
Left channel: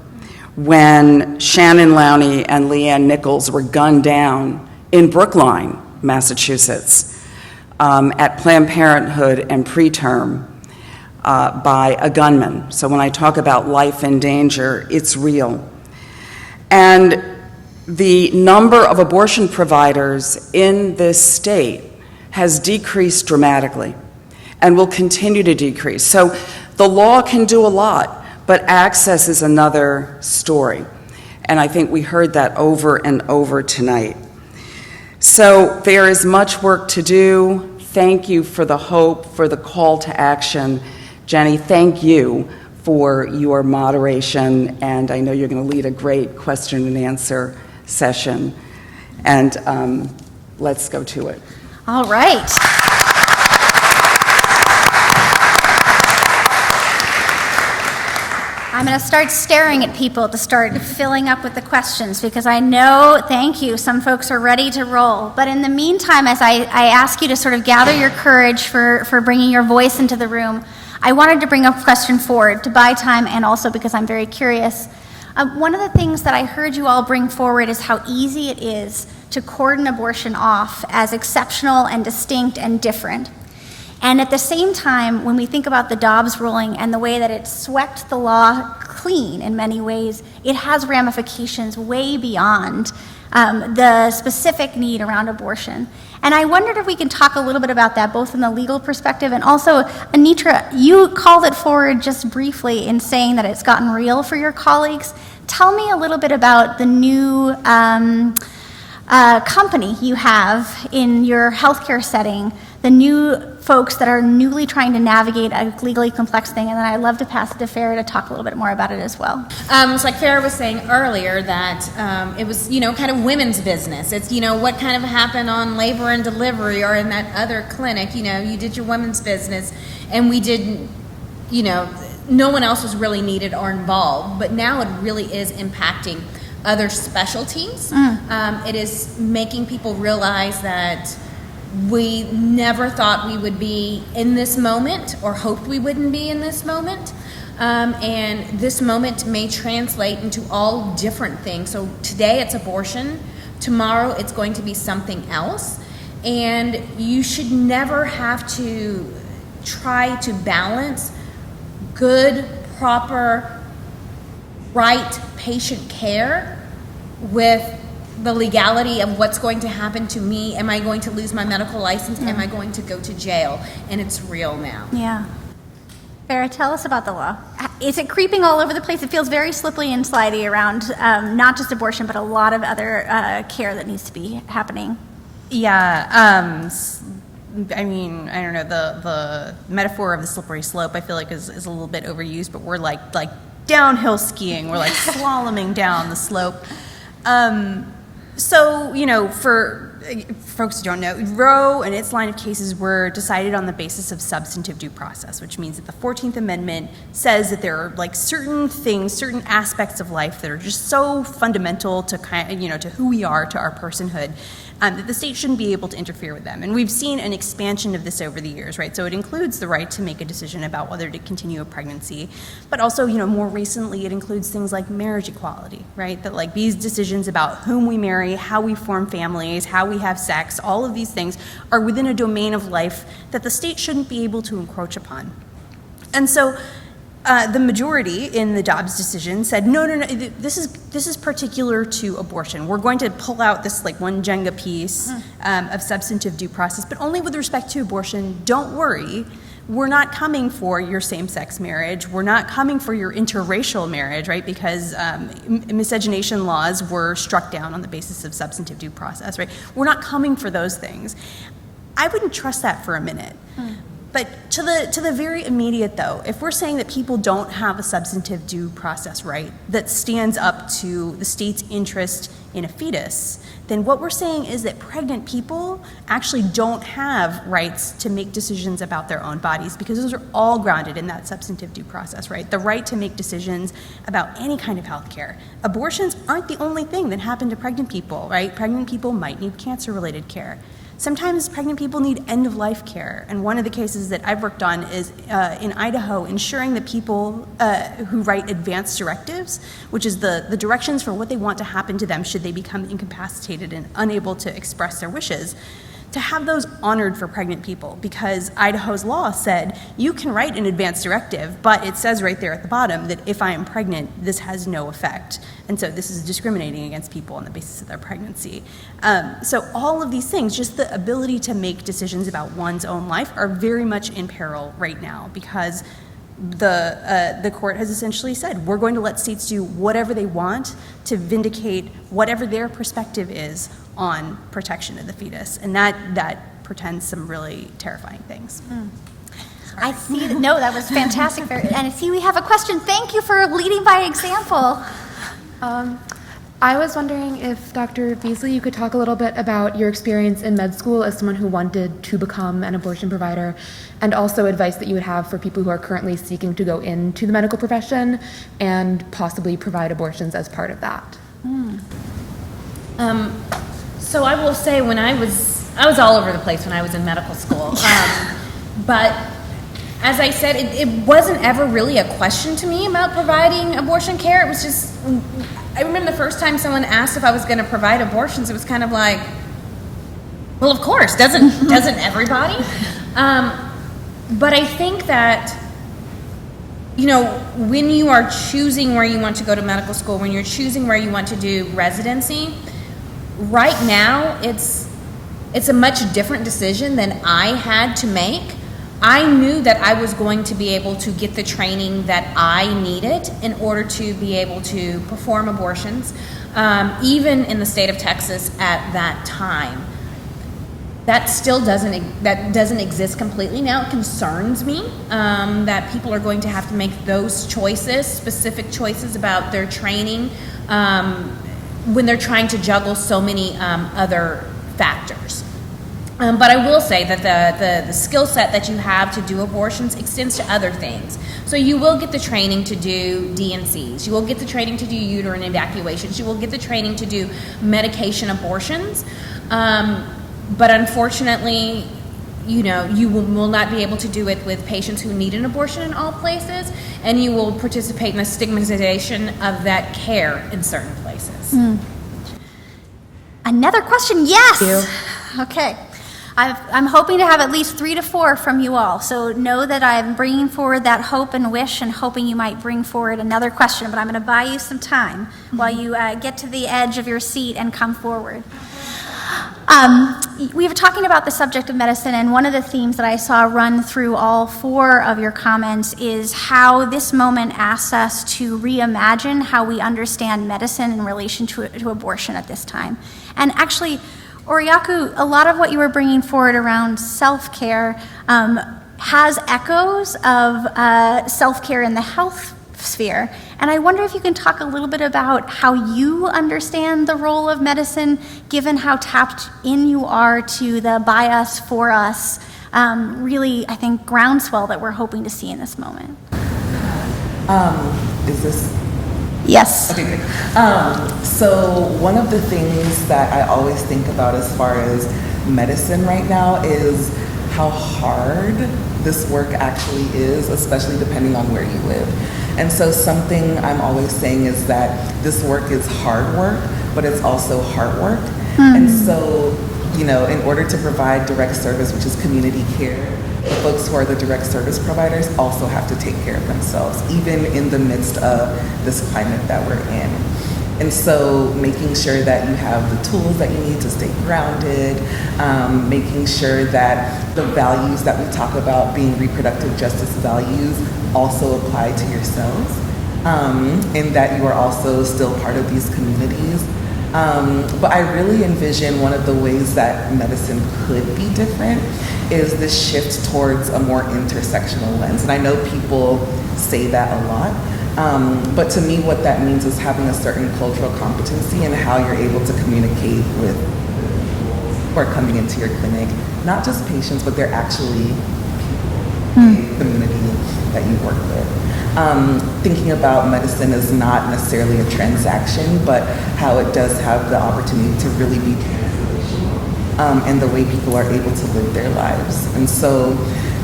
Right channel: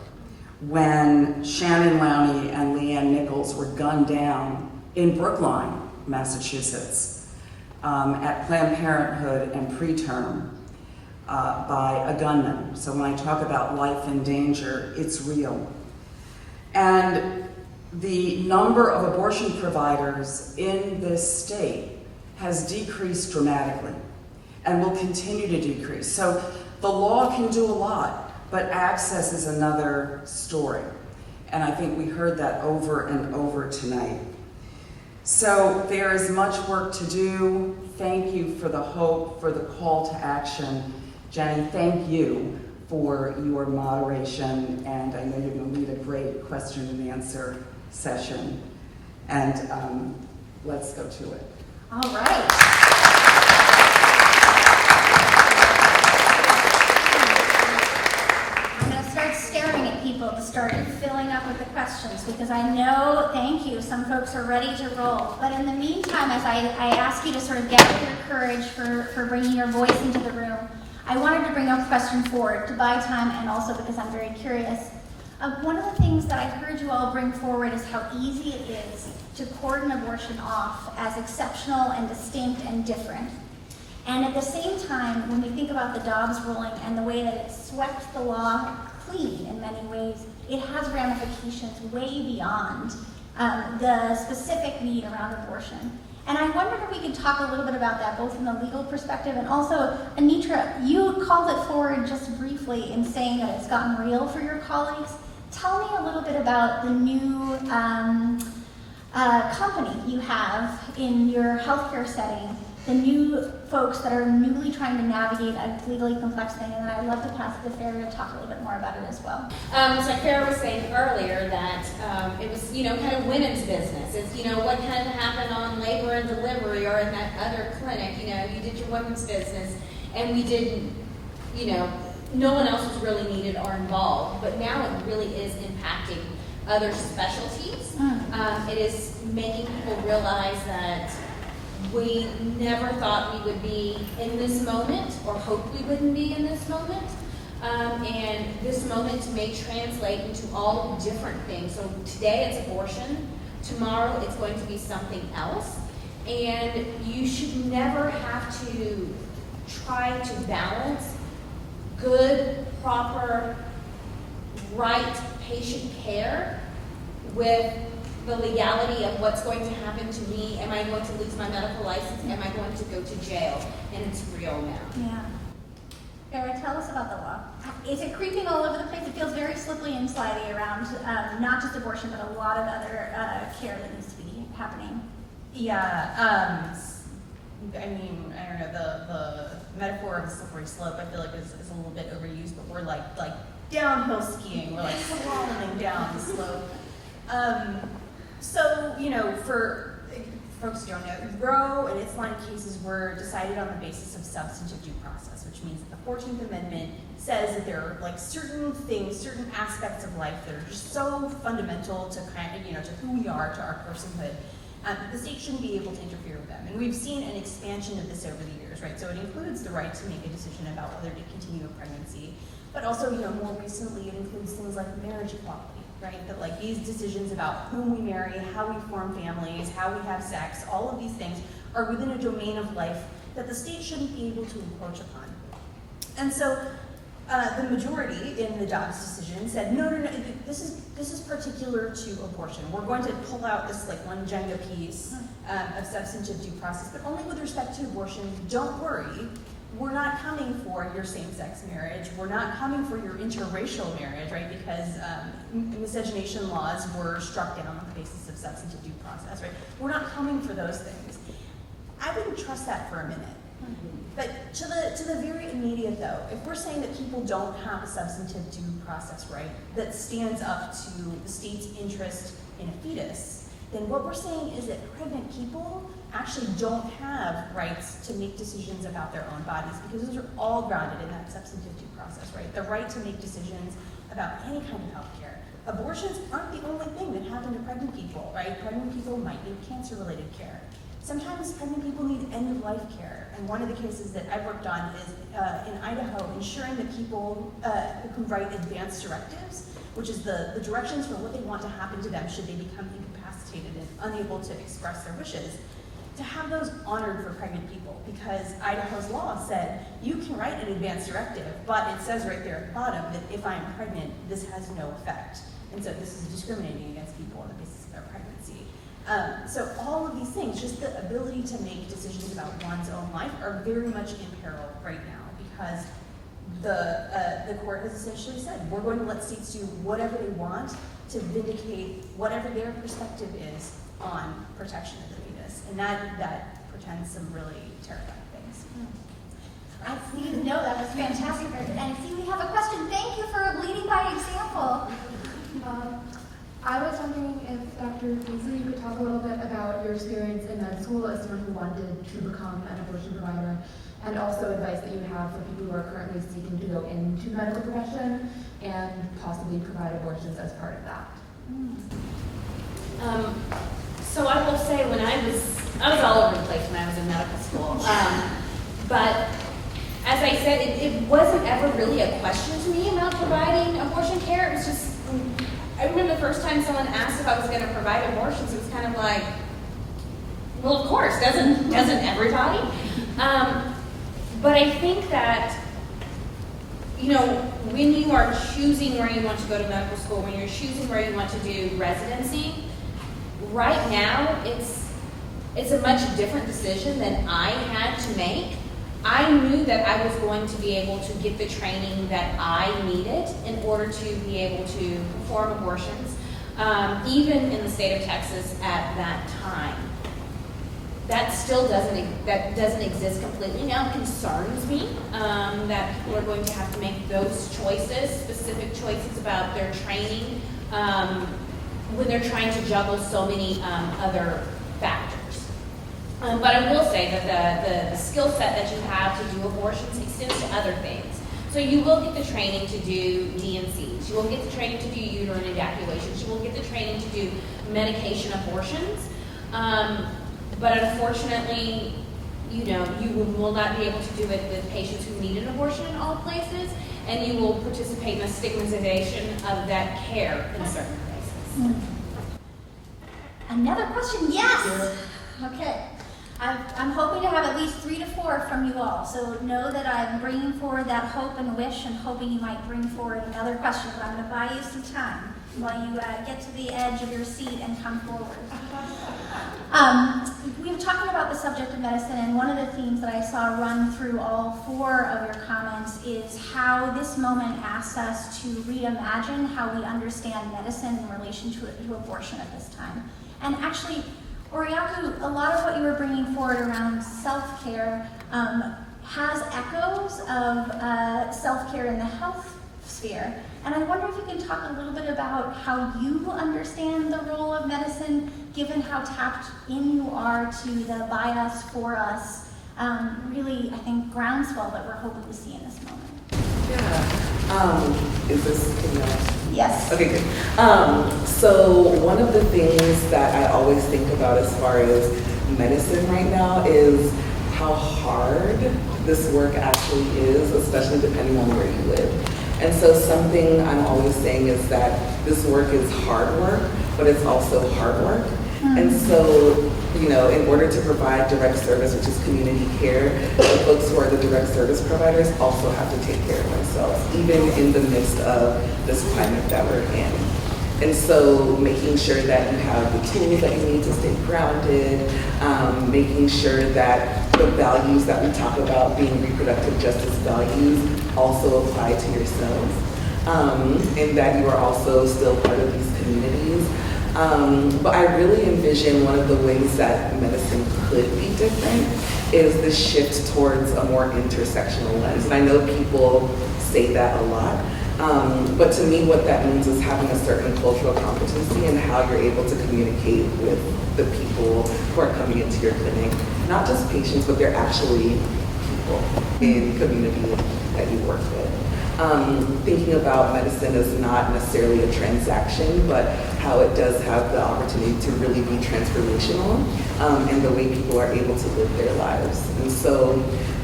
when Shannon Lowney and Leanne Nichols were gunned down in Brookline, Massachusetts, at Planned Parenthood and preterm by a gunman. So when I talk about life in danger, it's real. And the number of abortion providers in this state has decreased dramatically and will continue to decrease. So the law can do a lot, but access is another story. And I think we heard that over and over tonight. So there is much work to do. Thank you for the hope, for the call to action. Jenny, thank you for your moderation, and I know you're going to lead a great question and answer session. And let's go to it. All right. I'm going to start staring at people to start filling up with the questions, because I know, thank you, some folks are ready to roll. But in the meantime, as I ask you to sort of gather your courage for bringing your voice into the room, I wanted to bring a question forward to buy time, and also because I'm very curious. One of the things that I heard you all bring forward is how easy it is to cordon abortion off as exceptional and distinct and different. And at the same time, when we think about the Dobbs ruling and the way that it swept the law clean in many ways, it has ramifications way beyond the specific need around abortion. And I wondered if we can talk a little bit about that, both from the legal perspective and also, Anitra, you called it forward just briefly in saying that it's gotten real for your colleagues. Tell me a little bit about the new company you have in your healthcare setting, the new folks that are newly trying to navigate a legally complex thing, and then I'd love to pass it to Farah to talk a little bit more about it as well. It's like Farah was saying earlier that it was, kind of women's business. It's, what kind of happened on labor and delivery or in that other clinic, you did your women's business, and we didn't, no one else was really needed or involved, but now it really is impacting other specialties. It is making people realize that we never thought we would be in this moment or hoped we wouldn't be in this moment. And this moment may translate into all different things. So today it's abortion, tomorrow it's going to be something else. And you should never have to try to balance good, proper, right patient care with the legality of what's going to happen to me. Am I going to lose my medical license? Am I going to go to jail? And it's real now. Yeah. Farah, tell us about the law. Is it creeping all over the place? It feels very slippery and slidey around not just abortion, but a lot of other care that needs to be happening. Yeah, I mean, I don't know, the metaphor of the slippery slope I feel like is a little bit overused, but we're like downhill skiing. We're like slaloming down the slope. So, for folks who don't know, Roe and its line of cases were decided on the basis of substantive due process, which means that the 14th Amendment says that there are certain things, certain aspects of life that are just so fundamental to to who we are, to our personhood, that the state shouldn't be able to interfere with them. And we've seen an expansion of this over the years, right? So it includes the right to make a decision about whether to continue a pregnancy, but also, more recently it includes things like marriage equality, right? That these decisions about whom we marry, how we form families, how we have sex, all of these things are within a domain of life that the state shouldn't be able to encroach upon. And so the majority in the Dobbs decision said, no, this is particular to abortion. We're going to pull out this one Jenga piece of substantive due process, but only with respect to abortion. Don't worry. We're not coming for your same-sex marriage. We're not coming for your interracial marriage, right? Because miscegenation laws were struck down on the basis of substantive due process, right? We're not coming for those things. I wouldn't trust that for a minute. But to the very immediate, though, if we're saying that people don't have a substantive due process right that stands up to the state's interest in a fetus, then what we're saying is that pregnant people actually don't have rights to make decisions about their own bodies, because those are all grounded in that substantive due process, right? The right to make decisions about any kind of health care. Abortions aren't the only thing that happen to pregnant people, right? Pregnant people might need cancer-related care. Sometimes pregnant people need end-of-life care, and one of the cases that I've worked on is in Idaho, ensuring that people who write advance directives, which is the directions for what they want to happen to them should they become incapacitated and unable to express their wishes, to have those honored for pregnant people, because Idaho's law said you can write an advance directive, but it says right there at the bottom that if I am pregnant, this has no effect. And so this is discriminating against people on the basis of their pregnancy. So all of these things, just the ability to make decisions about one's own life, are very much in peril right now, because the court has essentially said we're going to let states do whatever they want to vindicate whatever their perspective is on protection of the fetus, and that portends some really terrifying things. I see. No, that was fantastic. And I see we have a question. Thank you for leading by example. I was wondering if Dr. Beasley, you could talk a little bit about your experience in med school as someone who wanted to become an abortion provider, and also advice that you would have for people who are currently seeking to go into the medical profession and possibly provide abortions as part of that. So I will say, when I was all over the place when I was in medical school, but as I said, it wasn't ever really a question to me about providing abortion care. It was just, I remember the first time someone asked if I was going to provide abortions, it was kind of like, well, of course, doesn't everybody? But I think that, you know, when you are choosing where you want to go to medical school, when you're choosing where you want to do residency, right now it's a much different decision than I had to make. I knew that I was going to be able to get the training that I needed in order to be able to perform abortions, even in the state of Texas at that time. That still doesn't exist completely now. It concerns me that people are going to have to make those choices, specific choices about their training, when they're trying to juggle so many other factors. But I will say that the skill set that you have to do abortions extends to other things. So you will get the training to do D&Cs. You will get the training to do uterine evacuations. You will get the training to do medication abortions. But unfortunately, you know, you will not be able to do it with patients who need an abortion in all places, and you will participate in the stigmatization of that care in certain places. Another question? Yes. Okay. I'm hoping to have at least 3 to 4 from you all. So know that I'm bringing forward that hope and wish, and hoping you might bring forward another question. But I'm going to buy you some time while you get to the edge of your seat and come forward. We were talking about the subject of medicine, and one of the themes that I saw run through all 4 of your comments is how this moment asks us to reimagine how we understand medicine in relation to abortion at this time. And actually, Oriaku, a lot of what you were bringing forward around self-care has echoes of self-care in the health sphere. And I wonder if you can talk a little bit about how you understand the role of medicine, given how tapped in you are to the by us, for us, really, I think, groundswell that we're hoping to see in this moment. Is this? Yes. Okay, good. So one of the things that I always think about as far as medicine right now is how hard this work actually is, especially depending on where you live. And so something I'm always saying is that this work is hard work, but it's also heart work. And so, you know, in order to provide direct service, which is community care, the folks who are the direct service providers also have to take care of themselves, even in the midst of this climate that we're in. And so making sure that you have the tools that you need to stay grounded, making sure that the values that we talk about being reproductive justice values also apply to yourselves, and that you are also still part of these communities. But I really envision one of the ways that medicine could be different is this shift towards a more intersectional lens. And I know people say that a lot, but to me what that means is having a certain cultural competency in how you're able to communicate with the people who are coming into your clinic. Not just patients, but they're actually people, a community that you work with. thinking about medicine as not necessarily a transaction, but how it does have the opportunity to really be transformational, and the way people are able to live their lives. And so,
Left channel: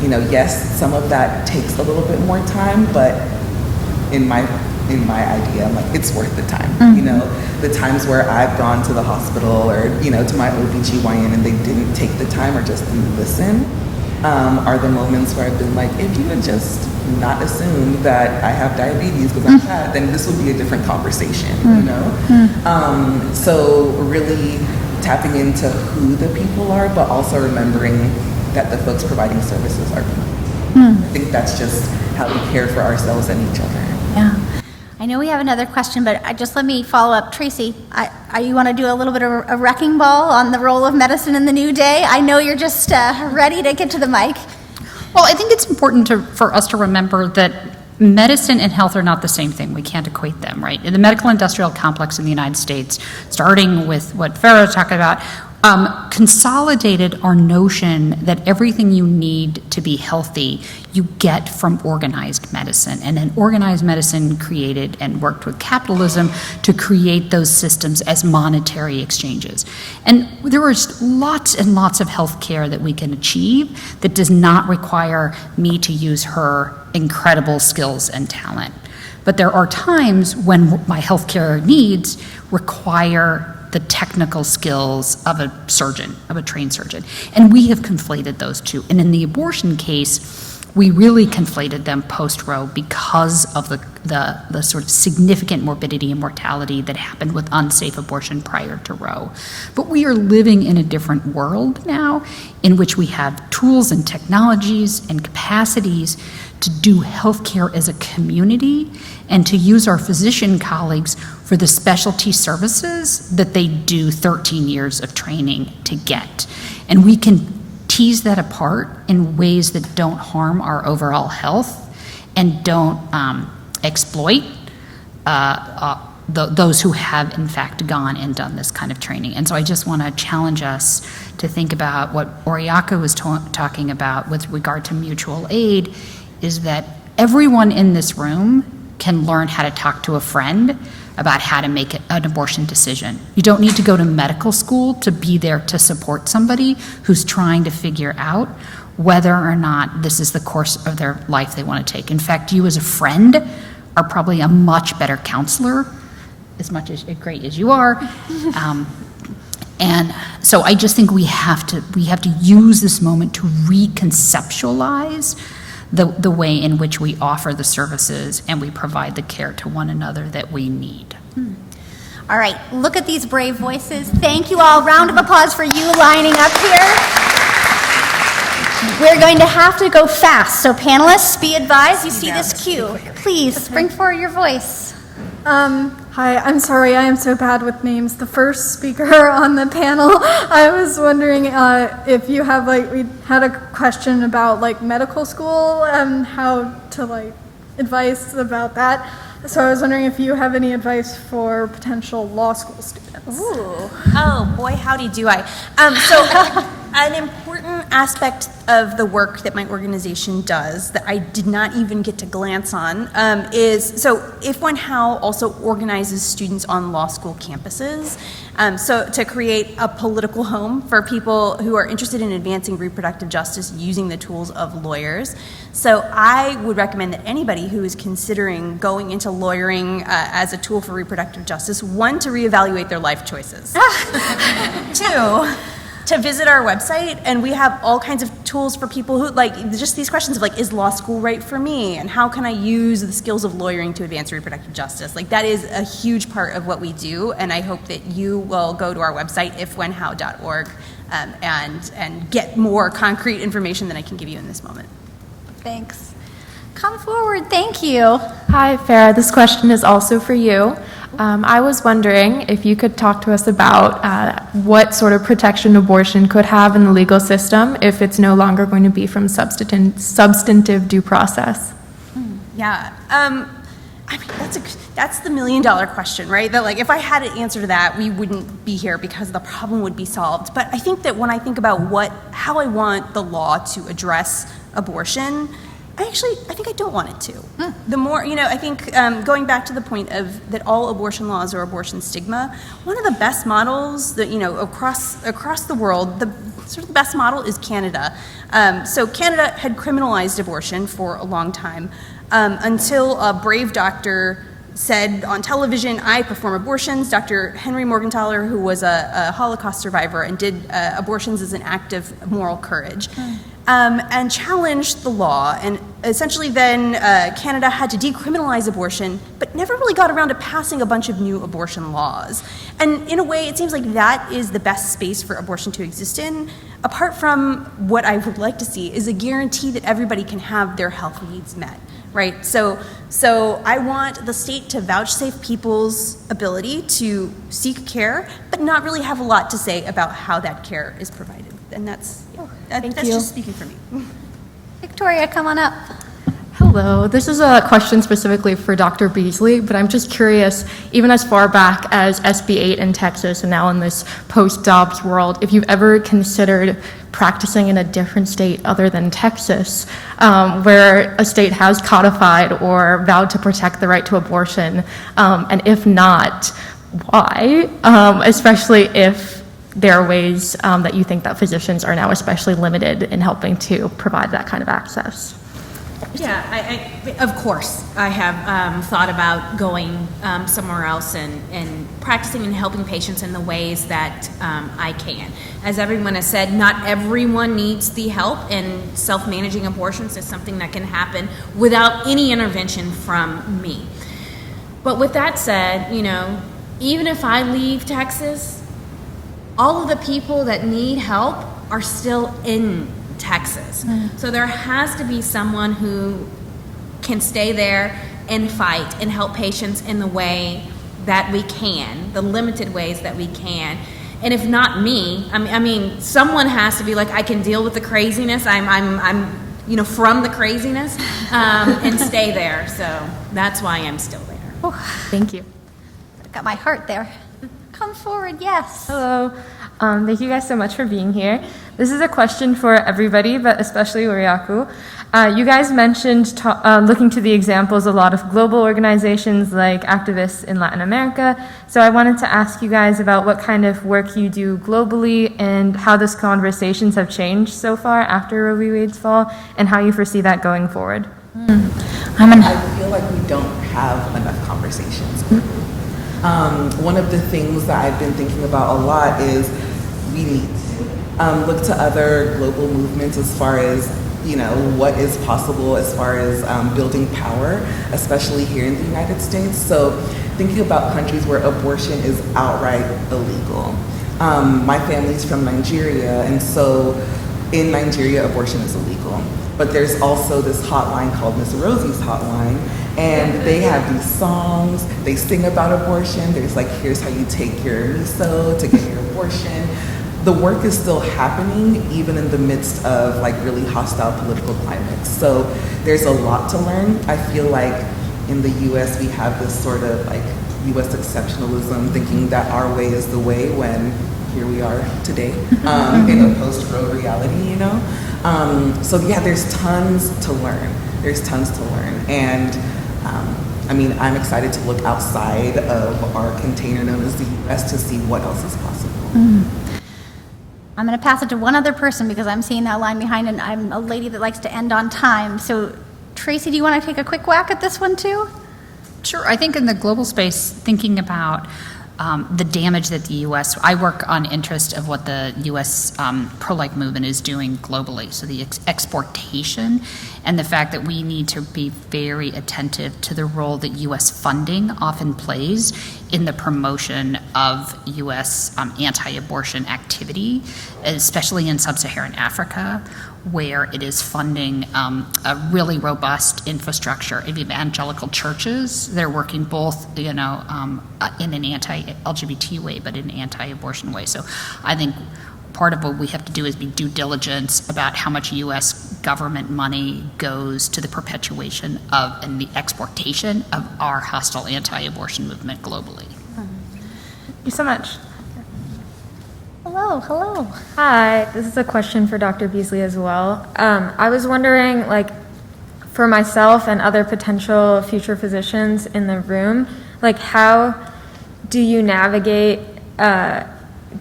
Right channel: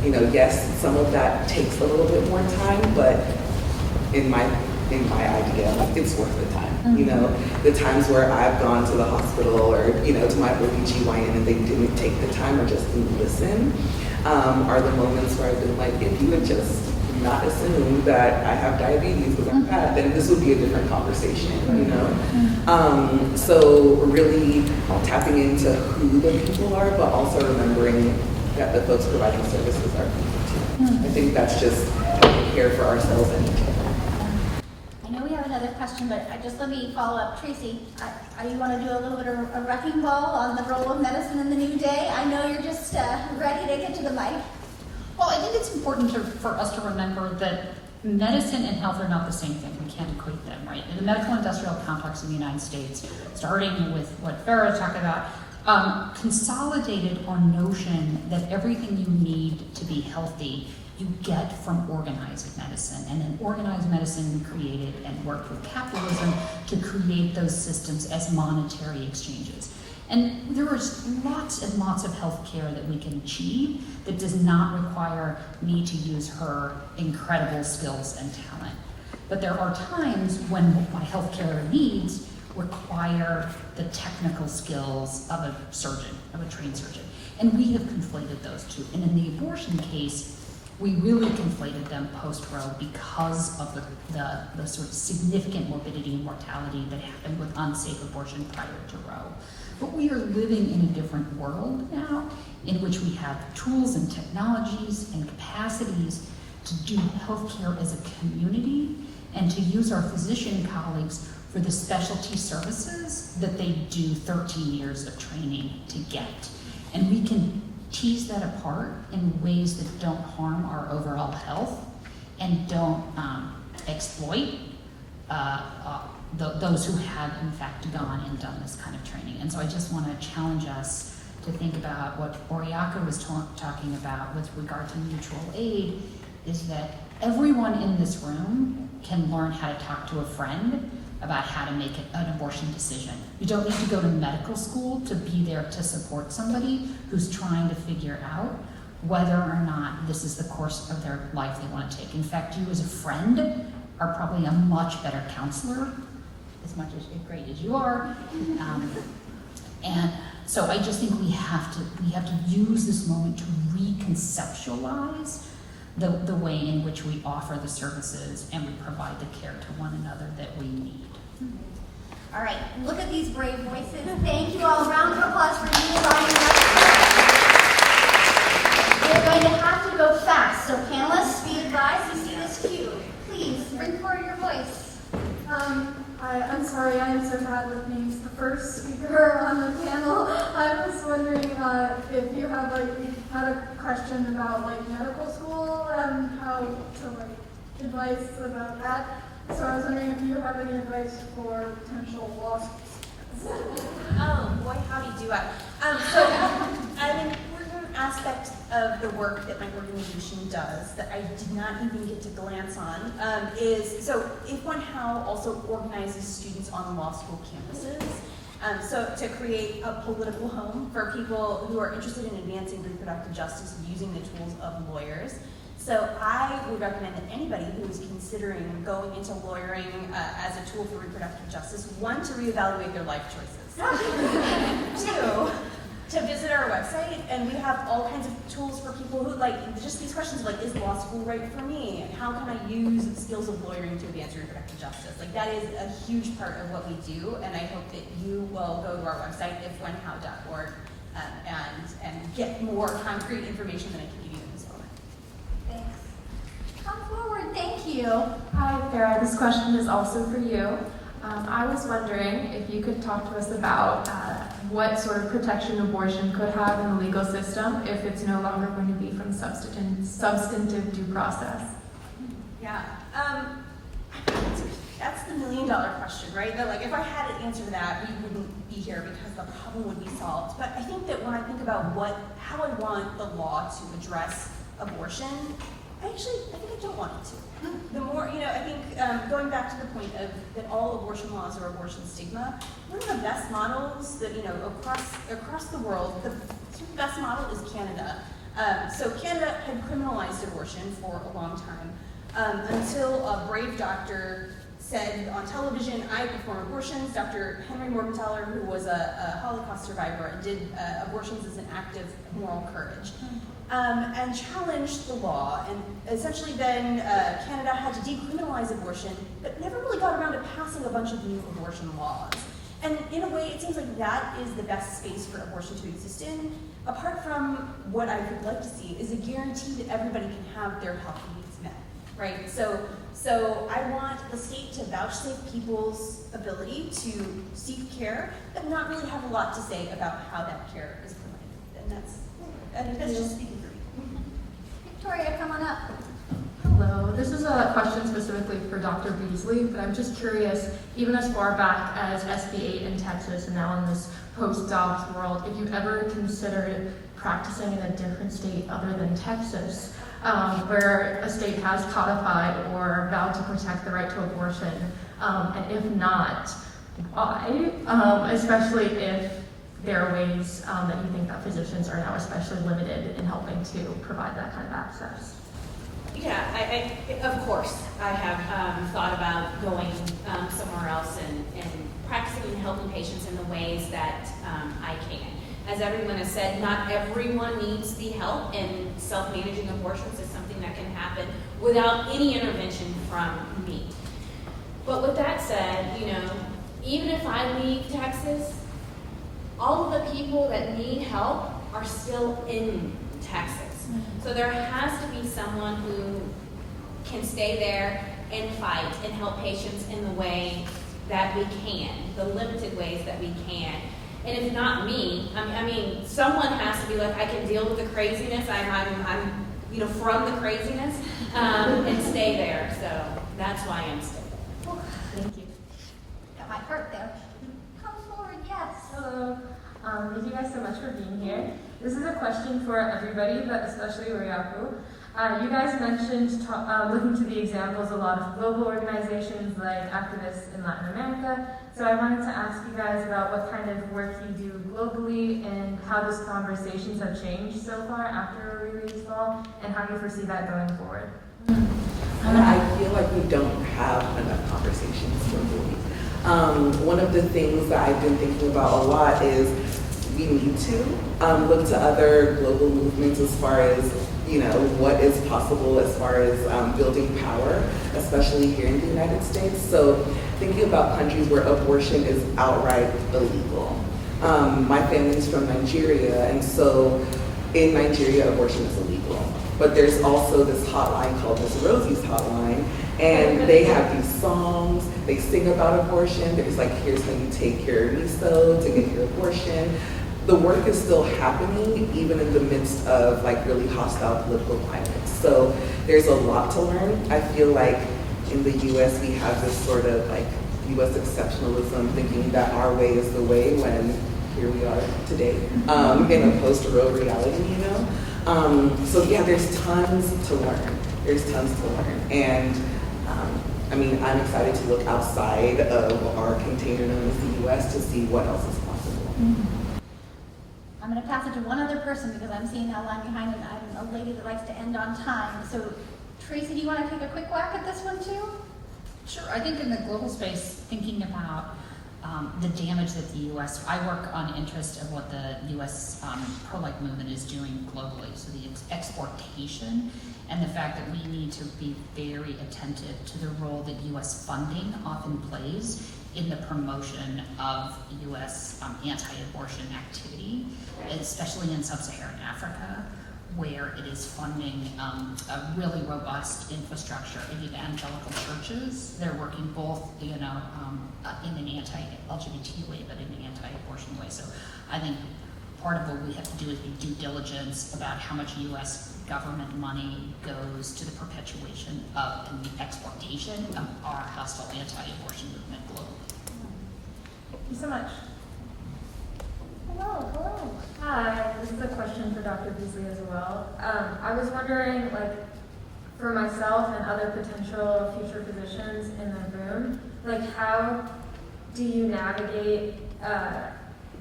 yes, some of that takes a little bit more time, but in my idea, like, it's worth the time. The times where I've gone to the hospital or, to my OBGYN and they didn't take the time or just didn't listen, are the moments where I've been like, if you would just not assume that I have diabetes because I'm fat, then this would be a different conversation, So really tapping into who the people are, but also remembering that the folks providing services are people. I think that's just how we care for ourselves and each other. Yeah. I know we have another question, but just let me follow up. Tracy, you want to do a little bit of a wrecking ball on the role of medicine in the new day? I know you're just ready to get to the mic. Well, I think it's important for us to remember that medicine and health are not the same thing. We can't equate them, right? In the medical industrial complex in the United States, starting with what Farah was talking about, consolidated our notion that everything you need to be healthy you get from organized medicine. And then organized medicine created and worked with capitalism to create those systems as monetary exchanges. And there is lots and lots of health care that we can achieve that does not require me to use her incredible skills and talent. But there are times when my healthcare needs require the technical skills of a surgeon, of a trained surgeon. And we have conflated those two. And in the abortion case, we really conflated them post-Roe because of the sort of significant morbidity and mortality that happened with unsafe abortion prior to Roe. But we are living in a different world now in which we have tools and technologies and capacities to do healthcare as a community and to use our physician colleagues for the specialty services that they do 13 years of training to get. And we can tease that apart in ways that don't harm our overall health and don't exploit those who have in fact gone and done this kind of training. And so I just want to challenge us to think about what Oriaku was talking about with regard to mutual aid, is that everyone in this room can learn how to talk to a friend about how to make an abortion decision. You don't need to go to medical school to be there to support somebody who's trying to figure out whether or not this is the course of their life they want to take. In fact, you as a friend are probably a much better counselor, as much as great as you are. And so I just think we have to use this moment to reconceptualize the way in which we offer the services and we provide the care to one another that we need. All right, look at these brave voices. Thank you all. Round of applause for you lining up here. We're going to have to go fast, so panelists, be advised. You see this cue. Please, bring forward your voice. Hi, I'm sorry, I am so bad with names. The first speaker on the panel, I was wondering if you have, we had a question about, medical school and how to, advice about that. So I was wondering if you have any advice for potential law school students. Ooh. Oh, boy, howdy do I. So an important aspect of the work that my organization does that I did not even get to glance on is, so If When How also organizes students on law school campuses. So to create a political home for people who are interested in advancing reproductive justice using the tools of lawyers. So I would recommend that anybody who is considering going into lawyering as a tool for reproductive justice, one, to reevaluate their life choices. Two, to visit our website, and we have all kinds of tools for people who, just these questions of, is law school right for me? And how can I use the skills of lawyering to advance reproductive justice? That is a huge part of what we do, and I hope that you will go to our website, ifwhenhow.org, and get more concrete information than I can give you in this moment. Thanks. Come forward. Thank you. Hi, Farah. This question is also for you. I was wondering if you could talk to us about what sort of protection abortion could have in the legal system if it's no longer going to be from substantive due process. Yeah. That's the $1 million question, right? That if I had an answer to that, we wouldn't be here because the problem would be solved. But I think that when I think about how I want the law to address abortion, I think I don't want it to. The more, I think going back to the point of that all abortion laws are abortion stigma, one of the best models that, across the world, the best model is Canada. So Canada had criminalized abortion for a long time until a brave doctor said on television, I perform abortions. Dr. Henry Morgenthaler, who was a Holocaust survivor and did abortions as an act of moral courage, and challenged the law. And essentially then Canada had to decriminalize abortion, but never really got around to passing a bunch of new abortion laws. And in a way, it seems like that is the best space for abortion to exist in. Apart from what I would like to see is a guarantee that everybody can have their health needs met. Right, so I want the state to vouchsafe people's ability to seek care, but not really have a lot to say about how that care is provided. And that's just speaking for me. Victoria, come on up. Hello, this is a question specifically for Dr. Beasley, but I'm just curious, even as far back as SB 8 in Texas and now in this post-Dobbs world, if you've ever considered practicing in a different state other than Texas, where a state has codified or vowed to protect the right to abortion, and if not, why? Especially if there are ways that you think that physicians are now especially limited in helping to provide that kind of access. Yeah, I of course, I have thought about going somewhere else and practicing and helping patients in the ways that I can. As everyone has said, not everyone needs the help, and self-managing abortions is something that can happen without any intervention from me. But with that said, even if I leave Texas, all of the people that need help are still in Texas. So there has to be someone who can stay there and fight and help patients in the way that we can, the limited ways that we can. And if not me, I mean, someone has to be like, I can deal with the craziness. I'm from the craziness, and stay there. So that's why I'm still there. Thank you. Got my heart there. Come forward, yes. Hello. Thank you guys so much for being here. This is a question for everybody, but especially Oriaku. You guys mentioned looking to the examples of a lot of global organizations like activists in Latin America. So I wanted to ask you guys about what kind of work you do globally and how those conversations have changed so far after Roe v. Wade's fall, and how you foresee that going forward. I feel like we don't have enough conversations. One of the things that I've been thinking about a lot is we need to look to other global movements as far as what is possible as far as building power, especially here in the United States. So thinking about countries where abortion is outright illegal. My family's from Nigeria, and so in Nigeria, abortion is illegal. But there's also this hotline called Miss Rosie's Hotline, and they have these songs, they sing about abortion. There's like, here's how you take your miso to get your abortion. The work is still happening even in the midst of like really hostile political climates. So there's a lot to learn. I feel like in the US we have this sort of like US exceptionalism, thinking that our way is the way when here we are today in a post-Roe reality, So yeah, there's tons to learn. There's tons to learn. And I'm excited to look outside of our container known as the US to see what else is possible. I'm going to pass it to one other person because I'm seeing that line behind, and I'm a lady that likes to end on time. So, Tracy, do you want to take a quick whack at this one too? Sure. I think in the global space, thinking about the damage that the U.S. I work on interest of what the U.S. Pro-life movement is doing globally. So the exportation and the fact that we need to be very attentive to the role that U.S. funding often plays in the promotion of U.S. Anti-abortion activity, especially in sub-Saharan Africa, where it is funding a really robust infrastructure of evangelical churches. They're working both, in an anti-LGBT way, but in an anti-abortion way. So I think part of what we have to do is be due diligence about how much U.S. government money goes to the perpetuation of and the exportation of our hostile anti-abortion movement globally. Thank you so much. Hello. Hi, this is a question for Dr. Beasley as well. I was wondering, for myself and other potential future physicians in the room, like how do you navigate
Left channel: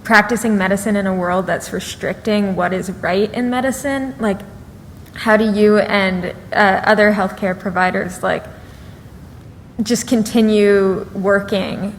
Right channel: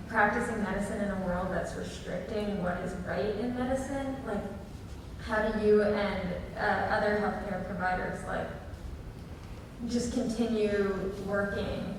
practicing medicine in a world that's restricting what is right in medicine? Like, how do you and other healthcare providers like just continue working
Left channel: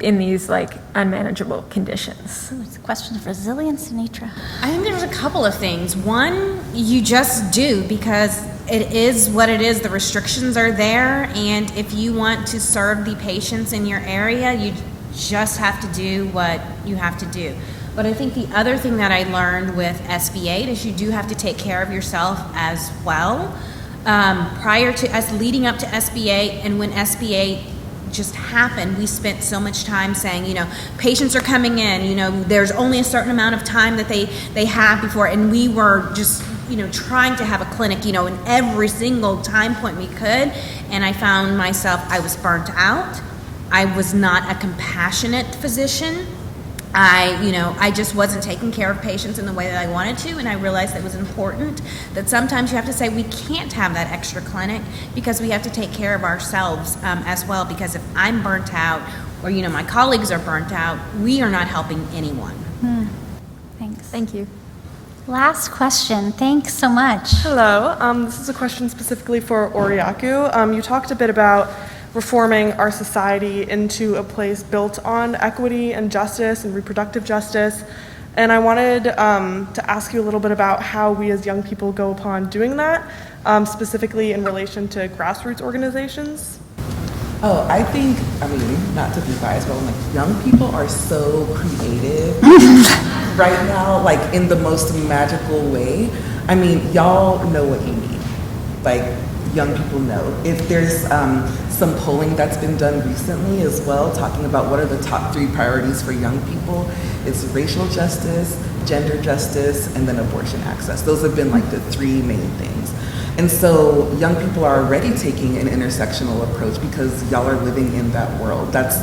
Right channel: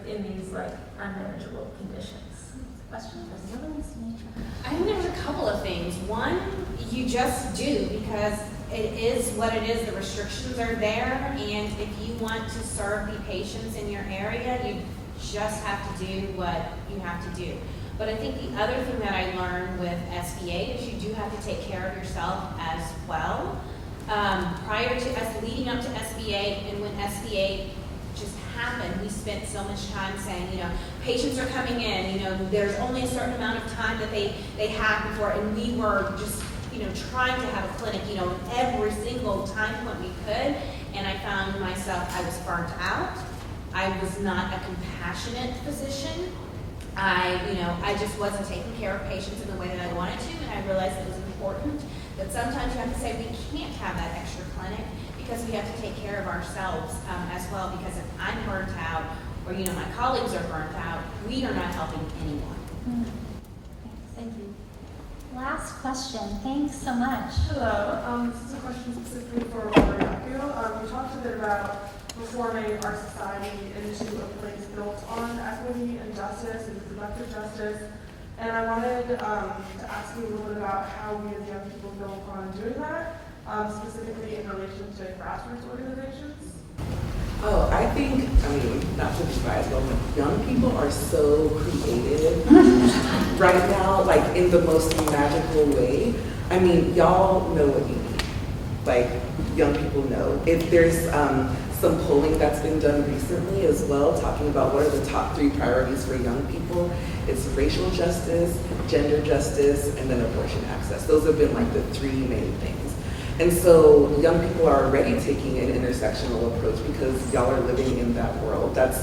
in these like unmanageable conditions? It's a question of resilience, Anitra. I think there's a couple of things. One, you just do because it is what it is. The restrictions are there, and if you want to serve the patients in your area, you just have to do what you have to do. But I think the other thing that I learned with SB8 is you do have to take care of yourself as well. Prior to us leading up to SB8, and when SB8 just happened, we spent so much time saying, you know, patients are coming in, you know, there's only a certain amount of time that they have before, and we were just, you know, trying to have a clinic, you know, in every single time point we could, and I found myself, I was burnt out. I was not a compassionate physician. I just wasn't taking care of patients in the way that I wanted to, and I realized that it was important that sometimes you have to say we can't have that extra clinic because we have to take care of ourselves as well, because if I'm burnt out or, you know, my colleagues are burnt out, we are not helping anyone. Thanks. Thank you. Last question. Thanks so much. Hello. This is a question specifically for Oriaku. You talked a bit about reforming our society into a place built on equity and justice and reproductive justice. And I wanted to ask you a little bit about how we as young people go upon doing that, specifically in relation to grassroots organizations. Oh, I think, not to be biased, but like young people are so creative right now, like in the most magical way. I mean, y'all know what you need. Like, young people know. If there's some polling that's been done recently as well, talking about what are the top 3 priorities for young people, it's racial justice, gender justice, and then abortion access. Those have been like the 3 main things. And so young people are already taking an intersectional approach because y'all are living in that world. That's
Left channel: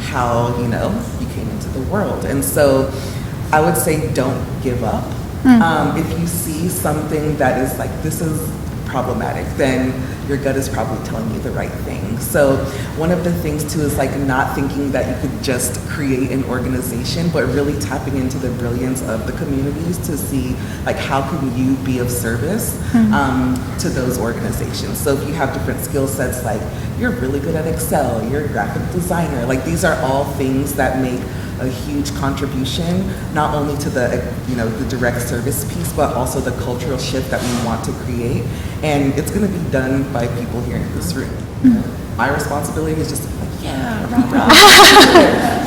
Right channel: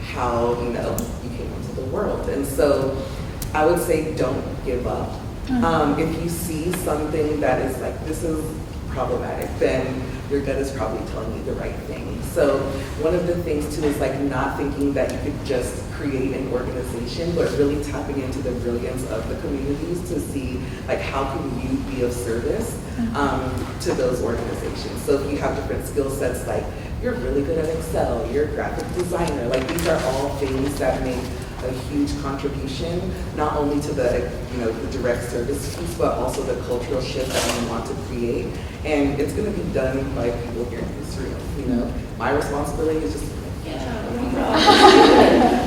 how, you know, you came into the world. And so I would say don't give up. If you see something that is like, this is problematic, then your gut is probably telling you the right thing. So one of the things too is like not thinking that you could just create an organization, but really tapping into the brilliance of the communities to see like how can you be of service to those organizations. So if you have different skill sets, like you're really good at Excel, you're a graphic designer, like these are all things that make a huge contribution, not only to the, you know, the direct service piece, but also the cultural shift that we want to create. And it's going to be done by people here in this room. You know? My responsibility is just like,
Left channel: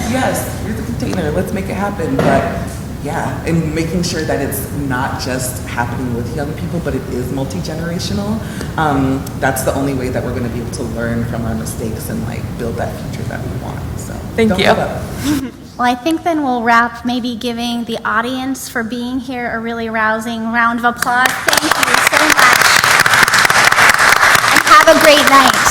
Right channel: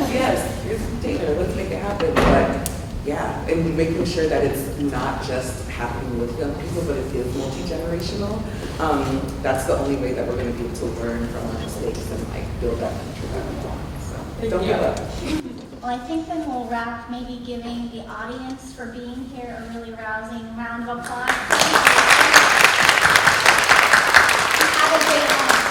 yes, here's the container, let's make it happen. But yeah, and making sure that it's not just happening with young people, but it is multi-generational. That's the only way that we're going to be able to learn from our mistakes and like build that future that we want. So Thank you. give up. Well, I think then we'll wrap maybe giving the audience for being here a really rousing round of applause. Thank you so much. And have a great night.